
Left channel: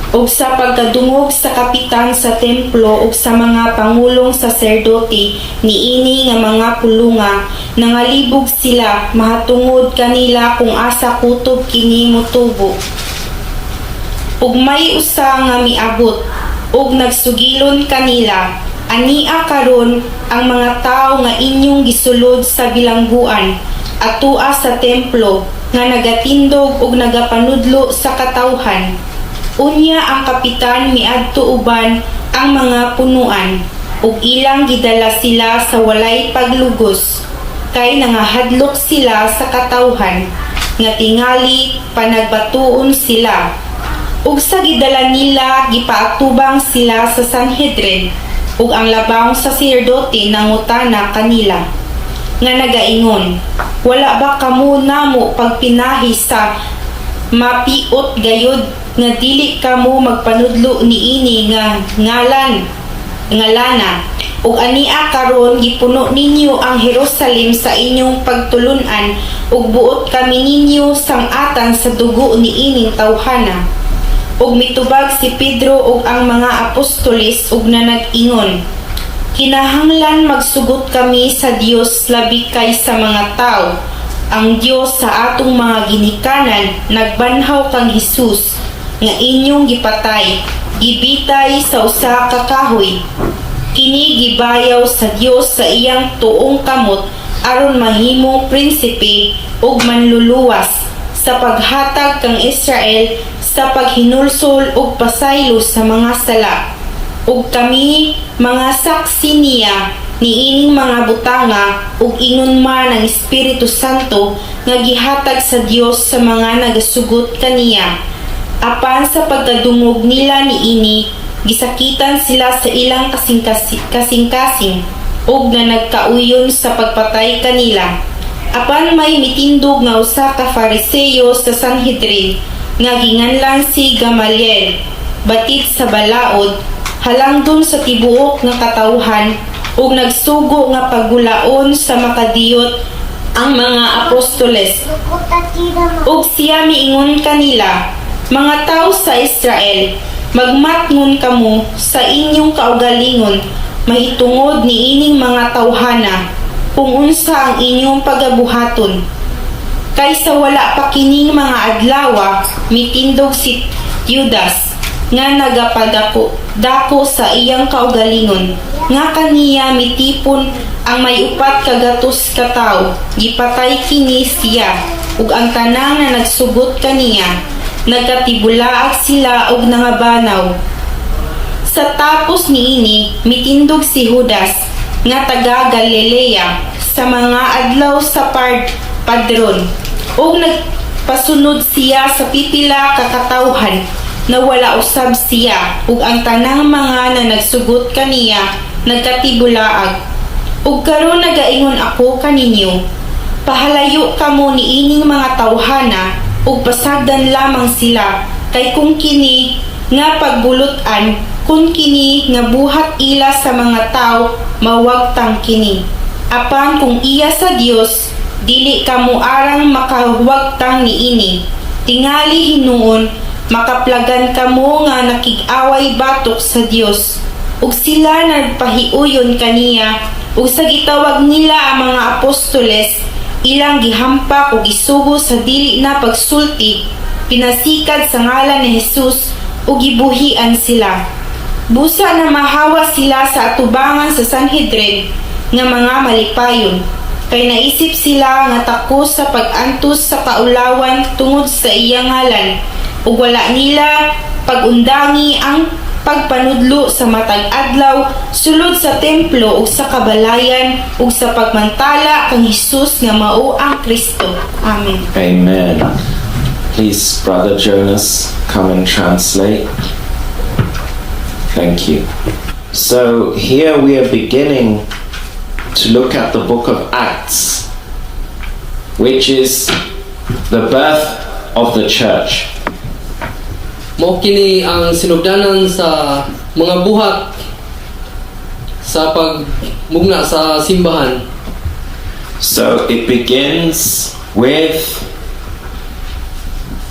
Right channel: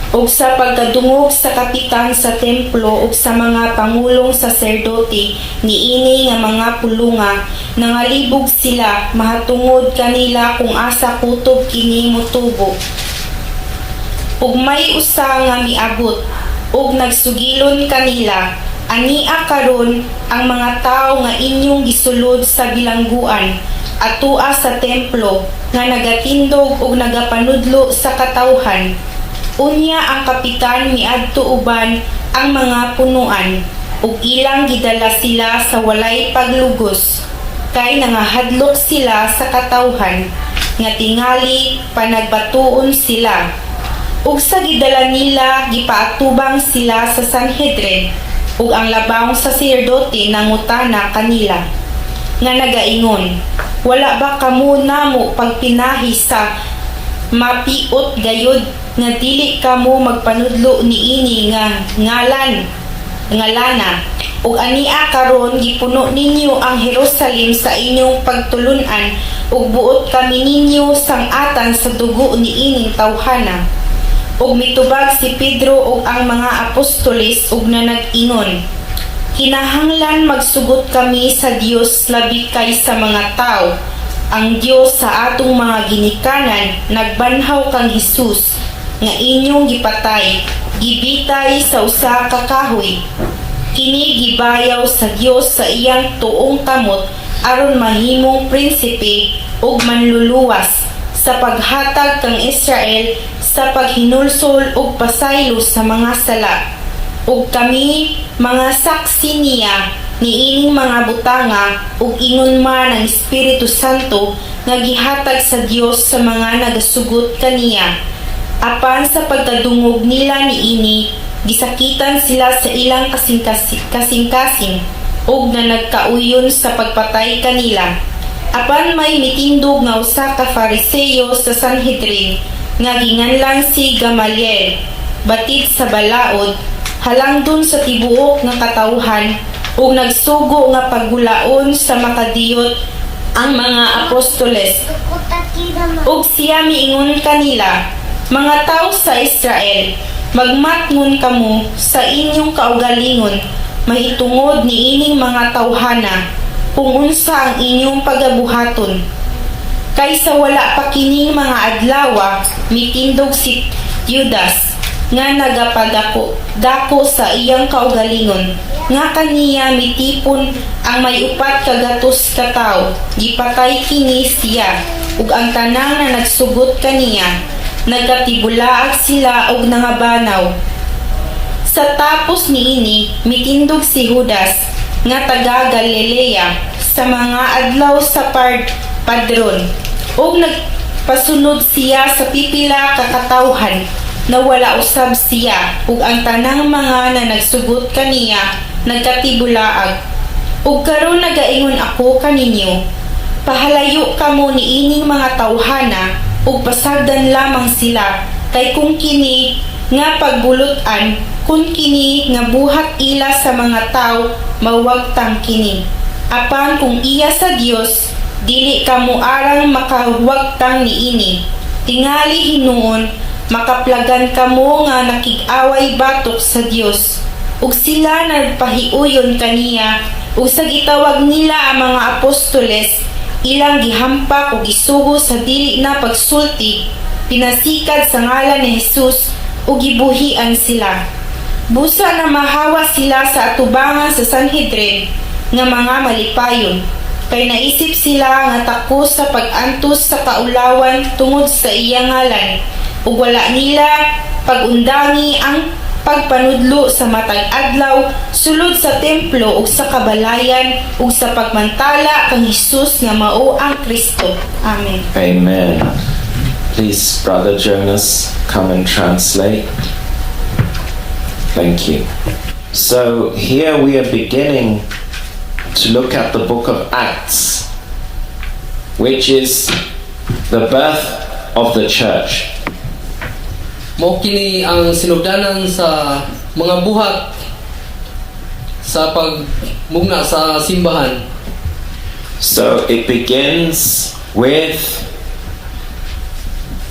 ug sa pagkadungog sa kapitan sa templo ug sa mga pangulong saserdote niini nga mga pulunga, nangalibog sila mahatungod kanila kung asa kutob kini motubo. Ug may usa nga miabot ug nagsugilon kanila, ania karon ang mga tawo nga inyong gisulod sa bilangguan atua sa templo nga nagatindog ug nagapanudlo sa katawhan. Unya ang kapitan miadto uban ang mga punuan ug ilang gidala sila sa walay paglugos, kay nangahadlok sila sa katawhan nga tingali panagbatuon sila. Ug sa gidala nila gipaatubang sila sa Sanhedrin, ug ang labang saserdote nangutana kanila nga nagaingon, wala ba kamo namo pagpinahi sa mapiot gayod nga dili kamo magpanudlo niini nga ngalana, ug ania karon gipuno ninyo ang Jerusalem sa inyong pagtulunan ug buot kami ninyo sang-atan sa dugo niining tawhana. Ug mitubag si Pedro ug ang mga apostoles ug nanag-ingon, kinahanglan magsugot kami sa Dios labi kay sa mga tao. Ang Dios sa atong mga ginikanan nagbanhaw kang Hesus nga inyong gipatay, gibitay sa usa ka kahoy. Kini gibayaw sa Dios sa iyang tuong kamot aron mahimong prinsipe ug manluluwas sa paghatag kang Israel sa paghinulsol ug pasaylo sa mga sala. Ug kami mga saksi niya niining mga butanga ug ingon man ang Espiritu Santo nga gihatag sa Dios sa mga nagasugot kaniya. Apan sa pagkadungog nila niini, gisakitan sila sa ilang kasing-kasing ug na nagkauyon sa pagpatay kanila. Apan may mitindog nga usa ka Fariseo sa Sanhedrin nga ginganlan si Gamaliel, batid sa balaod, halangdon sa tibuok nga katawhan ug nagsugo nga paggulaon sa makadiyot ang mga apostoles. Ug siya miingon kanila, mga tao sa Israel, magmatngon kamo sa inyong kaugalingon mahitungod niining mga tawhana kung unsa ang inyong pagabuhaton. Kaysa wala pa kining mga adlawa, mitindog si Judas nga nagapadako sa iyang kaugalingon, nga kaniya mitipon ang may upat kagatos ka tawo, gipatay kini siya ug ang tanang na nagsugot kaniya, nagkatibulaag sila og nangabanaw. Sa tapos niini mitindog si Judas nga taga Galilea sa mga adlaw sa padron ug nagpasunod siya sa pipila ka katawhan na wala usab siya ug ang tanang mga na nagsugot kaniya nagkatibulaag. Ug karon nagaingon ako kaninyo, pahalayo kamo niining mga tawhana ug pasagdan lamang sila, kay kung kini nga pagbulutan, kung kini nga buhat ila sa mga tao, mawagtang kini. Apan kung iya sa Dios, dili kamo arang makawagtang niini. Tingali hinuon, makaplagan kamo nga nakig-away batok sa Dios. Ug sila nagpahiuyon kaniya, ug sa gitawag nila ang mga apostoles, ilang gihampak ug isugo sa dili na pagsulti, pinasikad sa ngalan ni Jesus ug gibuhian sila. Busa na mahawa sila sa atubangan sa Sanhedrin nga mga malipayon, kay naisip sila nga takos sa pag-antos sa kaulawan tungod sa iyang ngalan, ug wala nila pagundangi ang pagpanudlo sa matag adlaw sulod sa templo ug sa kabalayan ug sa pagmantala kang Hesus nga mao ang Kristo. Amen. Amen. Please, Brother Jonas, come and translate. Thank you. So here we are beginning to look at the book of Acts, which is the birth of the church. Mao kini ang sinugdanan sa mga buhat sa pagmugna sa simbahan. So it begins with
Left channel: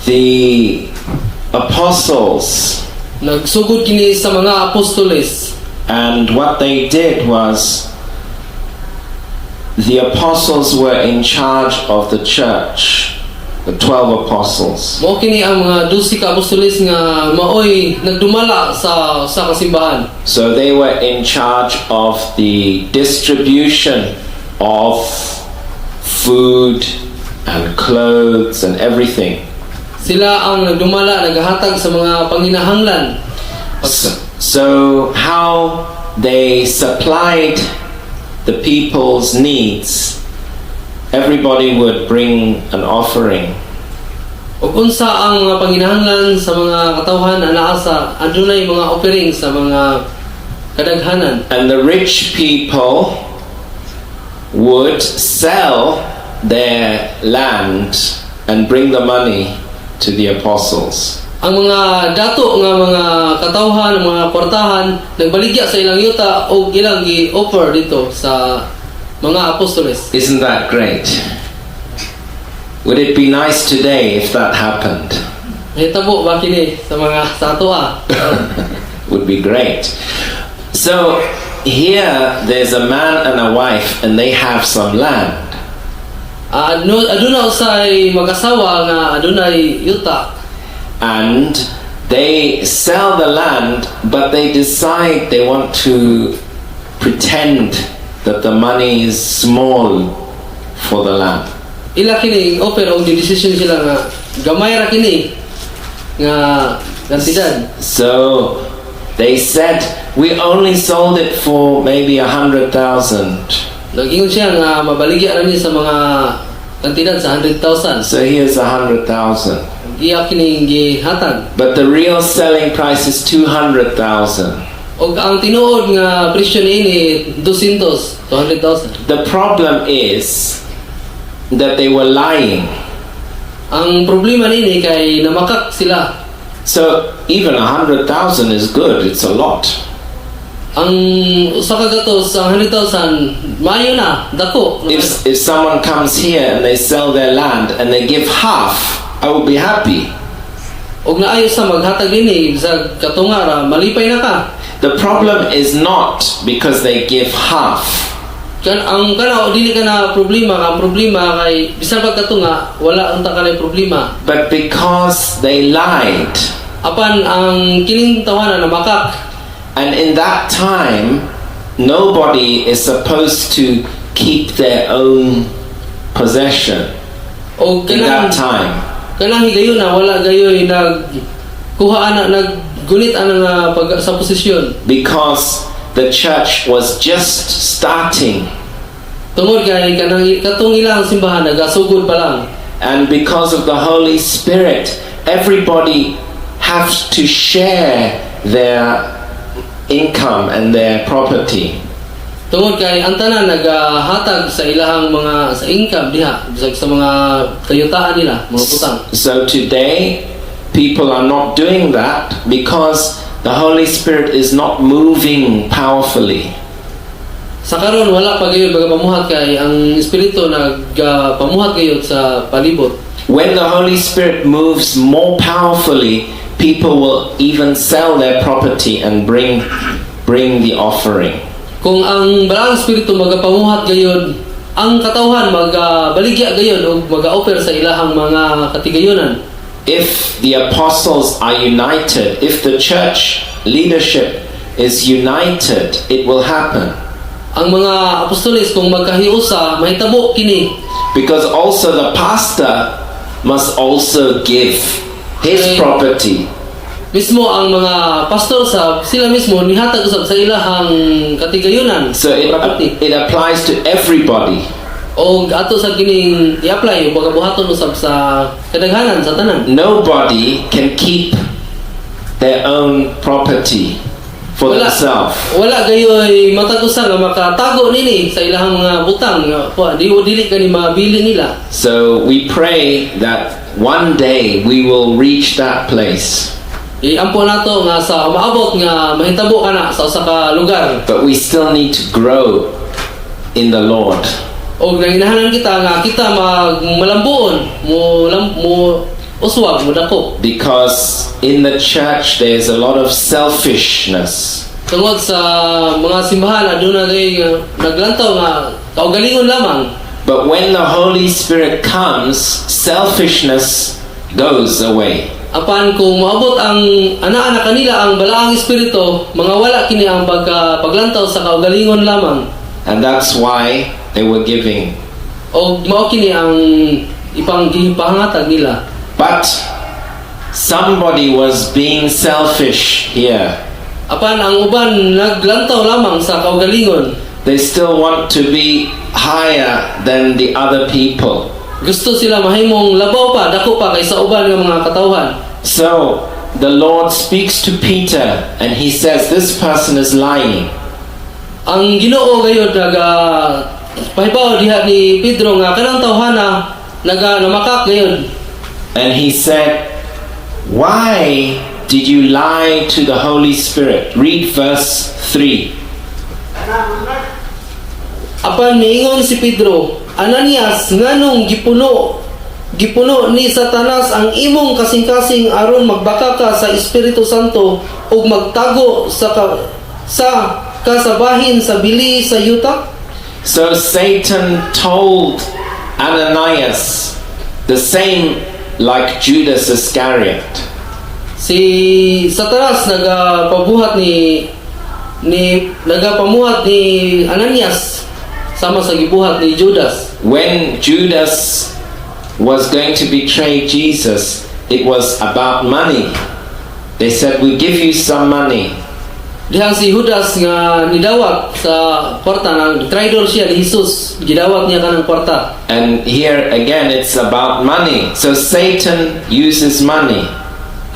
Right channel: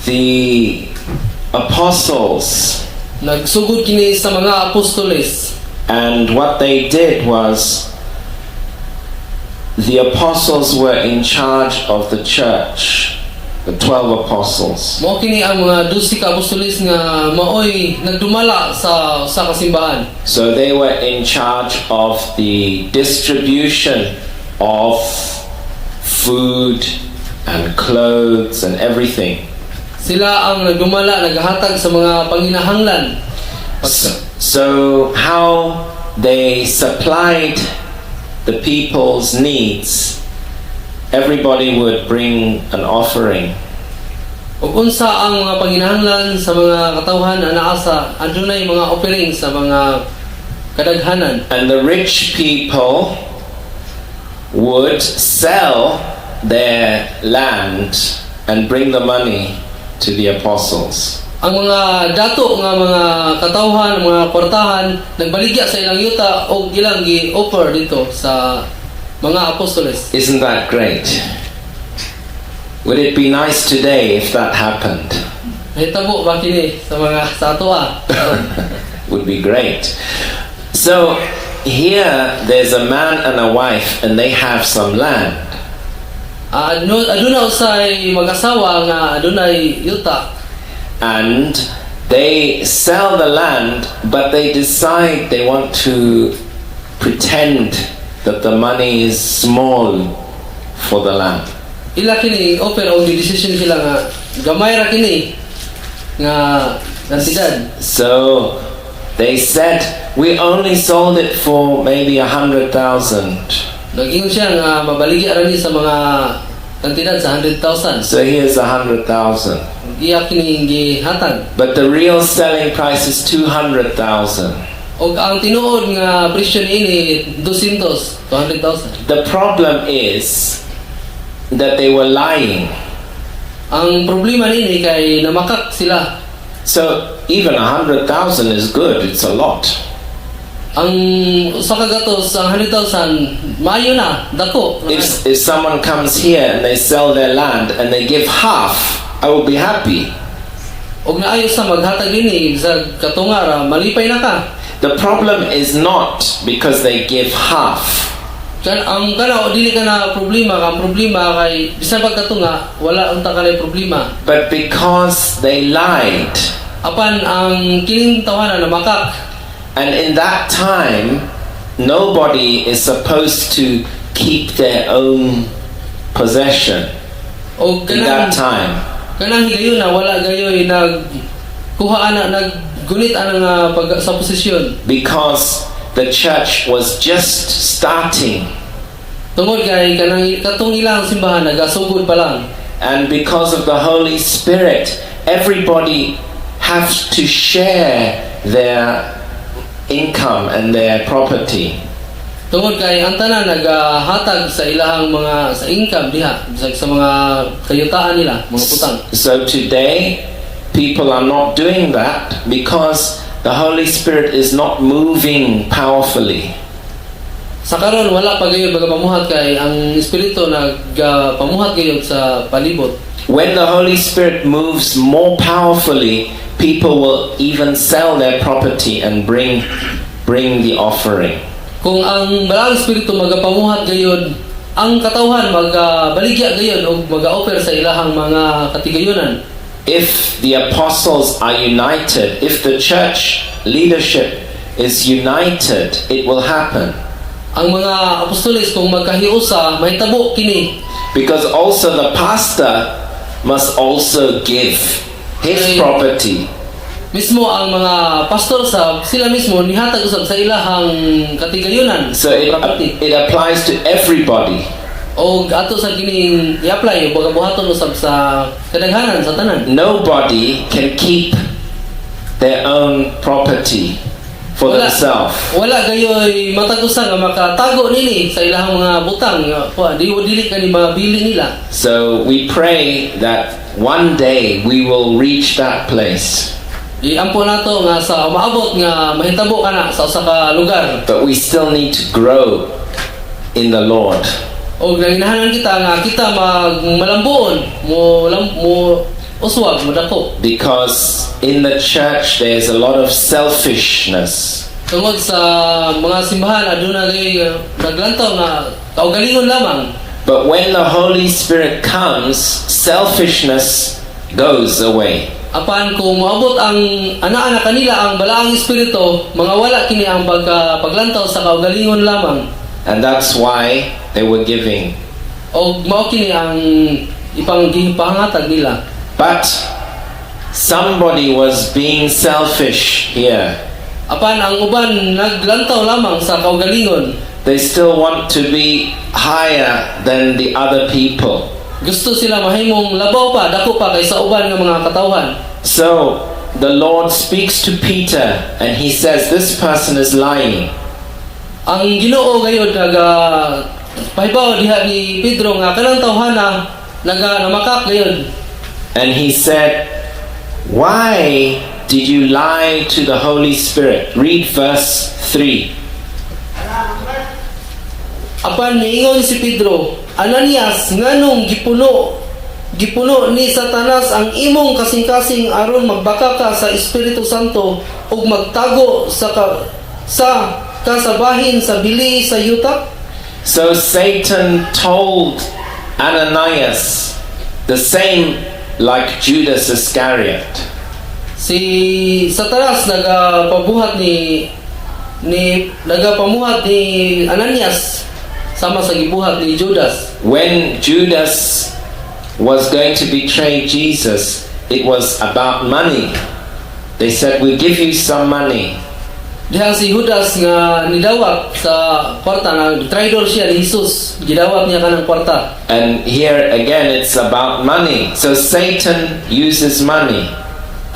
the apostles, Nagsugod kini sa mga apostoles. and what they did was the apostles were in charge of the church, the 12 apostles. Mao kini ang mga 12 ka apostoles nga maoy nagdumala sa kasimbahan. So they were in charge of the distribution of food and clothes and everything. Sila ang nagdumala, naghatag sa mga panginahanglan. So how they supplied the people's needs, everybody would bring an offering. Ug unsa ang mga panginahanglan sa mga katawhan anaa sa adunay mga offering sa mga kadaghanan. And the rich people would sell their land and bring the money to the apostles. Ang mga dato nga mga katawhan, mga kwartahan nagbaligya sa ilang yuta o ilang gi-offer dito sa mga apostoles. Isn't that great? Would it be nice today if that happened? Hitabo ba kini sa mga sa atoa? Would be great. So here there's a man and a wife and they have some land. Aduna usay mag-asawa nga adunay yuta. And they sell the land, but they decide they want to pretend that the money is small for the land. Ila kini offer og decision sila nga gamay ra kini nga kantidad. So they said, we only sold it for maybe 100,000. Nag-ingon siya nga mabaligya ra ni sa mga kantidad sa 100,000. So here's 100,000. Iya kini gihatag. But the real selling price is 200,000. Og ang tinuod nga presyo niini 200,000. The problem is that they were lying. Ang problema niini kay namakak sila. So even 100,000 is good, it's a lot. Ang usa ka gatos ang 100,000 mayo na dako. If someone comes here and they sell their land and they give half, I will be happy. Og naayo sa maghatag dinhi sa katungara malipay na ka. The problem is not because they give half. Kan ang kana dili kana problema, ang problema kay bisan pag katunga wala unta kanay problema. But because they lied. Apan ang kining tawanan na makak. And in that time, nobody is supposed to keep their own possession. Og In that time. kanang higayon na wala gayoy nagkuha ana naggunit ana nga pag sa posisyon. Because the church was just starting. Tungod kay kanang katong ilang simbahan nagasugod pa lang. And because of the Holy Spirit, everybody has to share their income and their property. Tungod kay ang tanan nagahatag sa ilahang mga sa income diha bisag sa mga kayutaan nila, mga putang. So today, people are not doing that because the Holy Spirit is not moving powerfully. Sa karon wala pa gayud magapamuhat kay ang espiritu nagpamuhat gayud sa palibot. When the Holy Spirit moves more powerfully, people will even sell their property and bring the offering. Kung ang balaang espiritu magapamuhat gayud ang katawhan magabaligya gayon o mag-offer sa ilahang mga katigayonan. If the apostles are united, if the church leadership is united, it will happen. Ang mga apostoles kung magkahiusa mahitabo kini. Because also the pastor must also give his Ay. property. Mismo ang mga pastor sila mismo nihatag usab sa ilahang katigayonan. So it applies to everybody. O ato sa kining i-apply bagabuhaton usab sa kadaghanan sa tanan. Nobody can keep their own property for themselves. Wala gayoy matag-usa nga makatago nini sa ilahang mga butang. Dili kani mabili nila. So we pray that one day we will reach that place. Iampo nato nga sa umaabot nga mahitabo kana sa usa ka lugar. But we still need to grow in the Lord. O nanginahanan kita nga kita malambuon mo uswag mo dako. Because in the church there's a lot of selfishness. Tungod sa mga simbahan aduna kay naglantaw nga kaugalingon lamang. But when the Holy Spirit comes, selfishness goes away. Apan kung moabot ang ana-ana kanila ang balaang espiritu, mga wala kini ang paglantaw sa kaugalingon lamang. And that's why they were giving. O mao kini ang ipanggipahangatag nila. But somebody was being selfish here. Apan ang uban naglantaw lamang sa kaugalingon. They still want to be higher than the other people. Gusto sila mahimong labaw pa, dako pa kaysa uban nga mga katawhan. So the Lord speaks to Peter and he says, this person is lying. Ang Ginoo gayud pahibaw diha ni Pedro nga kanang tawhana namakak gayud. And he said, why did you lie to the Holy Spirit? Read verse 3. Apan niingon si Pedro, Ananias, nganong gipuno ni Satanas ang imong kasing-kasing aron magbaka ka sa Espiritu Santo ug magtago sa kasabahin sa bili sa yuta? So Satan told Ananias the same like Judas Iscariot. Si Satanas nagapamuhat ni Ananias sama sa gibuhat ni Judas. When Judas was going to betray Jesus, it was about money. They said, we'll give you some money. Diha si Judas nga nidawat sa kwarta na traidor siya ni Jesus, gidawat niya kanang kwarta. And here again it's about money. So Satan uses money.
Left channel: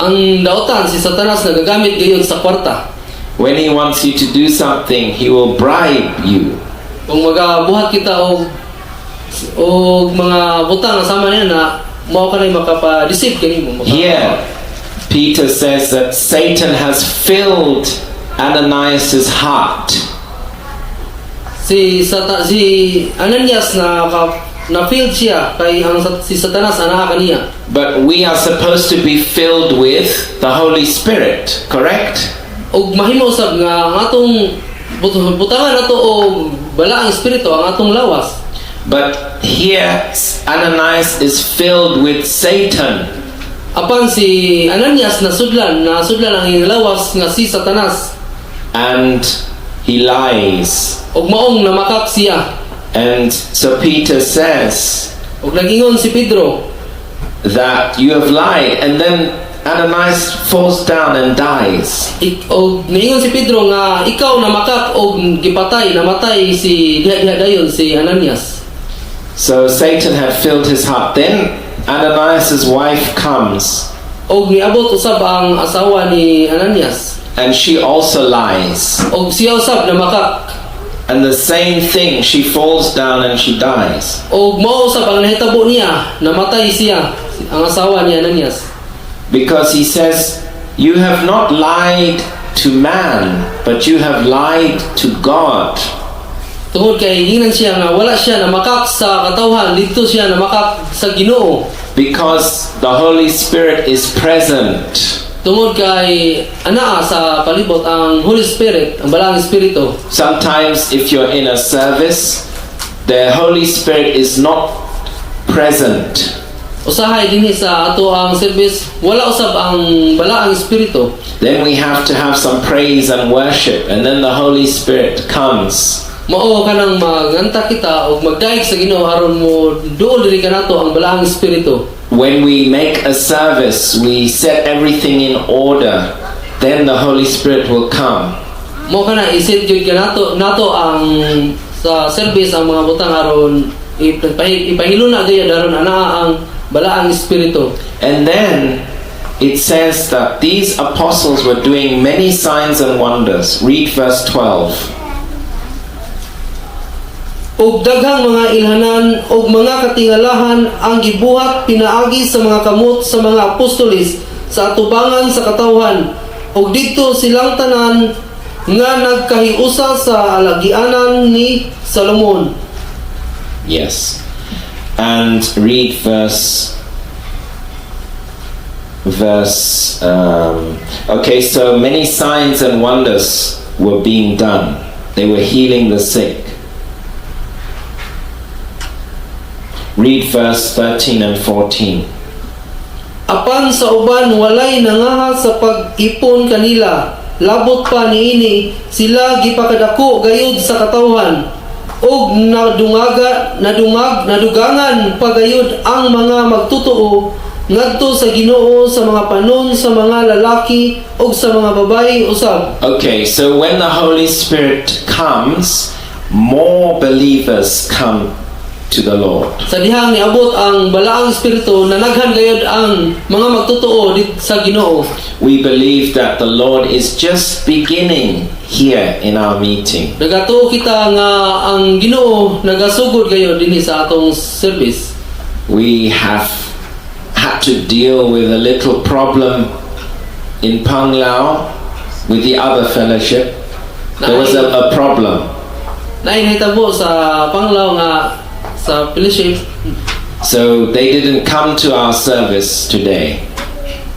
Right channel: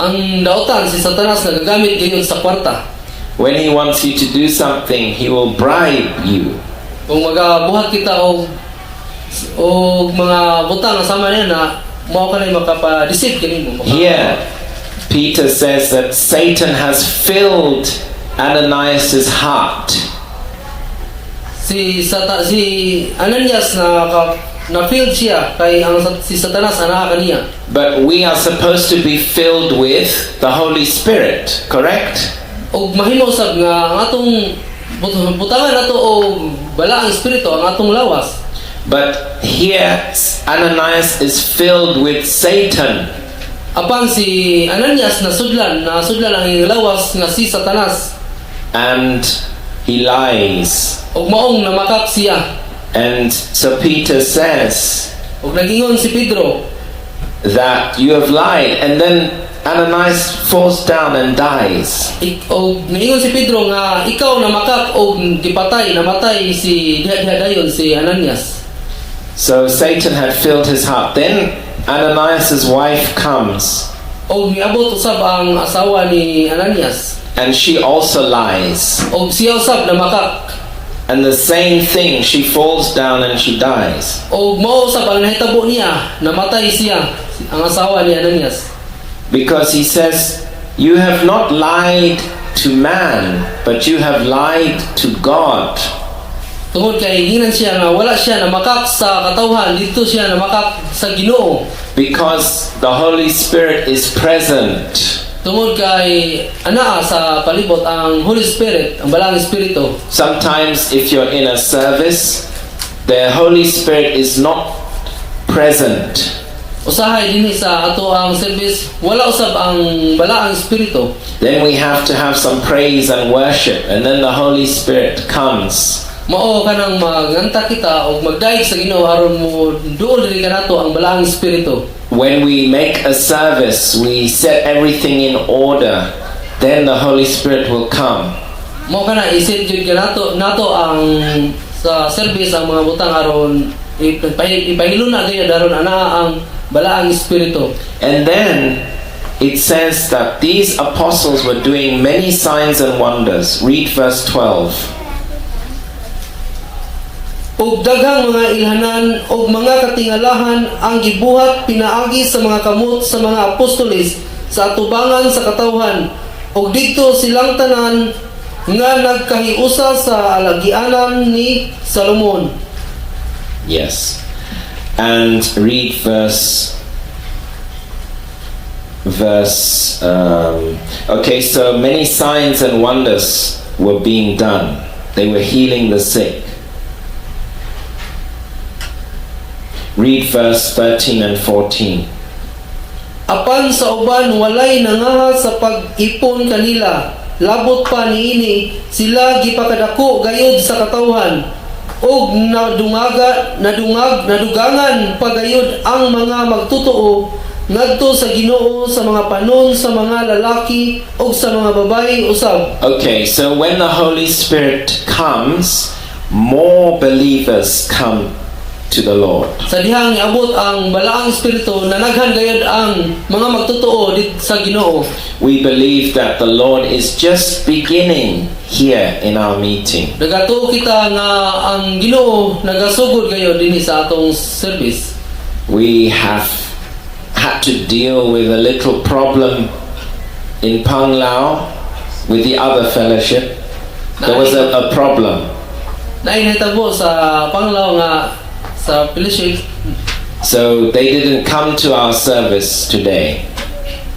Ang daotan si Satanas nagagamit gayon sa kwarta. When he wants you to do something, he will bribe you. Kung magabuhat kita og mga butang sama niya na mao kanay makapa-deceive kanimo. Here Peter says that Satan has filled Ananias' heart. Si Ananias na filled siya kay si Satanas ana kaniya. But we are supposed to be filled with the Holy Spirit, correct? Og mahimo usab nga ang atong butangan nato og balaang espiritu ang atong lawas. But here Ananias is filled with Satan. Apan si Ananias nasudlan ang iyang lawas nga si Satanas. And he lies. Og maong namakak siya. And so Peter says Og nagingon si Pedro that you have lied. And then Ananias falls down and dies. og naingon si Pedro nga ikaw namakak og namatay si diha dayon si Ananias. So Satan had filled his heart. Then Ananias' wife comes. Og niabot usab ang asawa ni Ananias. And she also lies. Og siya usab namakak. And the same thing, she falls down and she dies. Og mao usab ang nahitabo niya, namatay siya ang asawa ni Ananias. Because he says, you have not lied to man, but you have lied to God. Tungod kay hinan siya nga wala siya namakak sa katawhan, dito siya namakak sa Ginoo. Because the Holy Spirit is present. Tungod kay anaa sa palibot ang Holy Spirit, ang balaang espiritu. Sometimes if you're in a service the Holy Spirit is not present, Usahay dinhi sa ato ang service, wala usab ang balaang espiritu. then we have to have some praise and worship, and then the Holy Spirit comes. Mao kanang maganta kita og magdaig sa Ginoo aron mo duol diri kanato ang balaang espiritu. When we make a service, we set everything in order, then the Holy Spirit will come. Mao kana isit jud kanato nato ang sa service ang mga butang aron ipahilo na gayud aron anaa ang balaang espiritu. And then it says that these apostles were doing many signs and wonders. Read verse 12. Og daghang mga ilhanan og mga katingalahan ang gibuhat pinaagi sa mga kamot sa mga apostoles sa atubangan sa katawhan. Og didto silang tanan nga nagkahiusa sa alagianan ni Salomon. Yes. And read okay, so many signs and wonders were being done. They were healing the sick. Read verse 13 and 14. Apan sa uban walay nangaha sa pag-ipon kanila, labot pa niini sila gipakadako gayud sa katawhan, og nadugangan pagayud ang mga magtutuo ngadto sa Ginoo sa mga panon sa mga lalaki og sa mga babayi usab. Okay, so when the Holy Spirit comes, more believers come to the Lord. Sa dihang niabot ang balaang espiritu, nanaghan gayud ang mga magtutuo sa Ginoo. We believe that the Lord is just beginning here in our meeting. Nagatuo kita nga ang Ginoo nagasugod gayud dinhi sa atong service. We have had to deal with a little problem in Panglao with the other fellowship. There was a problem. Nainhitabo sa Panglao nga sa fellowship. So they didn't come to our service today.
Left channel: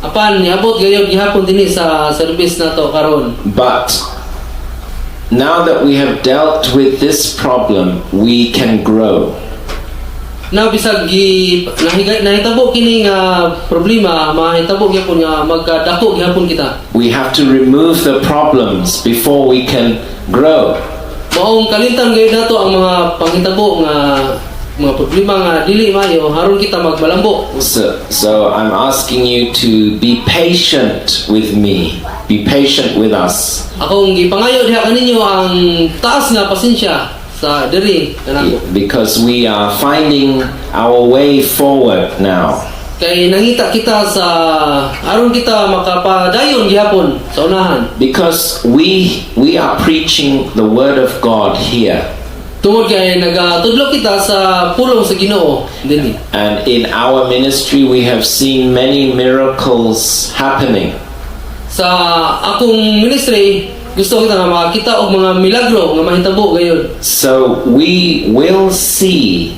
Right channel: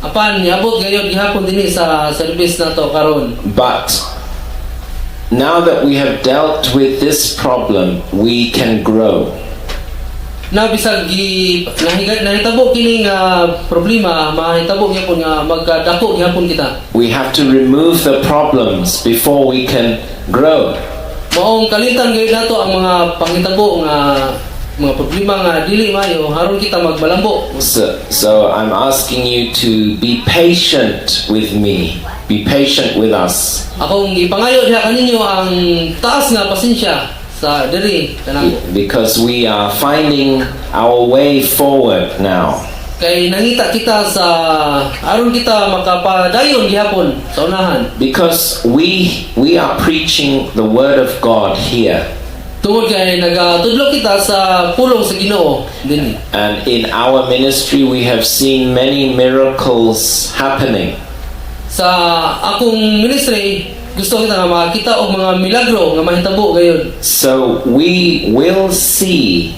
Apan niabot gayud gihapon dinhi sa service nato karon. But now that we have dealt with this problem, we can grow. Na bisag nahitabo kini nga problema, mahitabo gyapon nga magdako gyapon kita. We have to remove the problems before we can grow. Maong kalintang gayud nato ang mga panghitabo nga mga problema nga dili mayo haron kita magmalambo. So I'm asking you to be patient with me. Be patient with us. Akong gipangayo diha kaninyo ang taas nga pasensya sa diri kanako. Because we are finding our way forward now. Kay nangita kita sa aron kita makapadayon gihapon sa unahan. Because we are preaching the word of God here. Tungod kay nagatudlo kita sa pulong sa Ginoo dinhi. And in our ministry we have seen many miracles happening. Sa akong ministry gusto kita nga makita og mga milagro nga mahitabo gayud. So we will see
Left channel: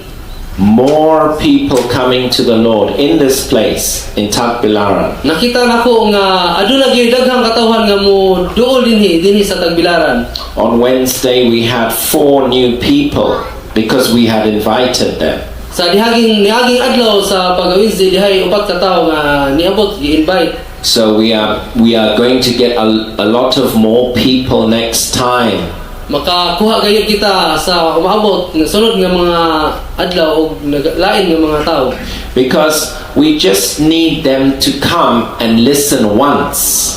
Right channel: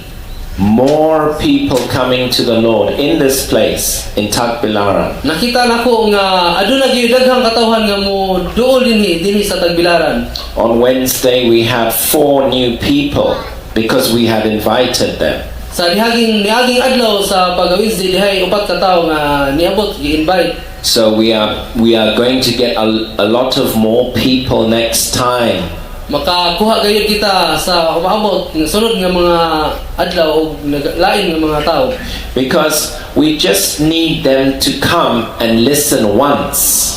more people coming to the Lord in this place in Tagbilaran. Nakita nako nga aduna gyud daghang katawhan nga mo duol dinhi sa Tagbilaran. On Wednesday we had 4 new people because we had invited them. Sa niaging adlaw sa pag-Wednesday dihay upat ka tawo nga niabot gi-invite. So we are going to get a lot of more people next time. Makakuha gayud kita sa umaabot nga sunod nga mga adlaw og lain nga mga tawo. Because we just need them to come and listen once.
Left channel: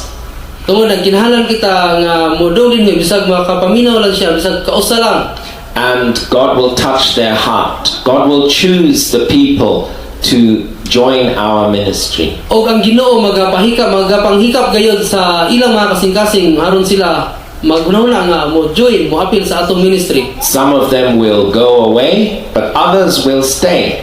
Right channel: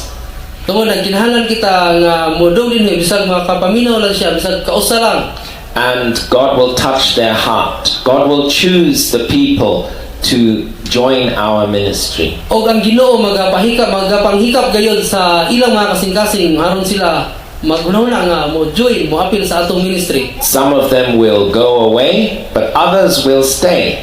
Tungod nagkinahanglan kita nga modong dinhi bisag makapaminaw lang siya bisag kausa lang. And God will touch their heart. God will choose the people to join our ministry. Og ang Ginoo magapanghikap gayud sa ilang mga kasing-kasing aron sila maghunahuna nga mo join mo apil sa atong ministry. Some of them will go away, but others will stay.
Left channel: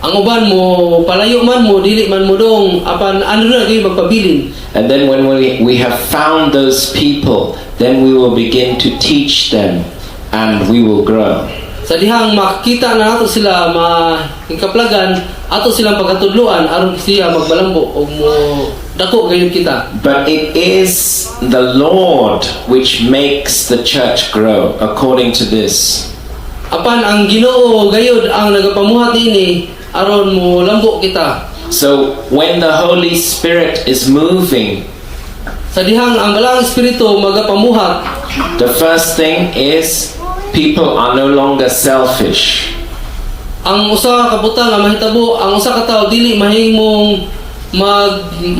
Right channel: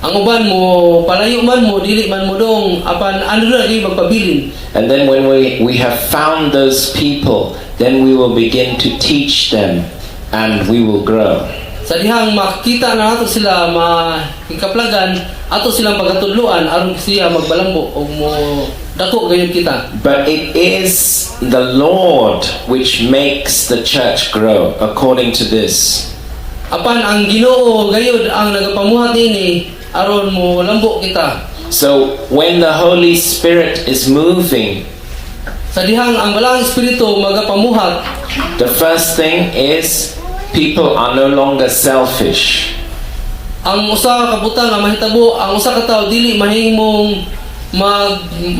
Ang uban mo palayo man mo dili man mo dong apan ano na gyud magpabilin. And then when we have found those people, then we will begin to teach them and we will grow. Sa dihang makita na nato sila mahikaplagan ato silang pagkatudloan aron siya magbalambo og mo dako gayud kita. But it is the Lord which makes the church grow according to this. Apan ang Ginoo gayud ang nagapamuhat nini aron mo lambo kita. So when the Holy Spirit is moving, Sa dihang ang Balang Espiritu magapamuhat, the first thing is people are no longer selfish. ang usa ka butang nga mahitabo, ang usa ka tawo dili mahimong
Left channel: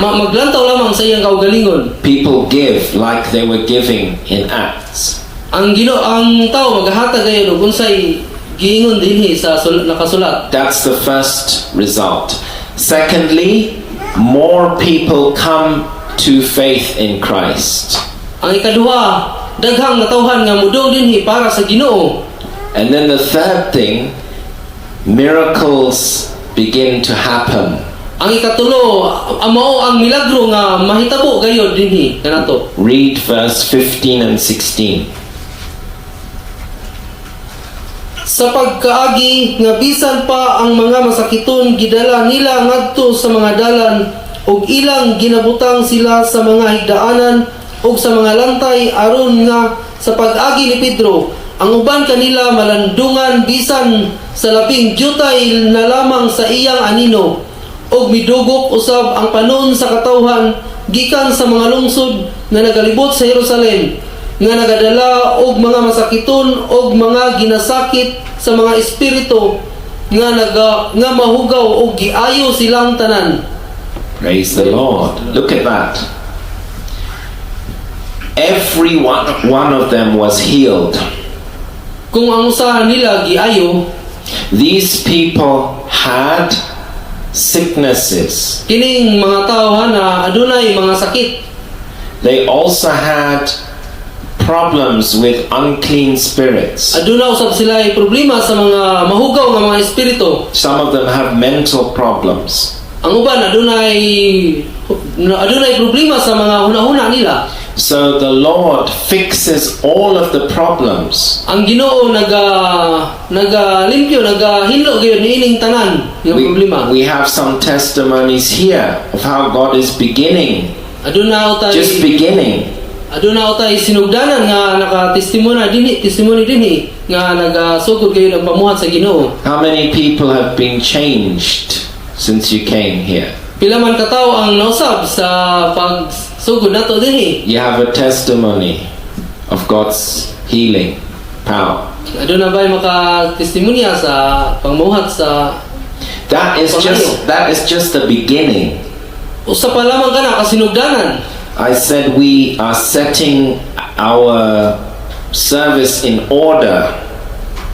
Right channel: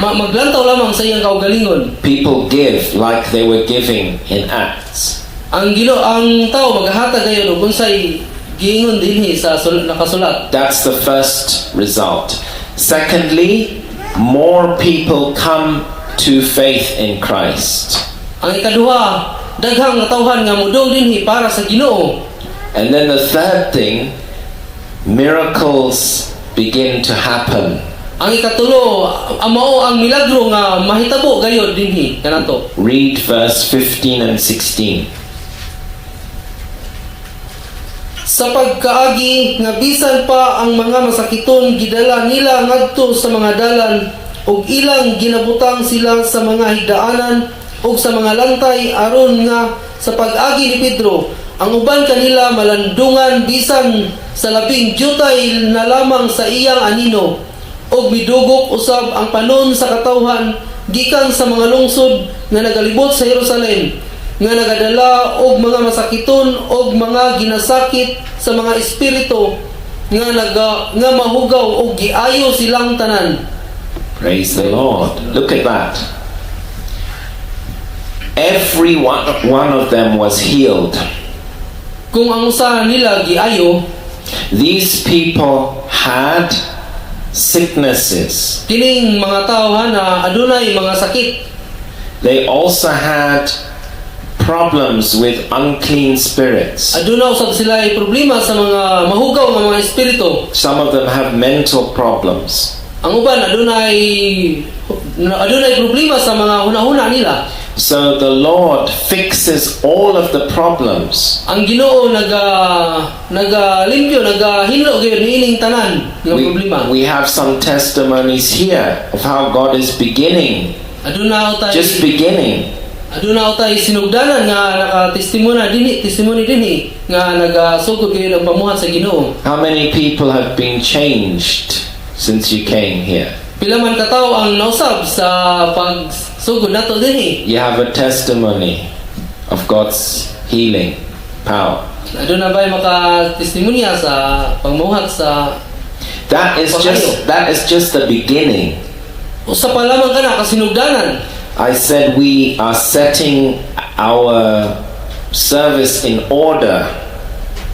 maglantaw lamang sa iyang kaugalingon. People give like they were giving in Acts. Ang tawo maghatag gayud og unsay giingon dinhi sa nakasulat. That's the first result. Secondly, more people come to faith in Christ. Ang ikaduha, daghang katawhan nga mudong dinhi para sa Ginoo. And then the third thing, miracles begin to happen. Ang ikatulo, mao ang milagro nga mahitabo gayud dinhi kanato. Read verse 15 and 16. Sa pagkaagi nga bisan pa ang mga masakiton gidala nila ngadto sa mga dalan ug ilang ginabutang sila sa mga higdaanan ug sa mga lantay aron nga sa pag-agi ni Pedro ang uban kanila malandungan bisan sa labing jutay na lamang sa iyang anino ug midugok usab ang panon sa katawhan gikan sa mga lungsod nga nagalibot sa Jerusalem nga nagadala og mga masakiton og mga ginasakit sa mga espiritu nga mahugaw og giayo silang tanan. Praise the Lord. Look at that. Every one of them was healed. Kung ang usa nila giayo, These people had sicknesses. kining mga tao na adunay mga sakit. They also had problems with unclean spirits. Aduna usab sila ay problema sa mga mahugaw nga mga espiritu. Some of them have mental problems. Ang uban adunay problema sa mga hunahuna nila. So the Lord fixes all of the problems. Ang Ginoo nagalimpyo, nagahinlo gyud niining tanan nga problema. We have some testimonies here of how God is beginning, Aduna just utay beginning. sinugdanan nga testimony dinhi nga nagasugod gyud ang pamuhat sa Ginoo. How many people have been changed since you came here? Pila man ka tawo ang nausab sa pagsugod nato dinhi. You have a testimony of God's healing power. Aduna ba'y makatestimonya sa pangmuhat sa That is just the beginning. usa pa lamang kana kasinugdanan. I said we are setting our service in order.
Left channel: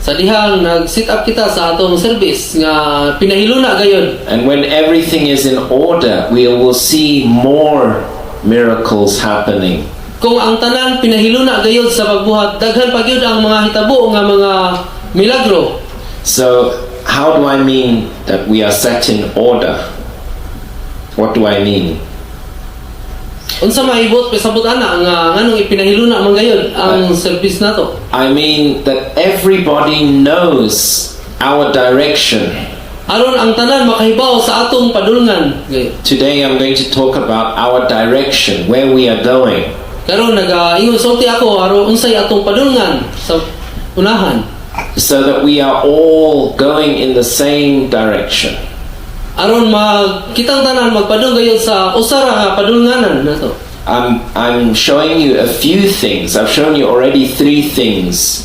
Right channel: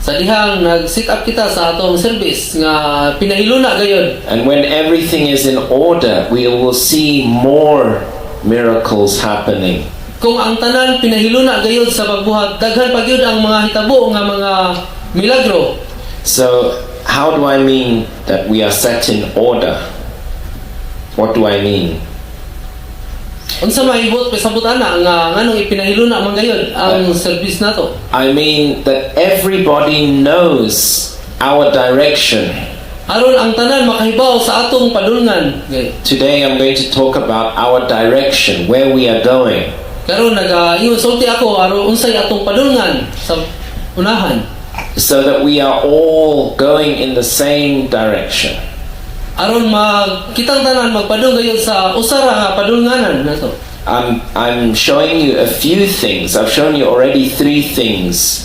Sa dihang nag-sit up kita sa atong service nga pinahiluna gayon. And when everything is in order, we will see more miracles happening. Kung ang tanan pinahiluna gayon sa pagbuhat, daghan pa gyud ang mga hitabo nga mga milagro. So, how do I mean that we are set in order? What do I mean? Unsa maibot pasabot ana nga nganong ipinahiluna man gayon ang service nato? I mean that everybody knows our direction. Aron ang tanan makahibaw sa atong padulngan. Today I'm going to talk about our direction, where we are going. Karon ingon sulti ako aron unsay atong padulngan sa unahan. So that we are all going in the same direction. Aron kitang tanan magpadung gayon sa usara nga padulnganan nato. I'm showing you a few things. I've shown you already 3 things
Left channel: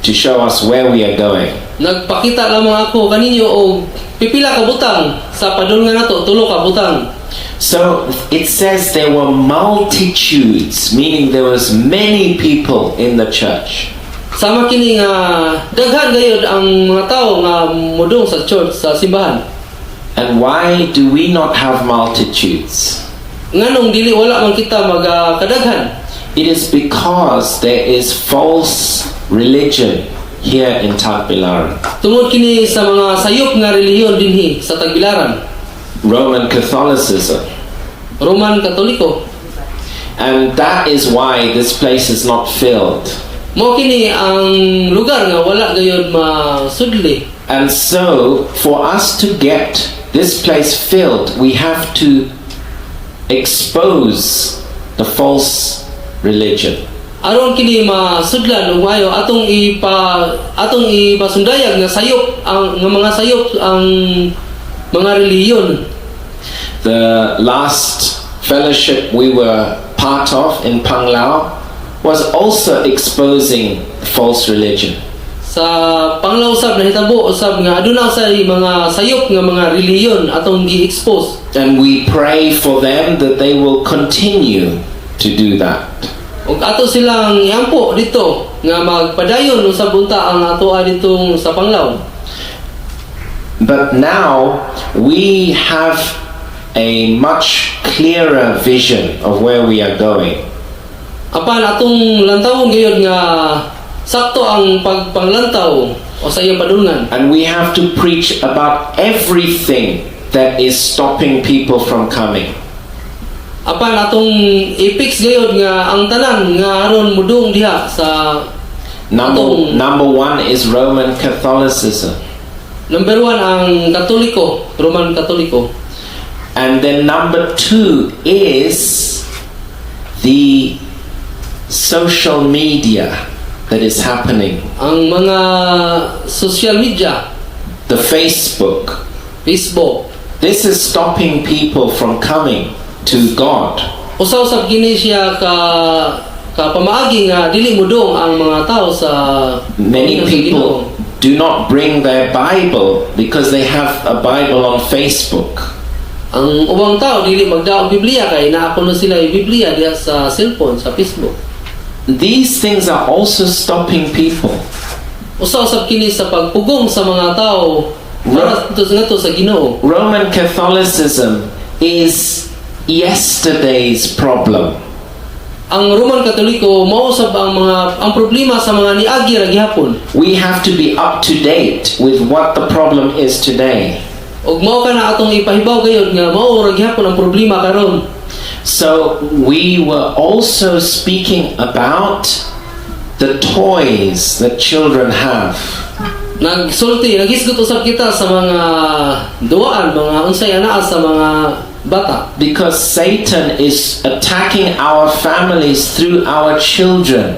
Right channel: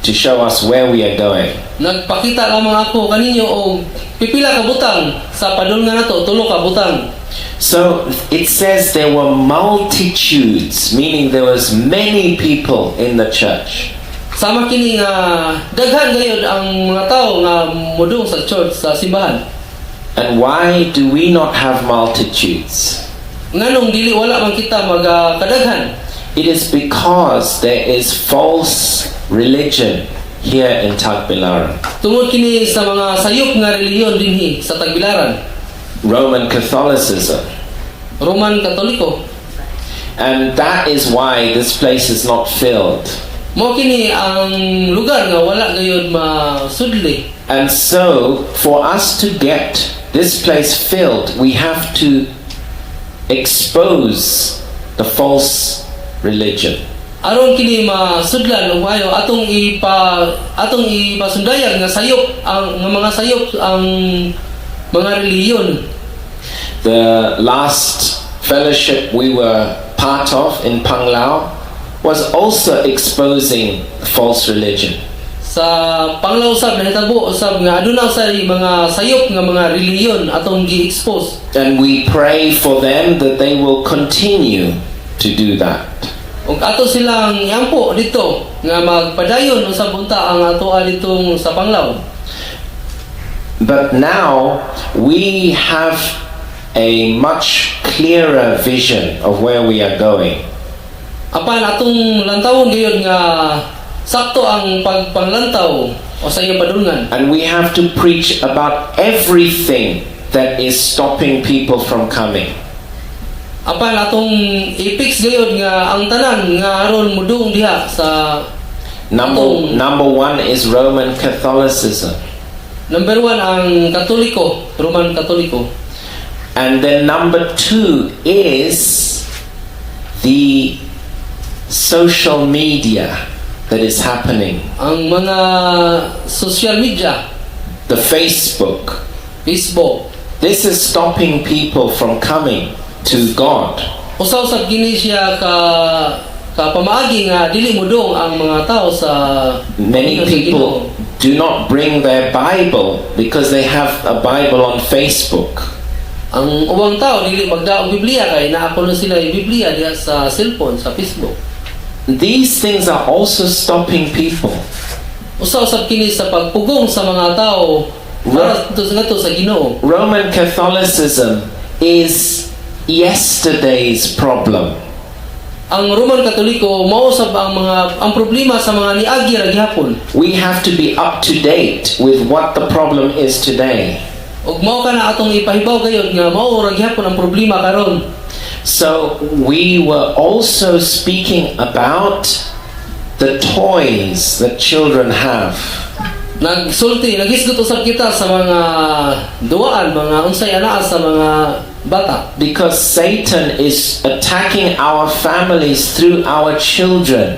to show us where we are going. Nagpakita lamang ako kaninyo og pipila ka butang sa padulngan nato, 3 ka butang. So it says there were multitudes, meaning there was many people in the church. Sama kini nga daghan gayud ang mga tawo nga mudong sa church sa simbahan. And why do we not have multitudes? Nganong dili wala man kita magkadaghan? It is because there is false religion here in Tagbilaran. Tungod kini sa mga sayop nga relihiyon dinhi sa Tagbilaran. Roman Catholicism. Roman Katoliko. And that is why this place is not filled. Mao kini ang lugar nga wala gayud masudli. And so, for us to get this place filled, we have to expose the false religion. aron kini masudlan ug maayo atong ipasundayag nga sayop ang nga mga sayop ang mga relihiyon. The last fellowship we were part of in Panglao was also exposing false religion. Sa Panglao usab nahitabo usab nga aduna usay mga sayop nga mga relihiyon atong gi-expose. And we pray for them that they will continue to do that. Ug ato silang iampo dito nga magpadayon usab unta ang atoa ditong sa Panglao. But now we have a much clearer vision of where we are going. Apan atong lantawon gayud nga sakto ang pagpanglantaw o sa iyang padulngan. And we have to preach about everything that is stopping people from coming. Apan atong i-fix gayud nga ang tanan nga aron mudung diha sa Number one is Roman Catholicism. Number 1 ang Katoliko, Roman Katoliko. And then number 2 is the social media that is happening. Ang mga social media, The Facebook. Facebook. This is stopping people from coming to God. Usaw-usab gini siya ka pamaagi nga dili mudong ang mga tao sa Many sa Ginoo. people do not bring their Bible because they have a Bible on Facebook. Ang ubang tao dili magdaog Biblia kay naa kuno sila yung Biblia diha sa cellphone, sa Facebook. These things are also stopping people. Usaw-usab kini sa pagpugong sa mga tao para ngadto sa Ginoo. Roman Catholicism is yesterday's problem. Ang Roman Katoliko mao usab ang problema sa mga niagi ra gihapon. We have to be up to date with what the problem is today. Ug mao kana atong ipahibaw gayud nga mao ra gihapon ang problema karon. So we were also speaking about the toys that children have. Nagisgot usab kita sa mga duwaan, mga unsay anaa sa mga bata. Because Satan is attacking our families through our children.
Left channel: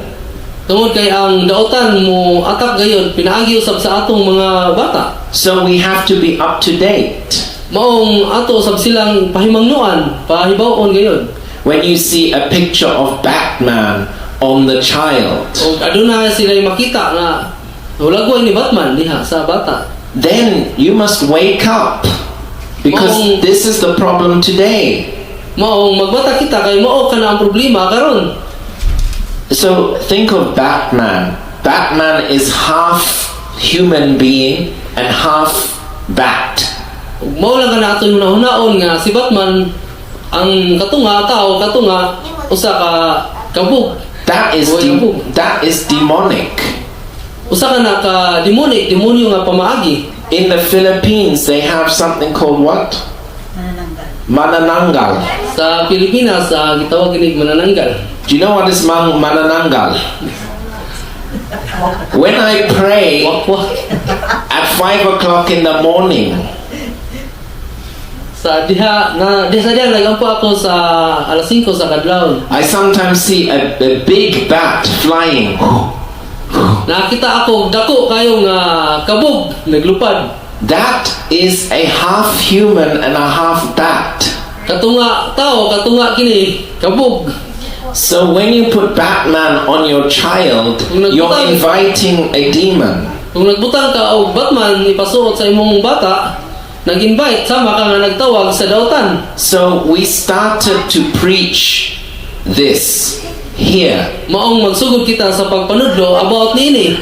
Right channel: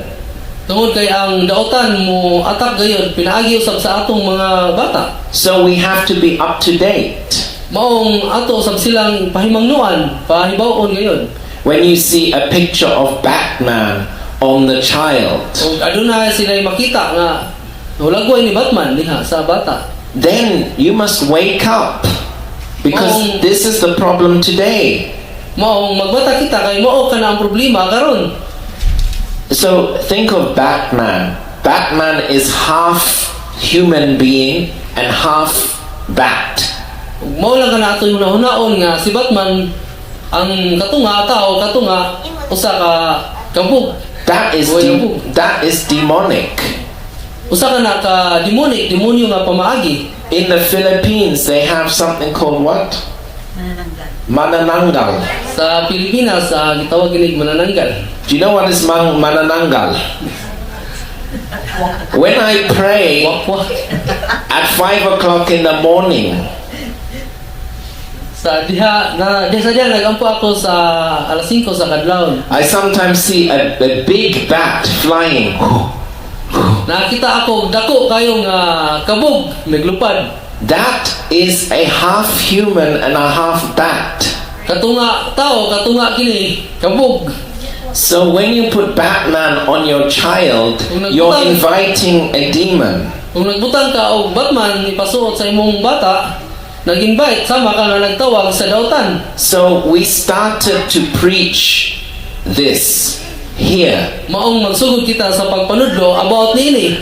Tungod kay ang daotan mo atak gayon pinaagi usab sa atong mga bata. So we have to be up to date. Maong ato usab silang pahimangnuan, pahibaw-on gayon. When you see a picture of Batman on the child, Ug aduna sila makita nga ulagway ni Batman diha sa bata. then you must wake up. Because Maong- this is the problem today. Maong magbata kita kay mao kana ang problema karon. So think of Batman. Batman is half human being and half bat. Ug mao lang kana ato hunahunaon nga si Batman ang katunga tao katunga usa ka kabug. That is Boy, kabug. that is demonic. Usa ka na ka demonyo nga pamaagi. In the Philippines, they have something called what? Manananggal. Sa Pilipinas gitawag ginig manananggal. Do you know what is manananggal? When I pray Wakwak. at 5 o'clock in the morning, Sa diha sa diha nagampo ako sa alas 5 sa kadlawon. I sometimes see a big bat flying. Nakita ako dako kayong kabog naglupad. That is a half human and a half bat. Katunga tao, katunga kini kabog. So when you put Batman on your child, you're inviting a demon. Kung nagbutang ka og Batman ipasuot sa imong bata, nag-invite sama ka nga nagtawag sa dautan. So we started to preach this here. Maong magsugod kita sa pagpanudlo about nini.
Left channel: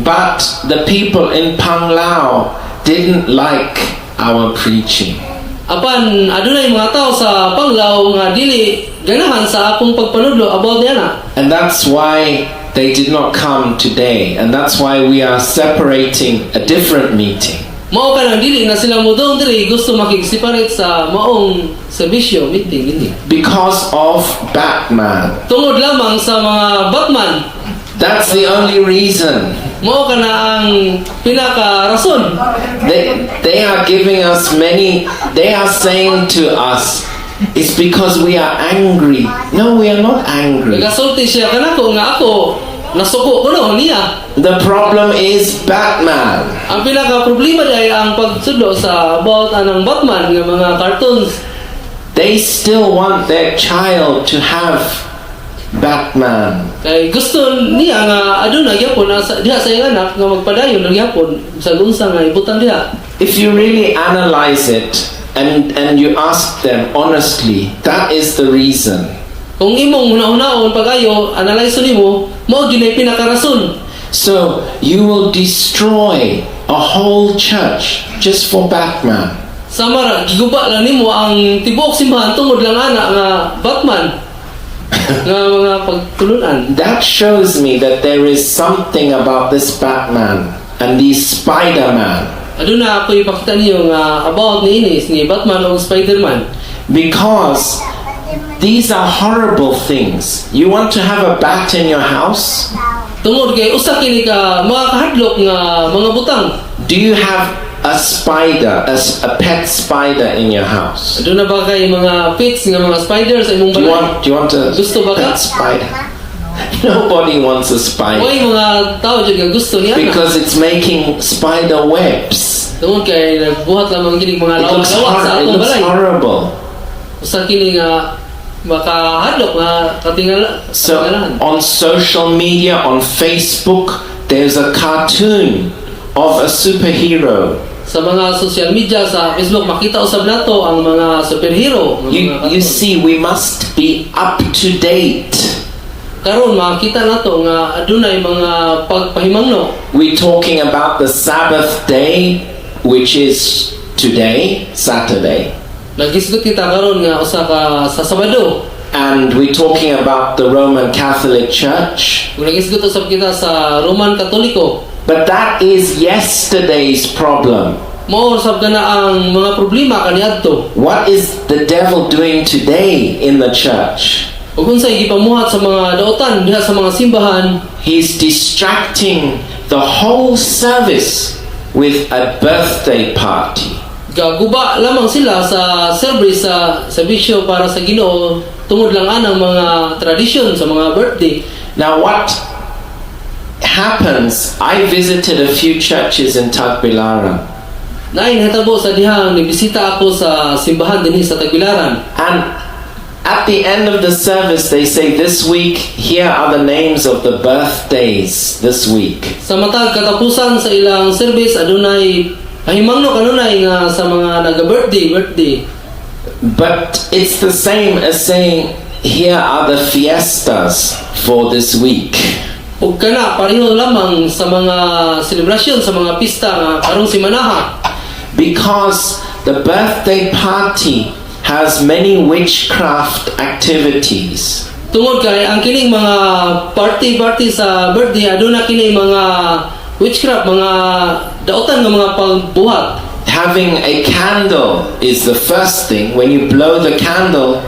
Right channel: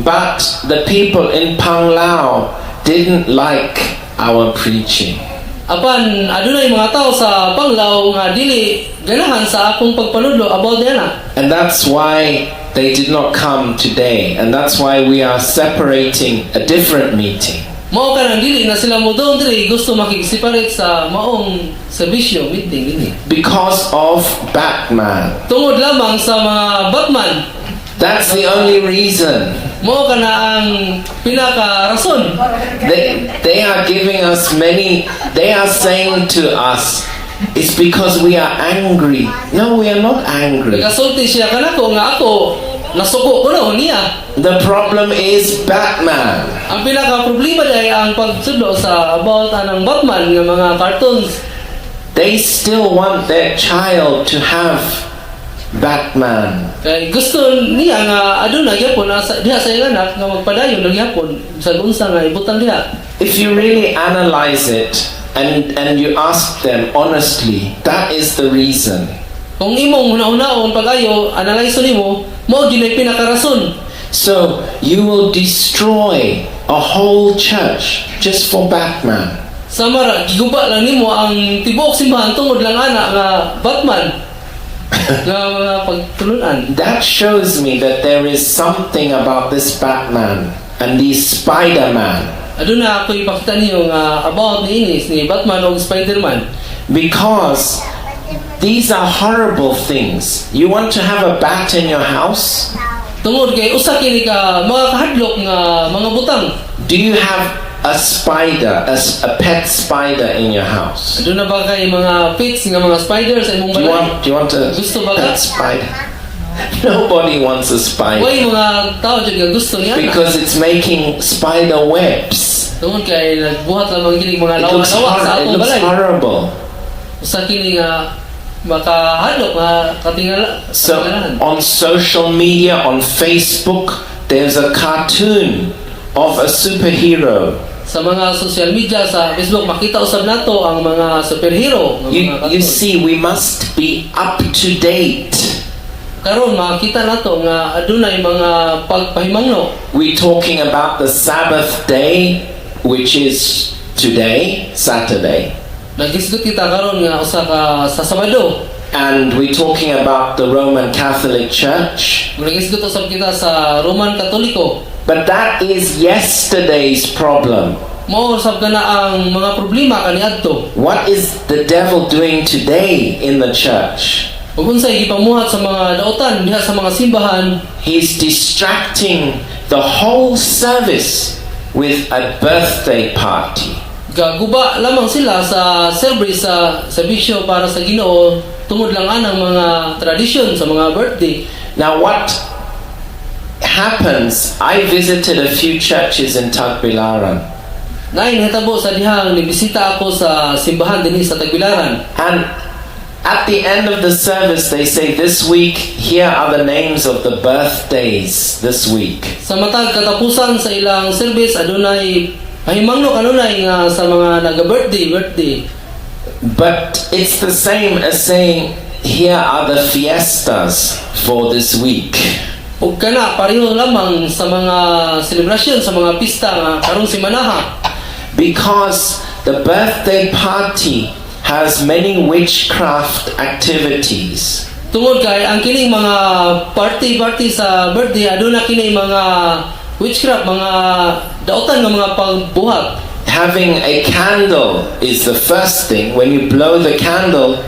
But the people in Panglao didn't like our preaching. Apan adunay mga tao sa Panglao nga dili ganahan sa akong pagpanudlo about niana. And that's why they did not come today. And that's why we are separating a different meeting. Mao ka nang dili na sila mo doon diri gusto makig-separate sa maong serbisyo meeting ini. Because of Batman. Tungod lamang sa mga Batman. That's the only reason. Mao ka na ang pinaka rason. They are giving us many, they are saying to us, It's because we are angry. No, we are not angry. Nagasulti siya kanako nga ako nasuko ko no niya. The problem is Batman. Ang pinaka problema ay ang pagsudlo sa about anang Batman nga mga cartoons. They still want their child to have Batman. Kay gusto niya nga aduna gyapon diha sa iyang anak nga magpadayon og gyapon sa unsa nga ibutang diha. If you really analyze it and you ask them honestly, that is the reason. Kung imong hunahunaon pag-ayo analyze nimo mao gyud ay pinakarason. So you will destroy a whole church just for Batman. Samara giguba lang nimo ang tibuok simbahan tungod lang ana nga Batman. Nga mga pagtulunan. That shows me that there is something about this Batman and these Spider-Man. Aduna ako ipakita niyo nga about ni Inis ni Batman o Spider-Man. Because these are horrible things. You want to have a bat in your house? Tungod kay usa kini ka mga kahadlok nga mga butang. Do you have a spider, a pet spider in your house? Aduna ba kay mga pets nga mga spiders sa imong Do balay? you want a Gusto ba ka? pet spider? Nobody wants a spider Way mga tao jud nga gusto niya. because it's making spider webs. Tungod kay nagbuhat lamang kini mga It looks, lawak sa it atong looks balay. horrible. Usa kini nga makahadlok nga So katingalahan. on social media, on Facebook, there's a cartoon of a superhero. Sa mga social media sa Facebook makita usab nato ang mga superhero nga mga You cartoon. see, we must be up to date. Karon makita nato nga adunay mga pagpahimangno. We're talking about the Sabbath day, which is today, Saturday. Nagisgot kita karon nga usa ka sa Sabado. And we're talking about the Roman Catholic Church. Kung nagisgot usab kita sa Roman Katoliko. But that is yesterday's problem. Mao usab kana ang mga problema kaniadto. What is the devil doing today in the church? Ug unsay gipamuhat sa mga daotan diha sa mga simbahan, He's distracting the whole service with a birthday party. gaguba lamang sila sa service sa serbisyo para sa Ginoo tungod lang anang mga tradisyon sa mga birthday. Now what happens, I visited a few churches in Tagbilaran, Nain hitabo sa dihang nibisita ako sa simbahan dinhi sa Tagbilaran. and at the end of the service they say, this week here are the names of the birthdays this week. Sa matag katapusan sa ilang service adunay pahimangno kanunay nga sa mga naga-birthday. But it's the same as saying, here are the fiestas for this week. Ug kana pareho lamang sa mga selebrasyon sa mga pista nga karong simanaha. Because the birthday party has many witchcraft activities. Tungod kay ang kining mga party sa birthday aduna kini mga witchcraft, mga daotan nga mga pagbuhat. Having a candle is the first thing. When you blow the candle,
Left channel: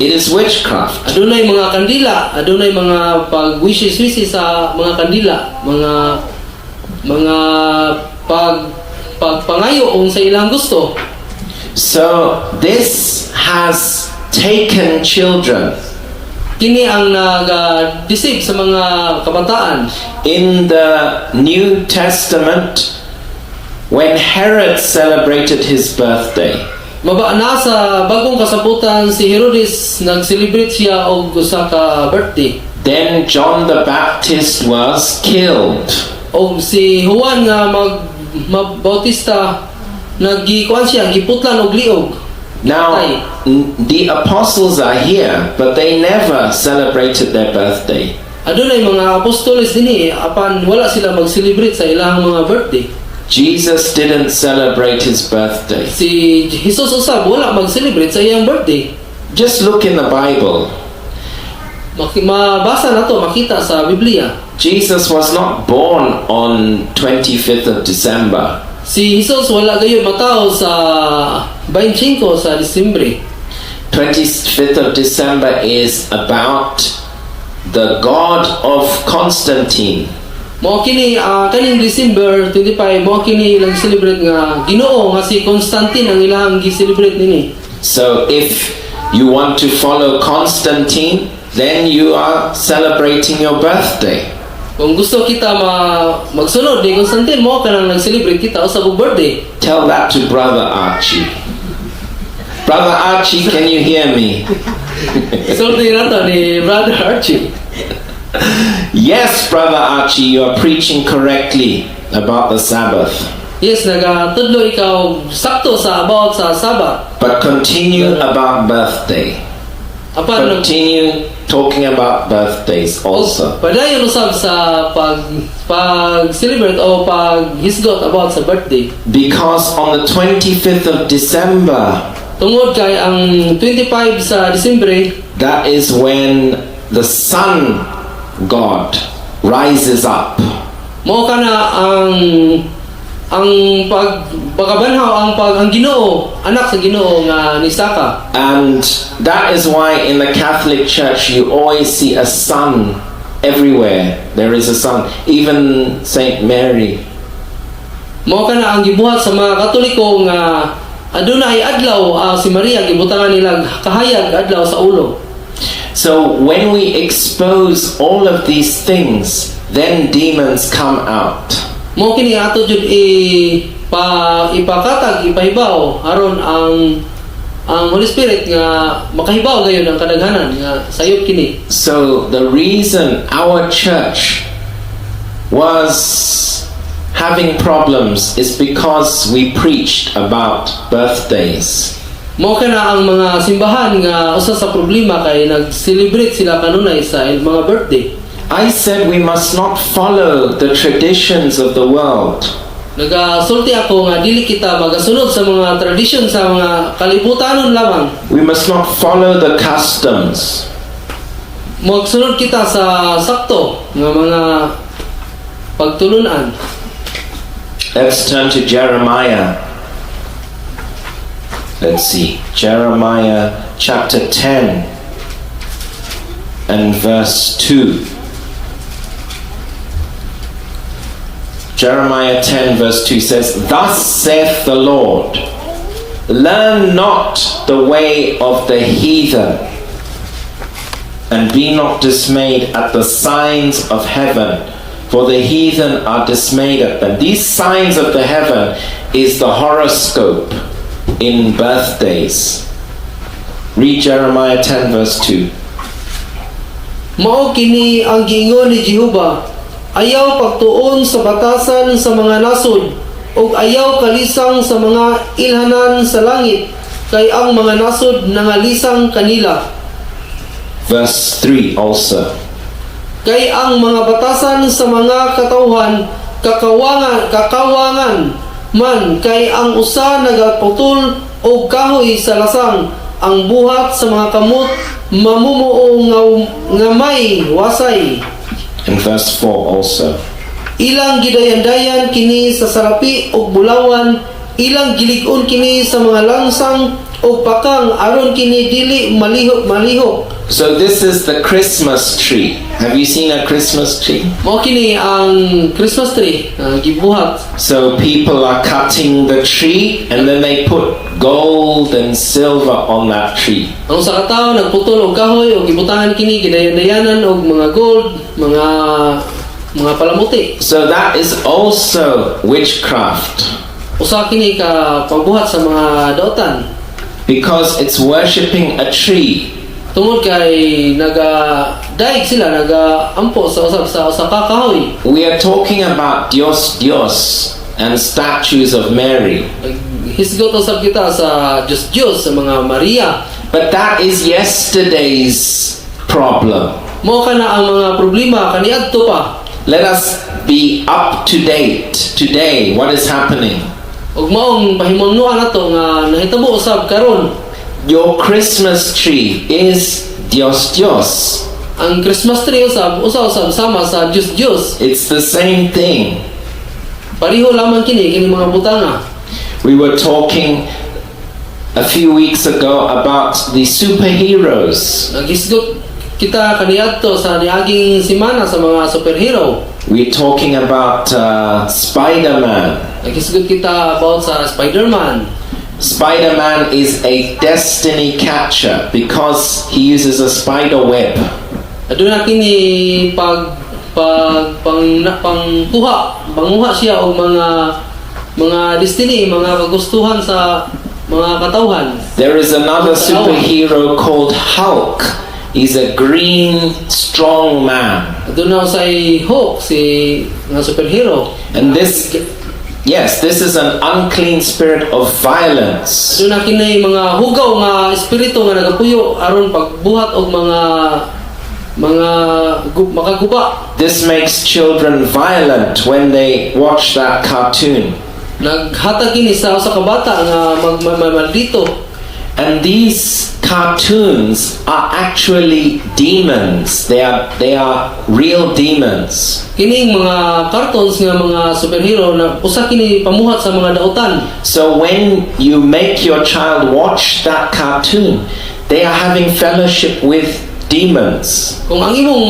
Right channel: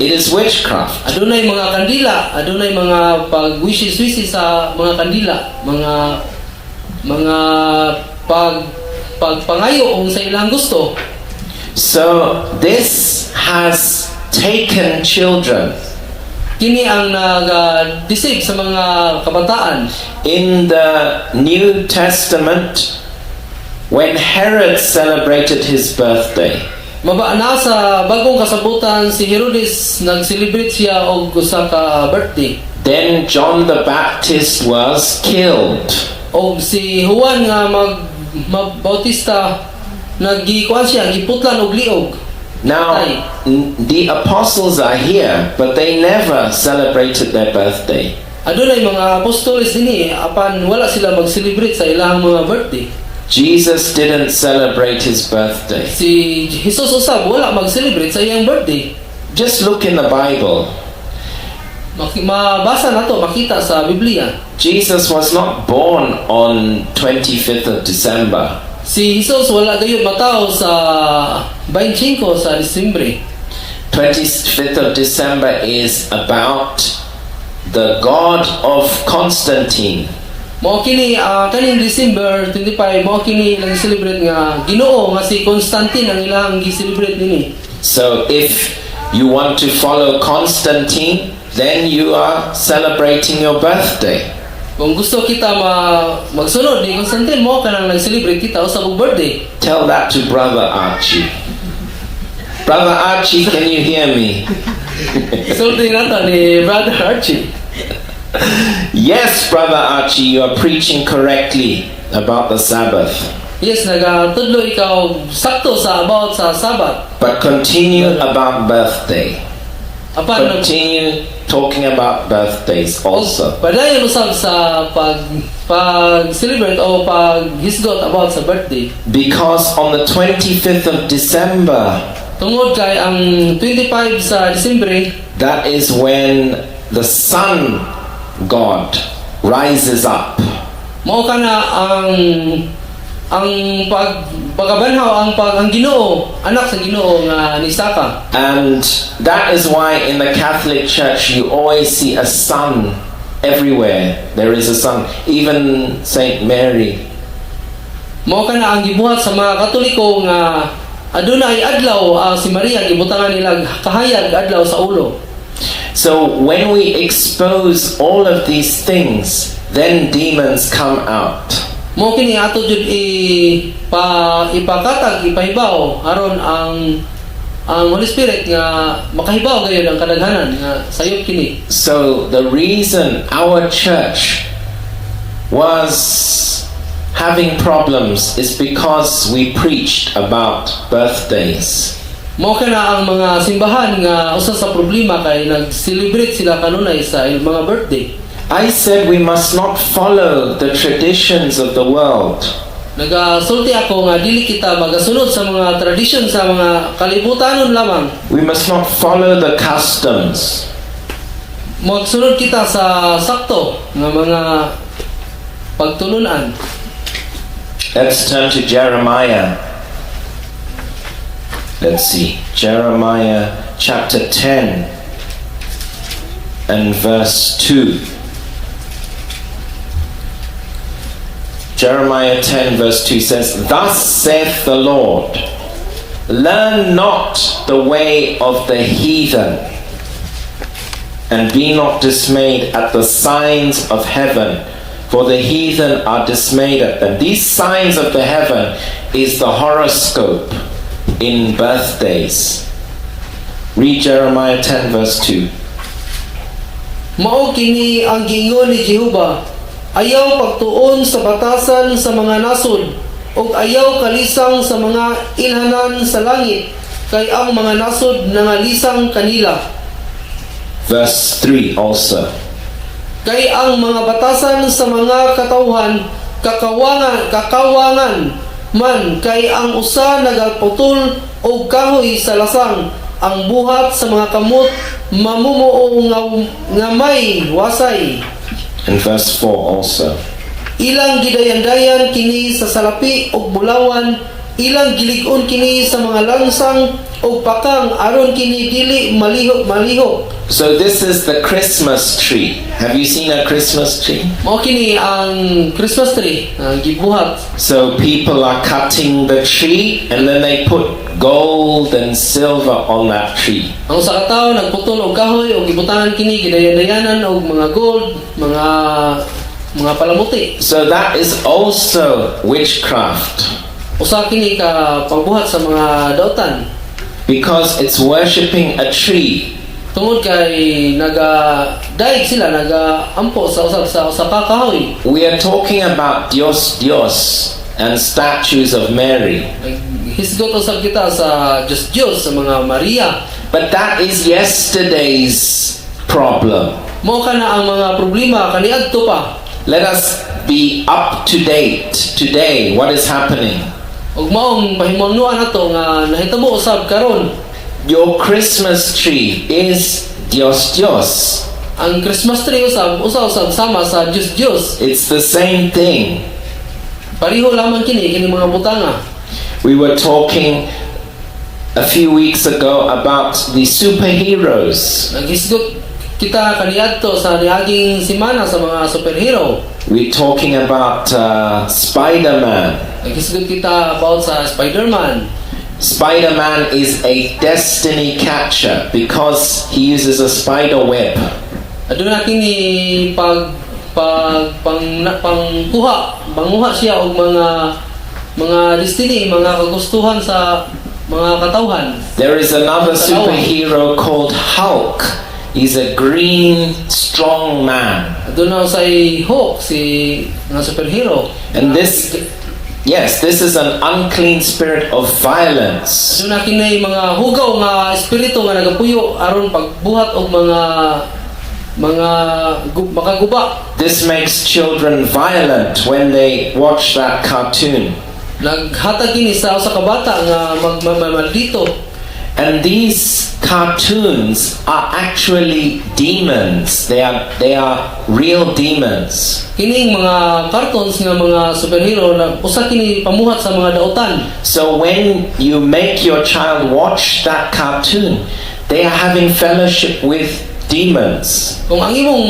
it is witchcraft. Adunay mga kandila, adunay mga pagwisis-wisis sa mga kandila, mga pagpangayo ung sa ilang gusto. So this has taken children. Kini ang nag-deceive sa mga kabataan. In the New Testament, when Herod celebrated his birthday, Mabana sa bagong kasabutan si Herodes nag-celebrate siya og usa ka birthday. then John the Baptist was killed. Og si Juan nga magbautista nagikuan siya giputlan og liog. Now, Patay. the apostles are here, but they never celebrated their birthday. Adunay mga apostoles dinhi apan wala sila mag-celebrate sa ilahang mga birthday. Jesus didn't celebrate his birthday. Si Jesus usab wala mag-celebrate sa iyang birthday. Just look in the Bible. Mabasa nato makita sa Biblia. Jesus was not born on 25th of December. Si Jesus wala gayud mataw sa 25 sa Disyembre. 25th of December is about the God of Constantine. Mao kini kaning December 25 mao kini ilang celebrate nga Ginoo nga si Constantine ang ilang gi-celebrate nini. So if you want to follow Constantine, then you are celebrating your birthday. Kung gusto kita magsunod ni Constantine mo kanang nag-celebrate kita o sa birthday. Tell that to Brother Archie. Brother Archie, can you hear me? Isulti nato ni Brother Archie. Yes, Brother Archie, you are preaching correctly about the Sabbath. Yes, nagatudlo ikaw sakto sa about sa Sabbath. But continue about birthday. Apan Continue talking about birthdays also. padayon usab sa pag-celebrate o pag-hisgot about sa birthday. Because on the 25th of December, Tungod kay ang 25 sa Disyembre, that is when the sun God rises up. mao kana ang pagbanhaw ang Ginoo, anak sa Ginoo nga nisaka. And that is why in the Catholic Church you always see a sun everywhere. There is a sun. Even Saint Mary. Mao kana ang gibuhat sa mga Katoliko nga adunay adlaw si Maria gibutangan nila kahayag adlaw sa ulo. So when we expose all of these things, then demons come out. Mao kini ato jud ipakatag ipahibaw aron ang Holy Spirit nga makahibaw gayon ang kadaghanan nga sayop kini. So the reason our church was having problems is because we preached about birthdays. Mao kana ang mga simbahan nga usa sa problema kay nag-celebrate sila kanunay sa mga birthday. I said we must not follow the traditions of the world. Nagasulti ako nga dili kita magasunod sa mga tradisyon sa mga kalibutanon lamang. We must not follow the customs. Magsunod kita sa sakto nga mga pagtulunan. Let's turn to Jeremiah. Let's see. Jeremiah chapter 10 and verse 2. Jeremiah 10 verse 2 says, Thus saith the Lord, learn not the way of the heathen, and be not dismayed at the signs of heaven, for the heathen are dismayed at them. These signs of the heaven is the horoscope in birthdays. Read Jeremiah 10 verse 2. Mao kini ang giingon ni Jehova, ayaw pagtuon sa batasan sa mga nasod, ug ayaw kalisang sa mga ilhanan sa langit, kay ang mga nasod nangalisang kanila. Verse 3 also. Kay ang mga batasan sa mga katawhan kakawangan man, kay ang usa nagaputol og kahoy sa lasang, ang buhat sa mga kamot mamumuo nga may wasay. And verse 4 also. Ilang gidayan-dayan kini sa salapi ug bulawan, ilang gilig-on kini sa mga lansang ug pakang, aron kini dili malihok. So this is the Christmas tree. Have you seen a Christmas tree? Mao kini ang Christmas tree gibuhat. So people are cutting the tree and then they put gold and silver on that tree. Ang usa ka tawo nagputol og kahoy ug gibutangan kini gidayan-dayanan og mga gold, mga palamuti. So that is also witchcraft. Usa kini ka pagbuhat sa mga dautan. Because it's worshipping a tree. Tungod kay nagadaig sila, nagaampo sa usab sa usa ka kahoy. We are talking about Dios and statues of Mary. Hisgot usab kita sa Diyos sa mga Maria. But that is yesterday's problem. Mao kana ang mga problema kaniadto pa. Let us be up to date today. What is happening? Ug maong pahimangnuan nato nga nahitabo usab karon. Your Christmas tree is Dios. Ang Christmas tree usab sama sa Diyos. It's the same thing. Pareho lamang kini mga butanga. We were talking a few weeks ago about the superheroes. Naghisgot kita kaniadto sa niaging semana sa mga superhero. We're talking about Spider-Man. Naghisgot kita about sa Spider-Man. Spider-Man is a destiny catcher because he uses a spider web. Aduna kini panguha siya og mga destiny, mga kagustuhan sa mga katawhan. There is another superhero called Hulk. He's a green, strong man. Aduna usay Hulk si nga superhero. And this is an unclean spirit of violence. Aduna kini mga hugaw nga espiritu nga nagapuyo aron pagbuhat og makaguba. This makes children violent when they watch that cartoon. Naghatag kini sa usa ka bata nga maldito. And these cartoons are actually demons. They are real demons. Kining mga cartoons nga mga superhero na usa kini pamuhat sa mga dautan. So when you make your child watch that cartoon, they are having fellowship with demons. Kung ang imong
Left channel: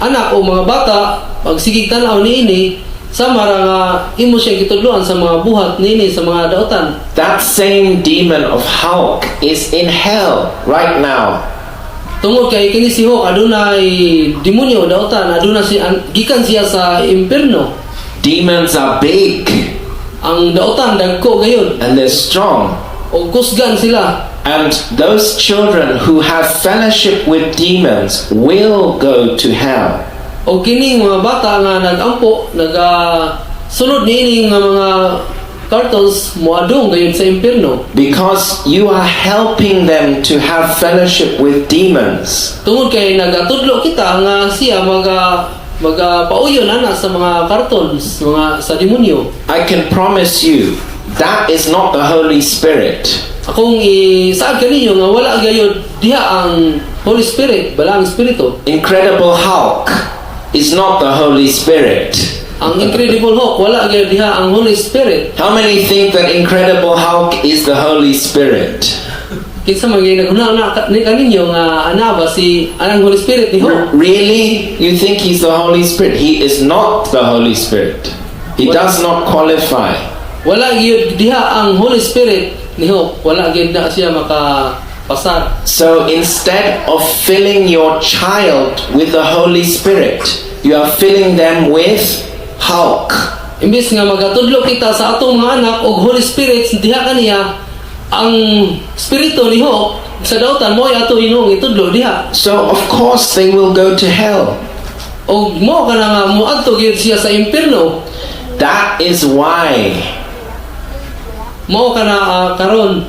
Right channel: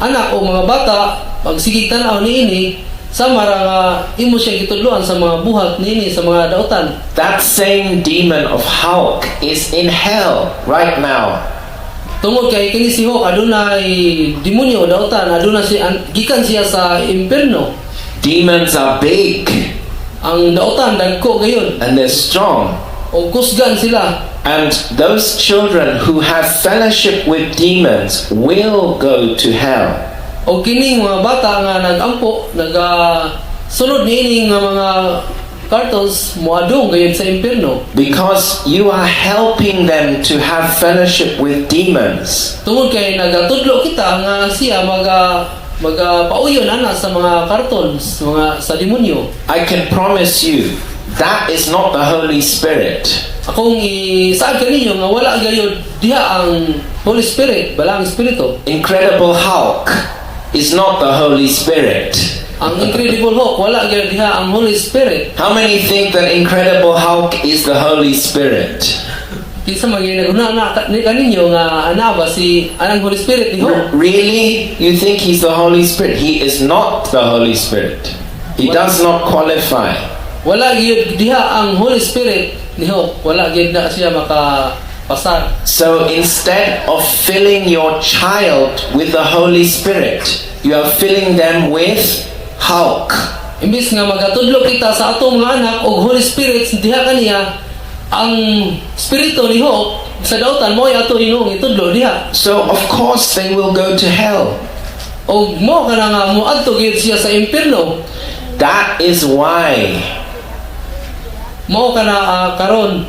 anak o mga bata pagsigig tan-aw niini, sama ra nga imo siya gitudloan sa mga buhat niini sa mga dautan. That same demon of Hulk is in hell right now. Tungod kay kini si Hulk adunay demonyo dautan, aduna si gikan siya sa impierno. Demons are big Ang dautan dagko gayon and they're strong. o kusgan sila. And those children who have fellowship with demons will go to hell. O kining mga bata nga nagampo sunod niini nga mga cartons moadong gayon sa impierno. Because you are helping them to have fellowship with demons. Tungod kay nagatudlo kita nga siya magapauyon ana sa mga cartons, mga sa demonyo. I can promise you, that is not the Holy Spirit. Akong isaad kaninyo nga wala gayud diha ang Holy Spirit, balang espiritu. Incredible Hulk is not the Holy Spirit. Ang Incredible Hulk wala gayud diha ang Holy Spirit. How many think that Incredible Hulk is the Holy Spirit? Kinsa man gyud naghuna na kaninyo nga ana ba si anang Holy Spirit ni Hulk? Really? You think he's the Holy Spirit? He is not the Holy Spirit. He does not qualify. Wala gyud diha ang Holy Spirit ni Hulk. Wala gyud na siya makapasar. So instead of filling your child with the Holy Spirit, you are filling them with Hulk. Imbis nga magatudlo kita sa atong mga anak og Holy Spirit diha kaniya ang espiritu ni Hulk sa dautan mo ay ato inong itudlo diha. So of course they will go to hell. Og mo kana nga moadto gyud siya sa impierno. That is why Mao kana karon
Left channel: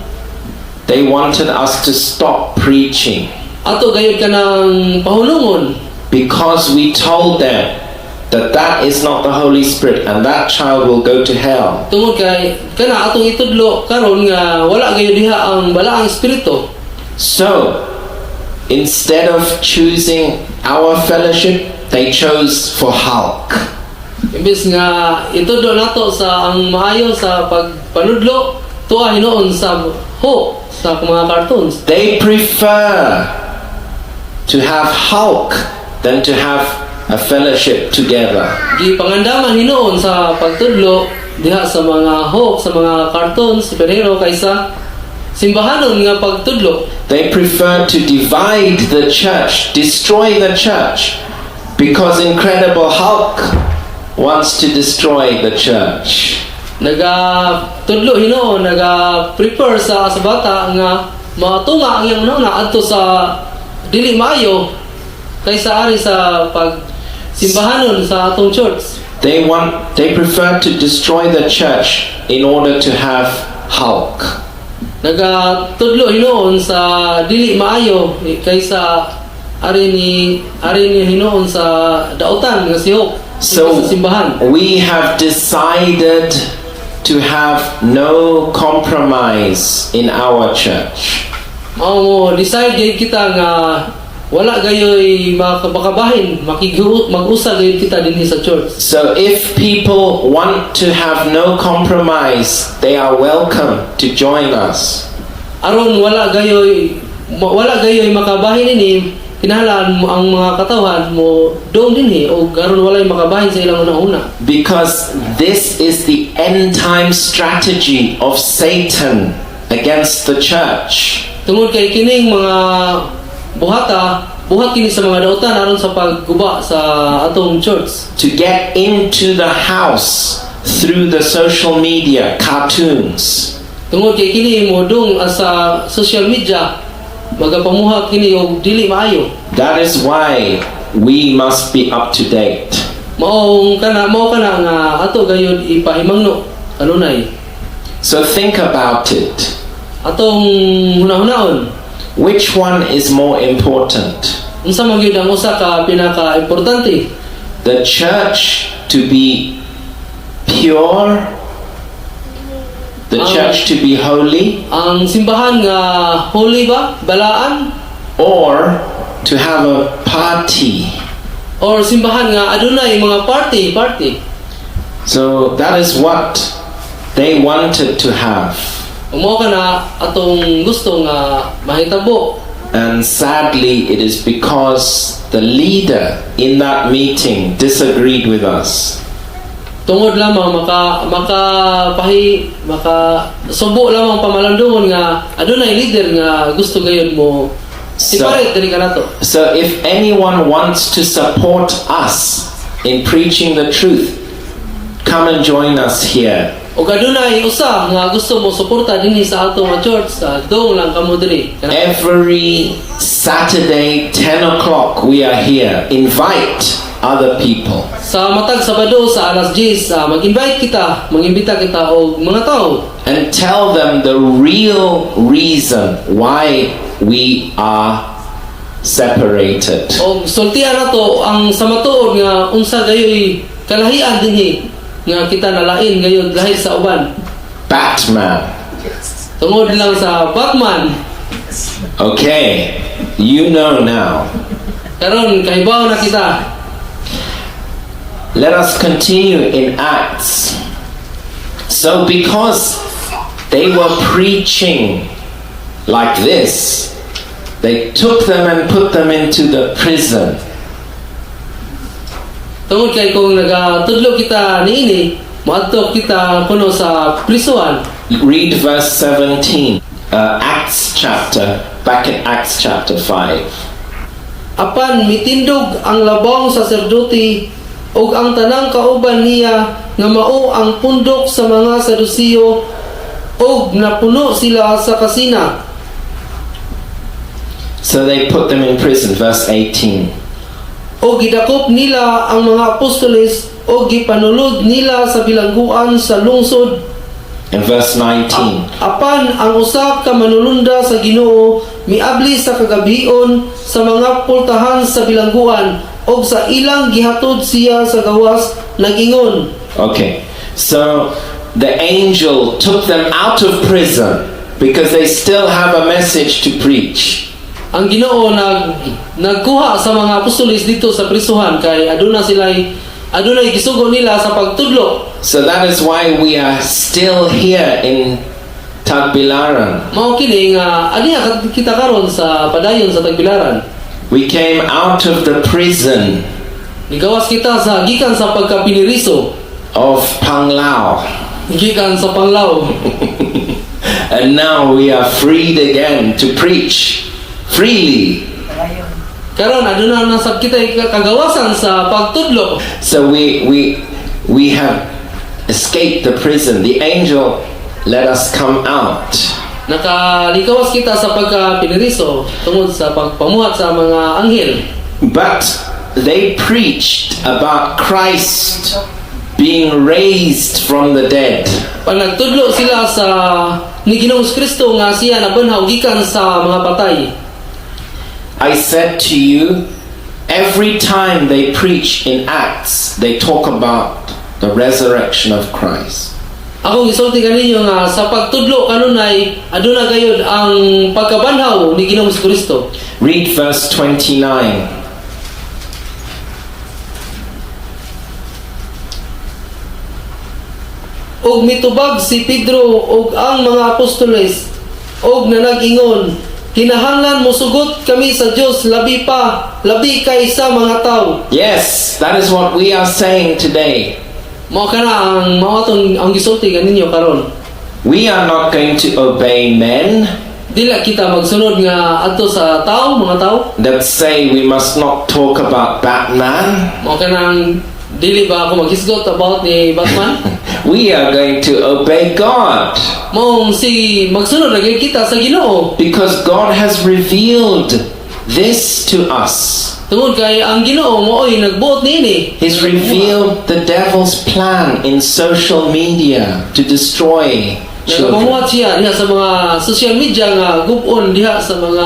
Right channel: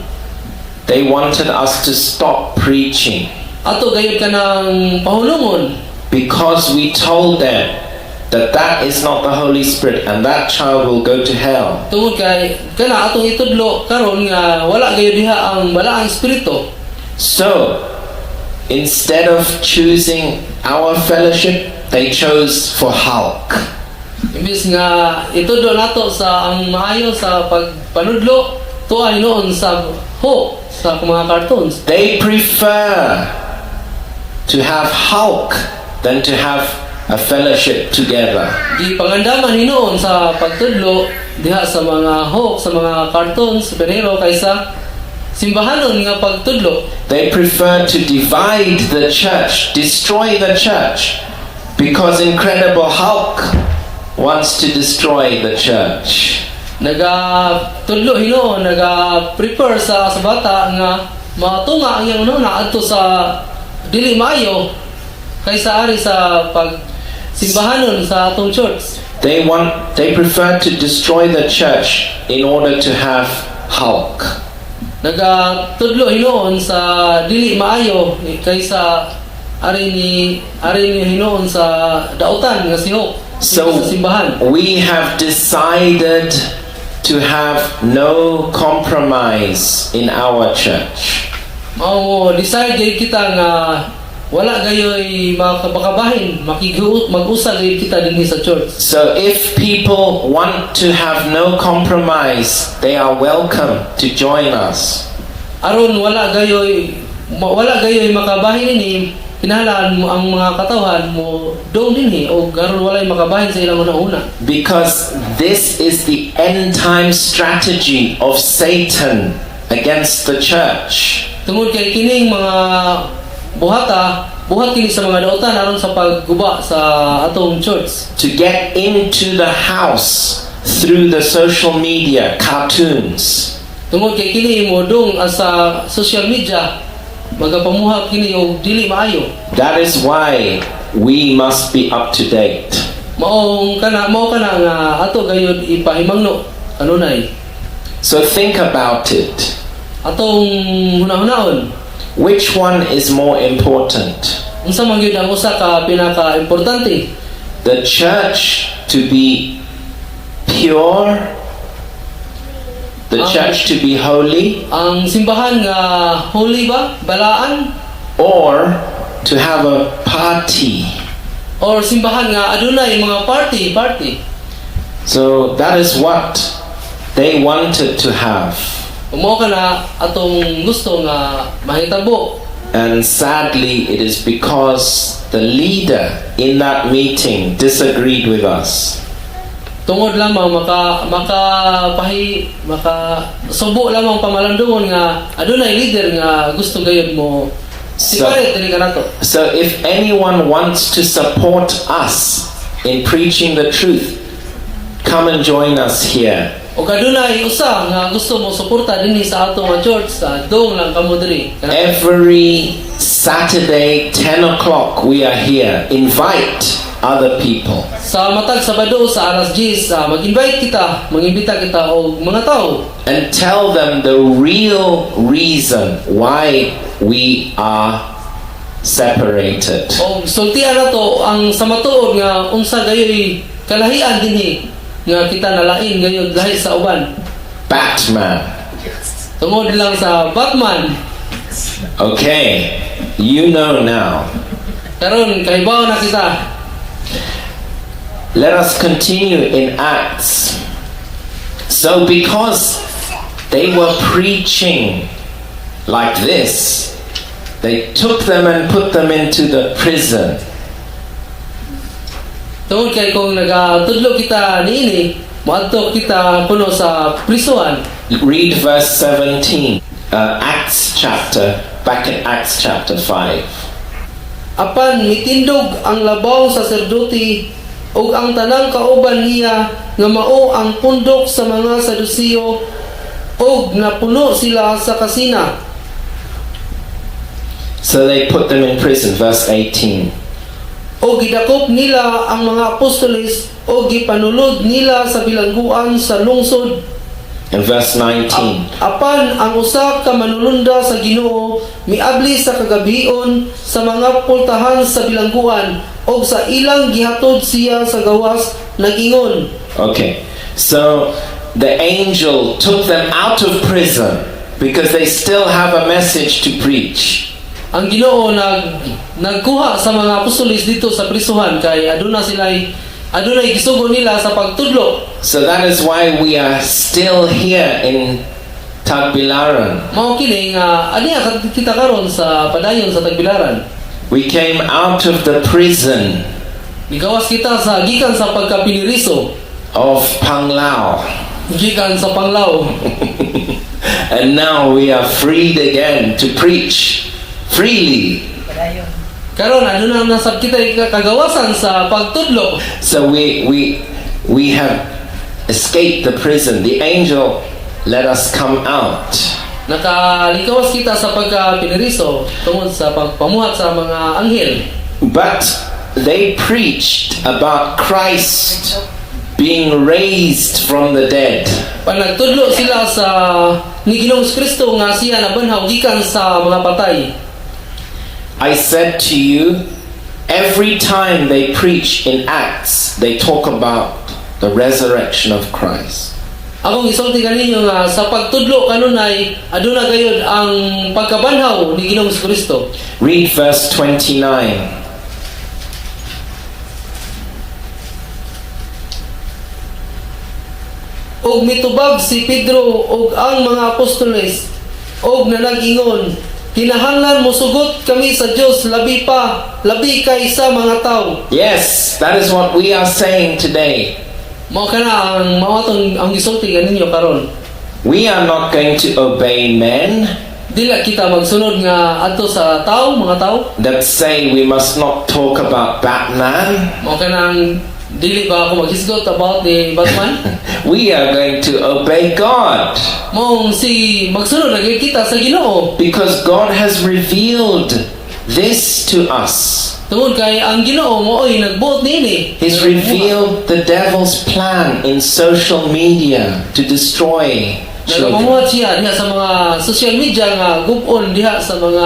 they wanted us to stop preaching, ato gayud kanang pahulungon because we told them that is not the Holy Spirit and that child will go to hell. tungod kay kana atong itudlo karon nga wala gayud diha ang balaang espiritu. So instead of choosing our fellowship, they chose for Hulk. Imbis nga itudlo nato sa ang maayo sa pagpanudlo tuwa hinoon sa Hulk sa mga cartoons. They prefer to have Hulk than to have a fellowship together. Di pangandaman hinoon sa pagtudlo diha sa mga Hulk sa mga cartoons superhero kaysa simbahanon nga pagtudlo. They prefer to divide the church, destroy the church, because Incredible Hulk wants to destroy the church. Nagatudlo hinoon naga-prepare sa bata nga matunga ang iyang nuna adto sa dili maayo kaysa ari sa pagsimbahanon sa atong church. They prefer to destroy the church in order to have Hulk. Nagatudlo hinoon sa dili maayo kaysa ari ni hinoon sa dautan nga si Hulk. So Sa simbahan. we have decided to have no compromise in our church. Mao mo decide gyud kita nga wala gayoy makabakabahin mag-usa gayud kita dinhi sa church. So if people want to have no compromise, they are welcome to join us. Aron wala gayoy makabahin ini kinahanglan mo ang mga katawhan mo dong dinhi o aron walay makabahin sa ilang una-una. Because this is the end time strategy of Satan against the church. Tungod kay kining mga buhat kini sa mga daotan aron sa pagguba sa atong church. To get into the house through the social media, cartoons. Tungod kay kini modong sa social media magapamuhat kini og dili maayo. That is why we must be up to date. Mao kana nga ato gayud ipahimangno kanunay. So think about it. Atong hunahunahon, Which one is more important? unsa man gyud ang usa ka pinaka-importante? The church to be pure, the church to be holy, Ang simbahan nga holy ba, balaan, or to have a party? or simbahan nga adunay mga party. So that is what they wanted to have. Mao kana atong gusto nga mahitabo. And sadly, it is because the leader in that meeting disagreed with us. Tungod lamang maka subo lamang pamalandungon nga adunay leader nga gusto gayud mo siparet diri kanato. So if anyone wants to support us in preaching the truth, come and join us here. O adunay usa nga gusto mo suporta dinhi sa ato nga church sa dong lang kamo diri. Every Saturday, 10 o'clock, we are here. Invite other people. Sa matag Sabado sa alas 10 mag-imbita kita og mga tao And tell them the real reason why we are separated. og sultian nato ang sa matuod nga unsa gayoy kalahian dinhi nga kita nalain gayud lahi sa uban. Batman. Tungod lang sa Batman. Okay, you know now. Karon kahibaw na kita. Let us continue in Acts. So because they were preaching like this, they took them and put them into the prison. Tungod kay kung nagatudlo kita niini, moadto kita kuno sa prisuhan. Read verse 17, back in Acts chapter 5. Apan mitindog ang labong saserdote ug ang tanang kauban niya nga mao ang pundok sa mga Sadusiyo ug napuno sila sa kasina. So they put them in prison, verse 18. O gidakop nila ang mga apostoles o gipanulod nila sa bilangguan sa lungsod. In verse 19. Apan ang usa ka manulunda sa Ginoo miabli sa kagabion sa mga pultahan sa bilangguan og sa ilang gihatod siya sa gawas nagingon. Okay, so the angel took them out of prison because they still have a message to preach. Ang Ginoo nagkuha sa mga apostoles dito sa prisuhan kay adunay gisugo nila sa pagtudlo. So that is why we are still here in Tagbilaran. Mao kini nga aniya kita karon sa padayon sa Tagbilaran. We came out of the prison Gigawas kita sa gikan sa pagkapiniriso of Panglao. gikan sa Panglao. And now we are freed again to preach freely. Karon aduna nasab kita kagawasan sa pagtudlo. So we have escaped the prison. The angel let us come out. Nakalikawas kita sa pagkapiniriso tungod sa pagpamuhat sa mga anghel. But they preached about Christ being raised from the dead. Pag nagtudlo sila sa ni Ginoong Kristo nga siya nabanhaw gikan sa mga patay. I said to you, every time they preach in Acts, they talk about the resurrection of Christ. Akong isulti kaninyo nga sa pagtudlo kanunay aduna gayud ang pagkabanhaw ni Ginoong Kristo. Read verse 29. Og mitubag si Pedro og ang mga apostoles og nanag-ingon, kinahanglan mosugot kami sa Dios labi kaysa mga tao. Yes, that is what we are saying today. Mao kana ang mao atong ang gisulti kaninyo karon. We are not going to obey men Dila kita magsunod nga adto sa tao, mga tao. that say we must not talk about Batman. Mao kanang dili ba ako maghisgot about ni Batman? We are going to obey God Maong si magsunod ra gyud kita sa Ginoo. because God has revealed this to us. Tungod kay ang Ginoo mooy nagbuot niini. He's revealed the devil's plan in social media to destroy children. Nagapamuhat siya diha sa mga social media nga gub-on diha sa mga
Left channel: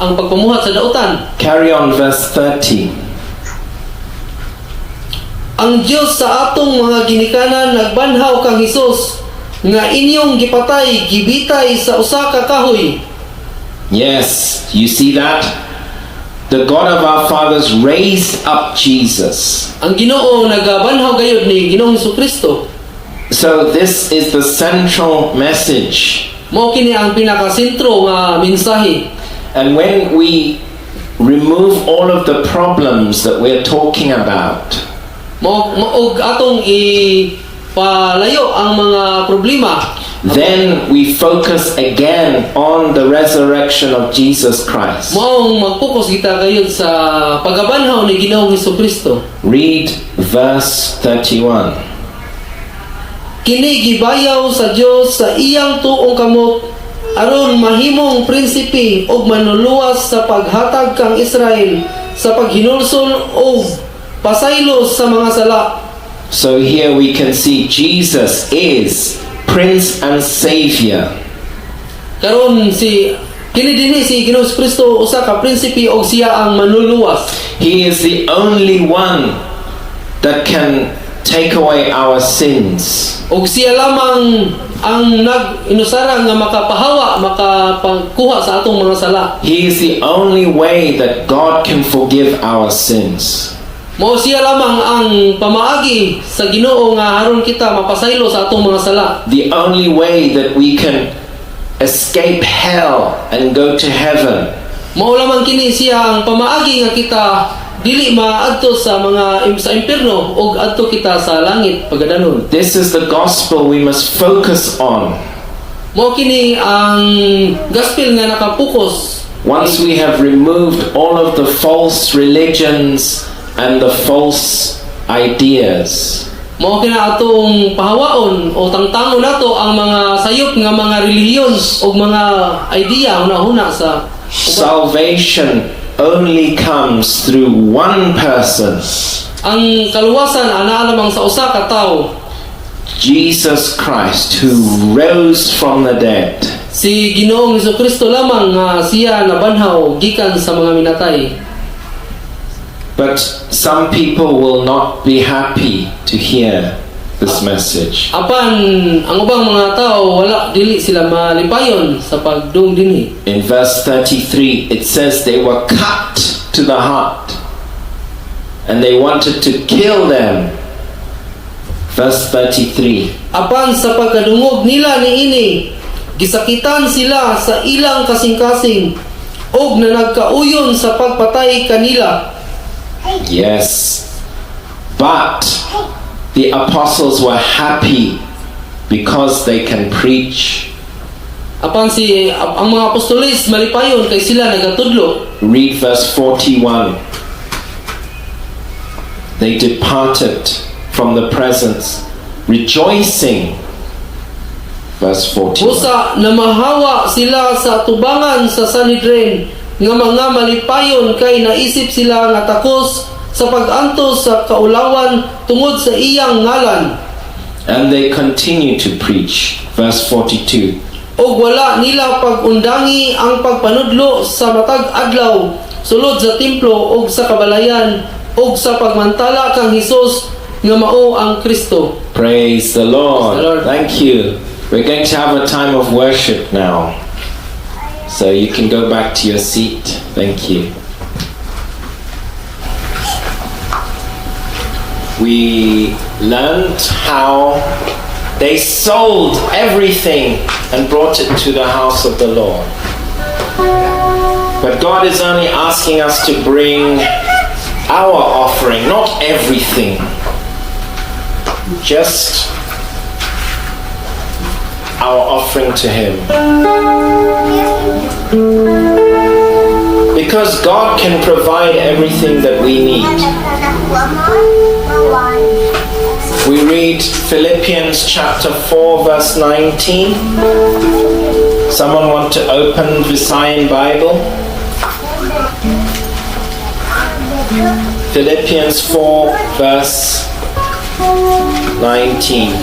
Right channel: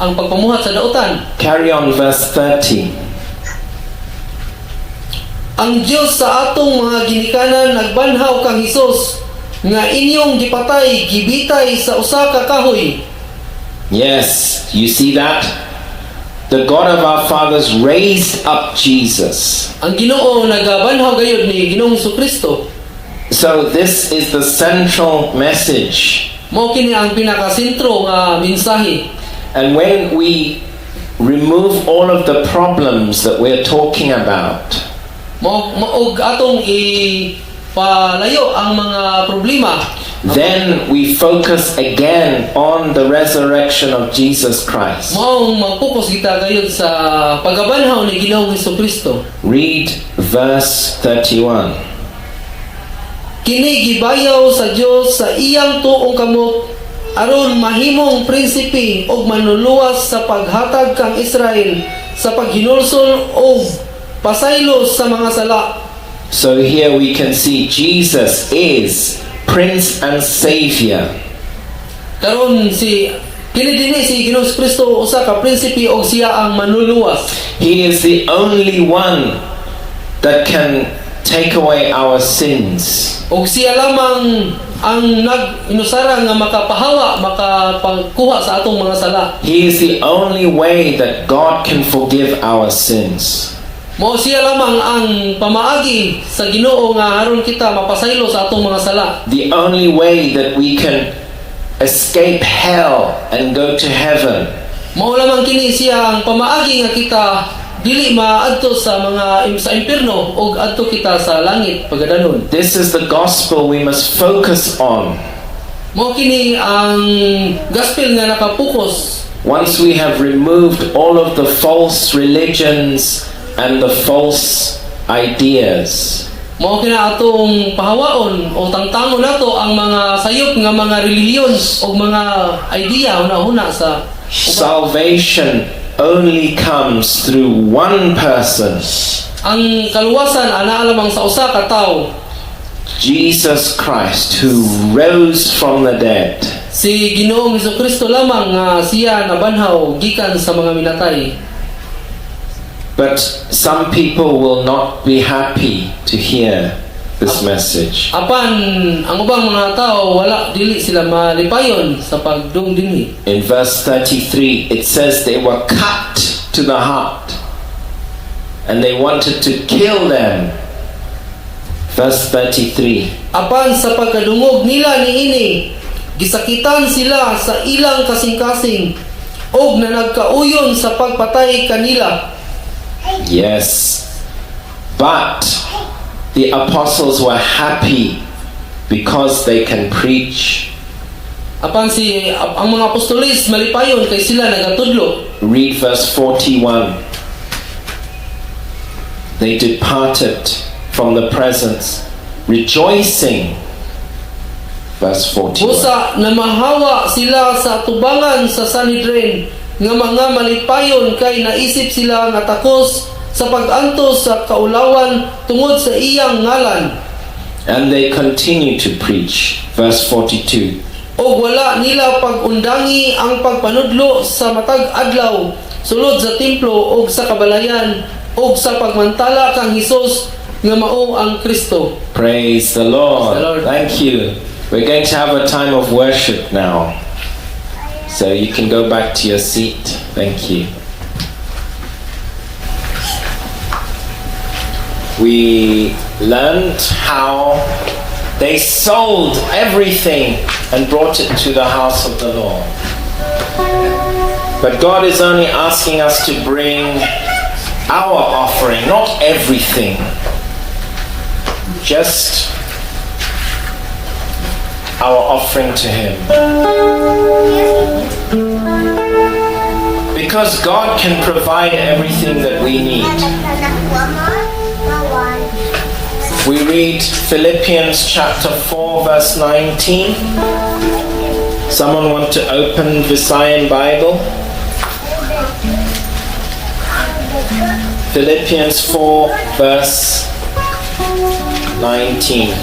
ang pagpamuhat sa dautan. Carry on, verse 30. Ang Dios sa atong mga ginikanan nagbanhaw kang Hesus nga inyong gipatay gibitay sa usa ka kahoy. Yes, you see that? The God of our fathers raised up Jesus. Ang Ginoo nagabanhaw gayud ni Ginoong Hesukristo. So this is the central message. Mao kini ang pinakasentro nga mensahe. And when we remove all of the problems that we're talking about, Maog atong ipalayo ang mga problema. then we focus again on the resurrection of Jesus Christ. Maong mag-focus kita gayud sa pagabanhaw ni Ginoong Hesukristo. Read verse 31. Kini gibayaw sa Dios sa iyang tuong kamot aron mahimong prinsipe og manluluwas sa paghatag kang Israel sa paghinulsol og pasaylos sa mga sala. So here we can see Jesus is Prince and Savior. Karon kini dinhi si Ginoong Kristo usa ka prinsipe og siya ang manluluwas. He is the only one that can take away our sins. Og siya lamang ang nag-inusara nga makapahawa, makapagkuha sa atong mga sala. He is the only way that God can forgive our sins. Mao siya lamang ang pamaagi sa Ginoo nga haron kita mapasaylo sa atong mga sala. The only way that we can escape hell and go to heaven. Mao lamang kini siya ang pamaagi nga kita dili maadto sa impierno ug adto kita sa langit pagadanon. This is the gospel we must focus on. Mao kini ang gospel nga nakapokus. Once we have removed all of the false religions and the false ideas, Mao kina atong pahawaon o tangtangon nato ang mga sayop nga mga relihiyon o mga idea una-una sa salvation only comes through one person, ang kaluwasan ana lamang sa usa ka tawo, Jesus Christ, who rose from the dead. si Ginoong Hesukristo lamang nga siya nabanhaw gikan sa mga minatay. But some people will not be happy to hear this message. Apan ang ubang mga tao wala dili sila malipayon sa pagdung dinhi. In verse 33, it says they were cut to the heart and they wanted to kill them. Verse 33. Apan sa pagkadungog nila niini, gisakitan sila sa ilang kasing-kasing og na nagkauyon sa pagpatay kanila. Yes, but the apostles were happy because they can preach. Apan ang mga apostoles malipayon kay sila nagatudlo. Read verse 41. They departed from the presence, rejoicing. Verse 41. Busa namahawa sila sa tubangan sa Sanhedrin nga mga malipayon kay naisip sila nga takos sa pag-antos sa kaulawan tungod sa iyang ngalan. And they continue to preach. Verse 42. Og wala nila pag-undangi ang pagpanudlo sa matag adlaw sulod sa templo og sa kabalayan og sa pagmantala kang Hesus nga mao ang Kristo. Praise the Lord. Praise the Lord. Thank you. We're going to have a time of worship now. So you can go back to your seat. Thank you. We learned how they sold everything and brought it to the house of the Lord. But God is only asking us to bring our offering, not everything. Just our offering to Him. Because God can provide everything that we need. We read Philippians chapter 4 verse 19. Someone want to open Visayan Bible? Philippians 4 verse 19.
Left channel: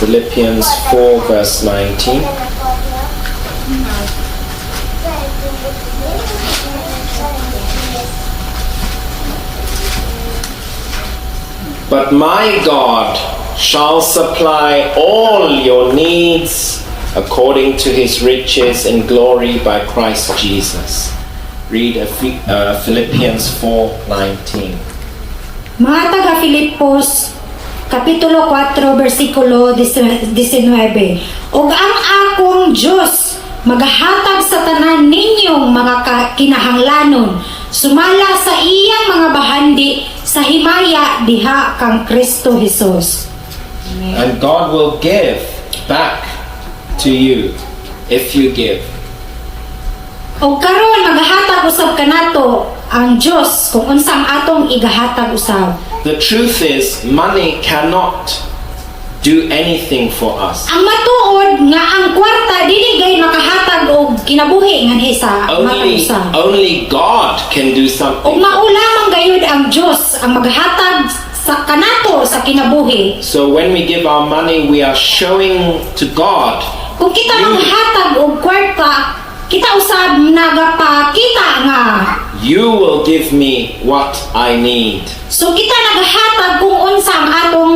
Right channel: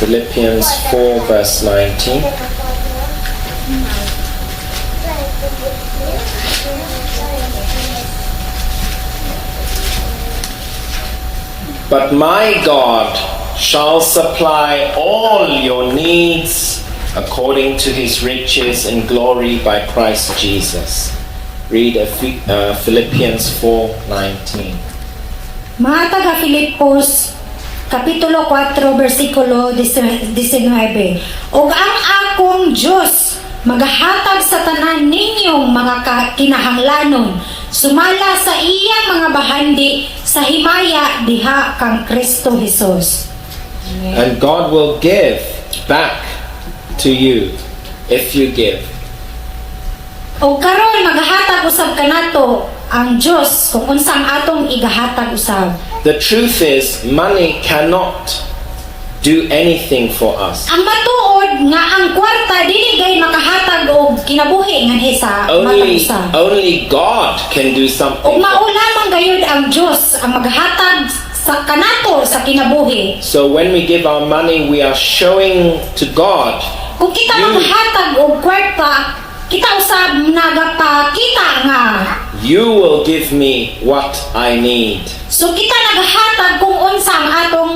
Philippians 4 verse 19. But my God shall supply all your needs according to His riches and glory by Christ Jesus. Read Philippians 4:19. Mga taga-Filipos, Kapitulo 4, versikulo 19. Og ang akong Diyos magahatag sa tanan ninyong mga kinahanglanon, sumala sa iyang mga bahandi sa himaya diha kang Kristo Jesus. And God will give back to you if you give. O karon magahatag usab kanato ang Dios kung unsang atong igahatag usab. The truth is, money cannot do anything for us. Ang matuod nga ang kwarta dili gay makahatag og kinabuhi nganhi sa matang usa. Only God can do something. Og maulamang gayud ang Dios ang maghatag sa kanato sa kinabuhi. So when we give our money, we are showing to God, Kung kita maghatag og kwarta, kita usab nagapakita nga you will give me what I need. so kita naghatag kung unsa ang atong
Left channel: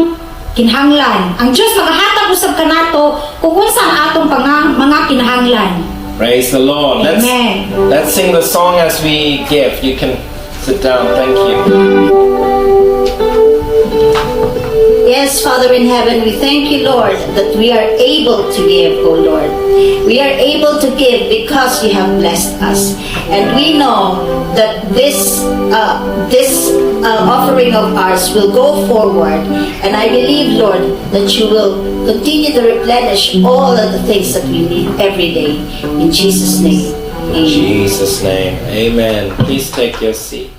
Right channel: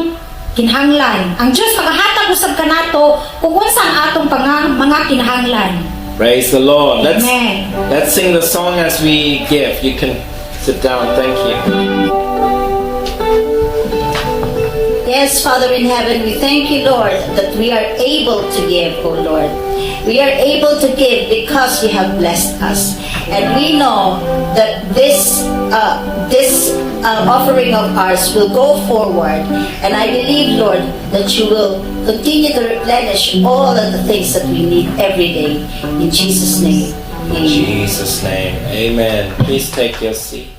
kinahanglan. Ang Dios maghatag usab kanato kung unsa ang atong mga kinahanglan. Praise the Lord. Amen. Let's sing the song as we give. You can sit down. Thank you. Yes, Father in heaven, we thank you, Lord, that we are able to give, oh Lord. We are able to give because you have blessed us. And we know that this offering of ours will go forward. And I believe, Lord, that you will continue to replenish all of the things that we need every day. In Jesus' name, In amen. Jesus' name. Amen. Please take your seat.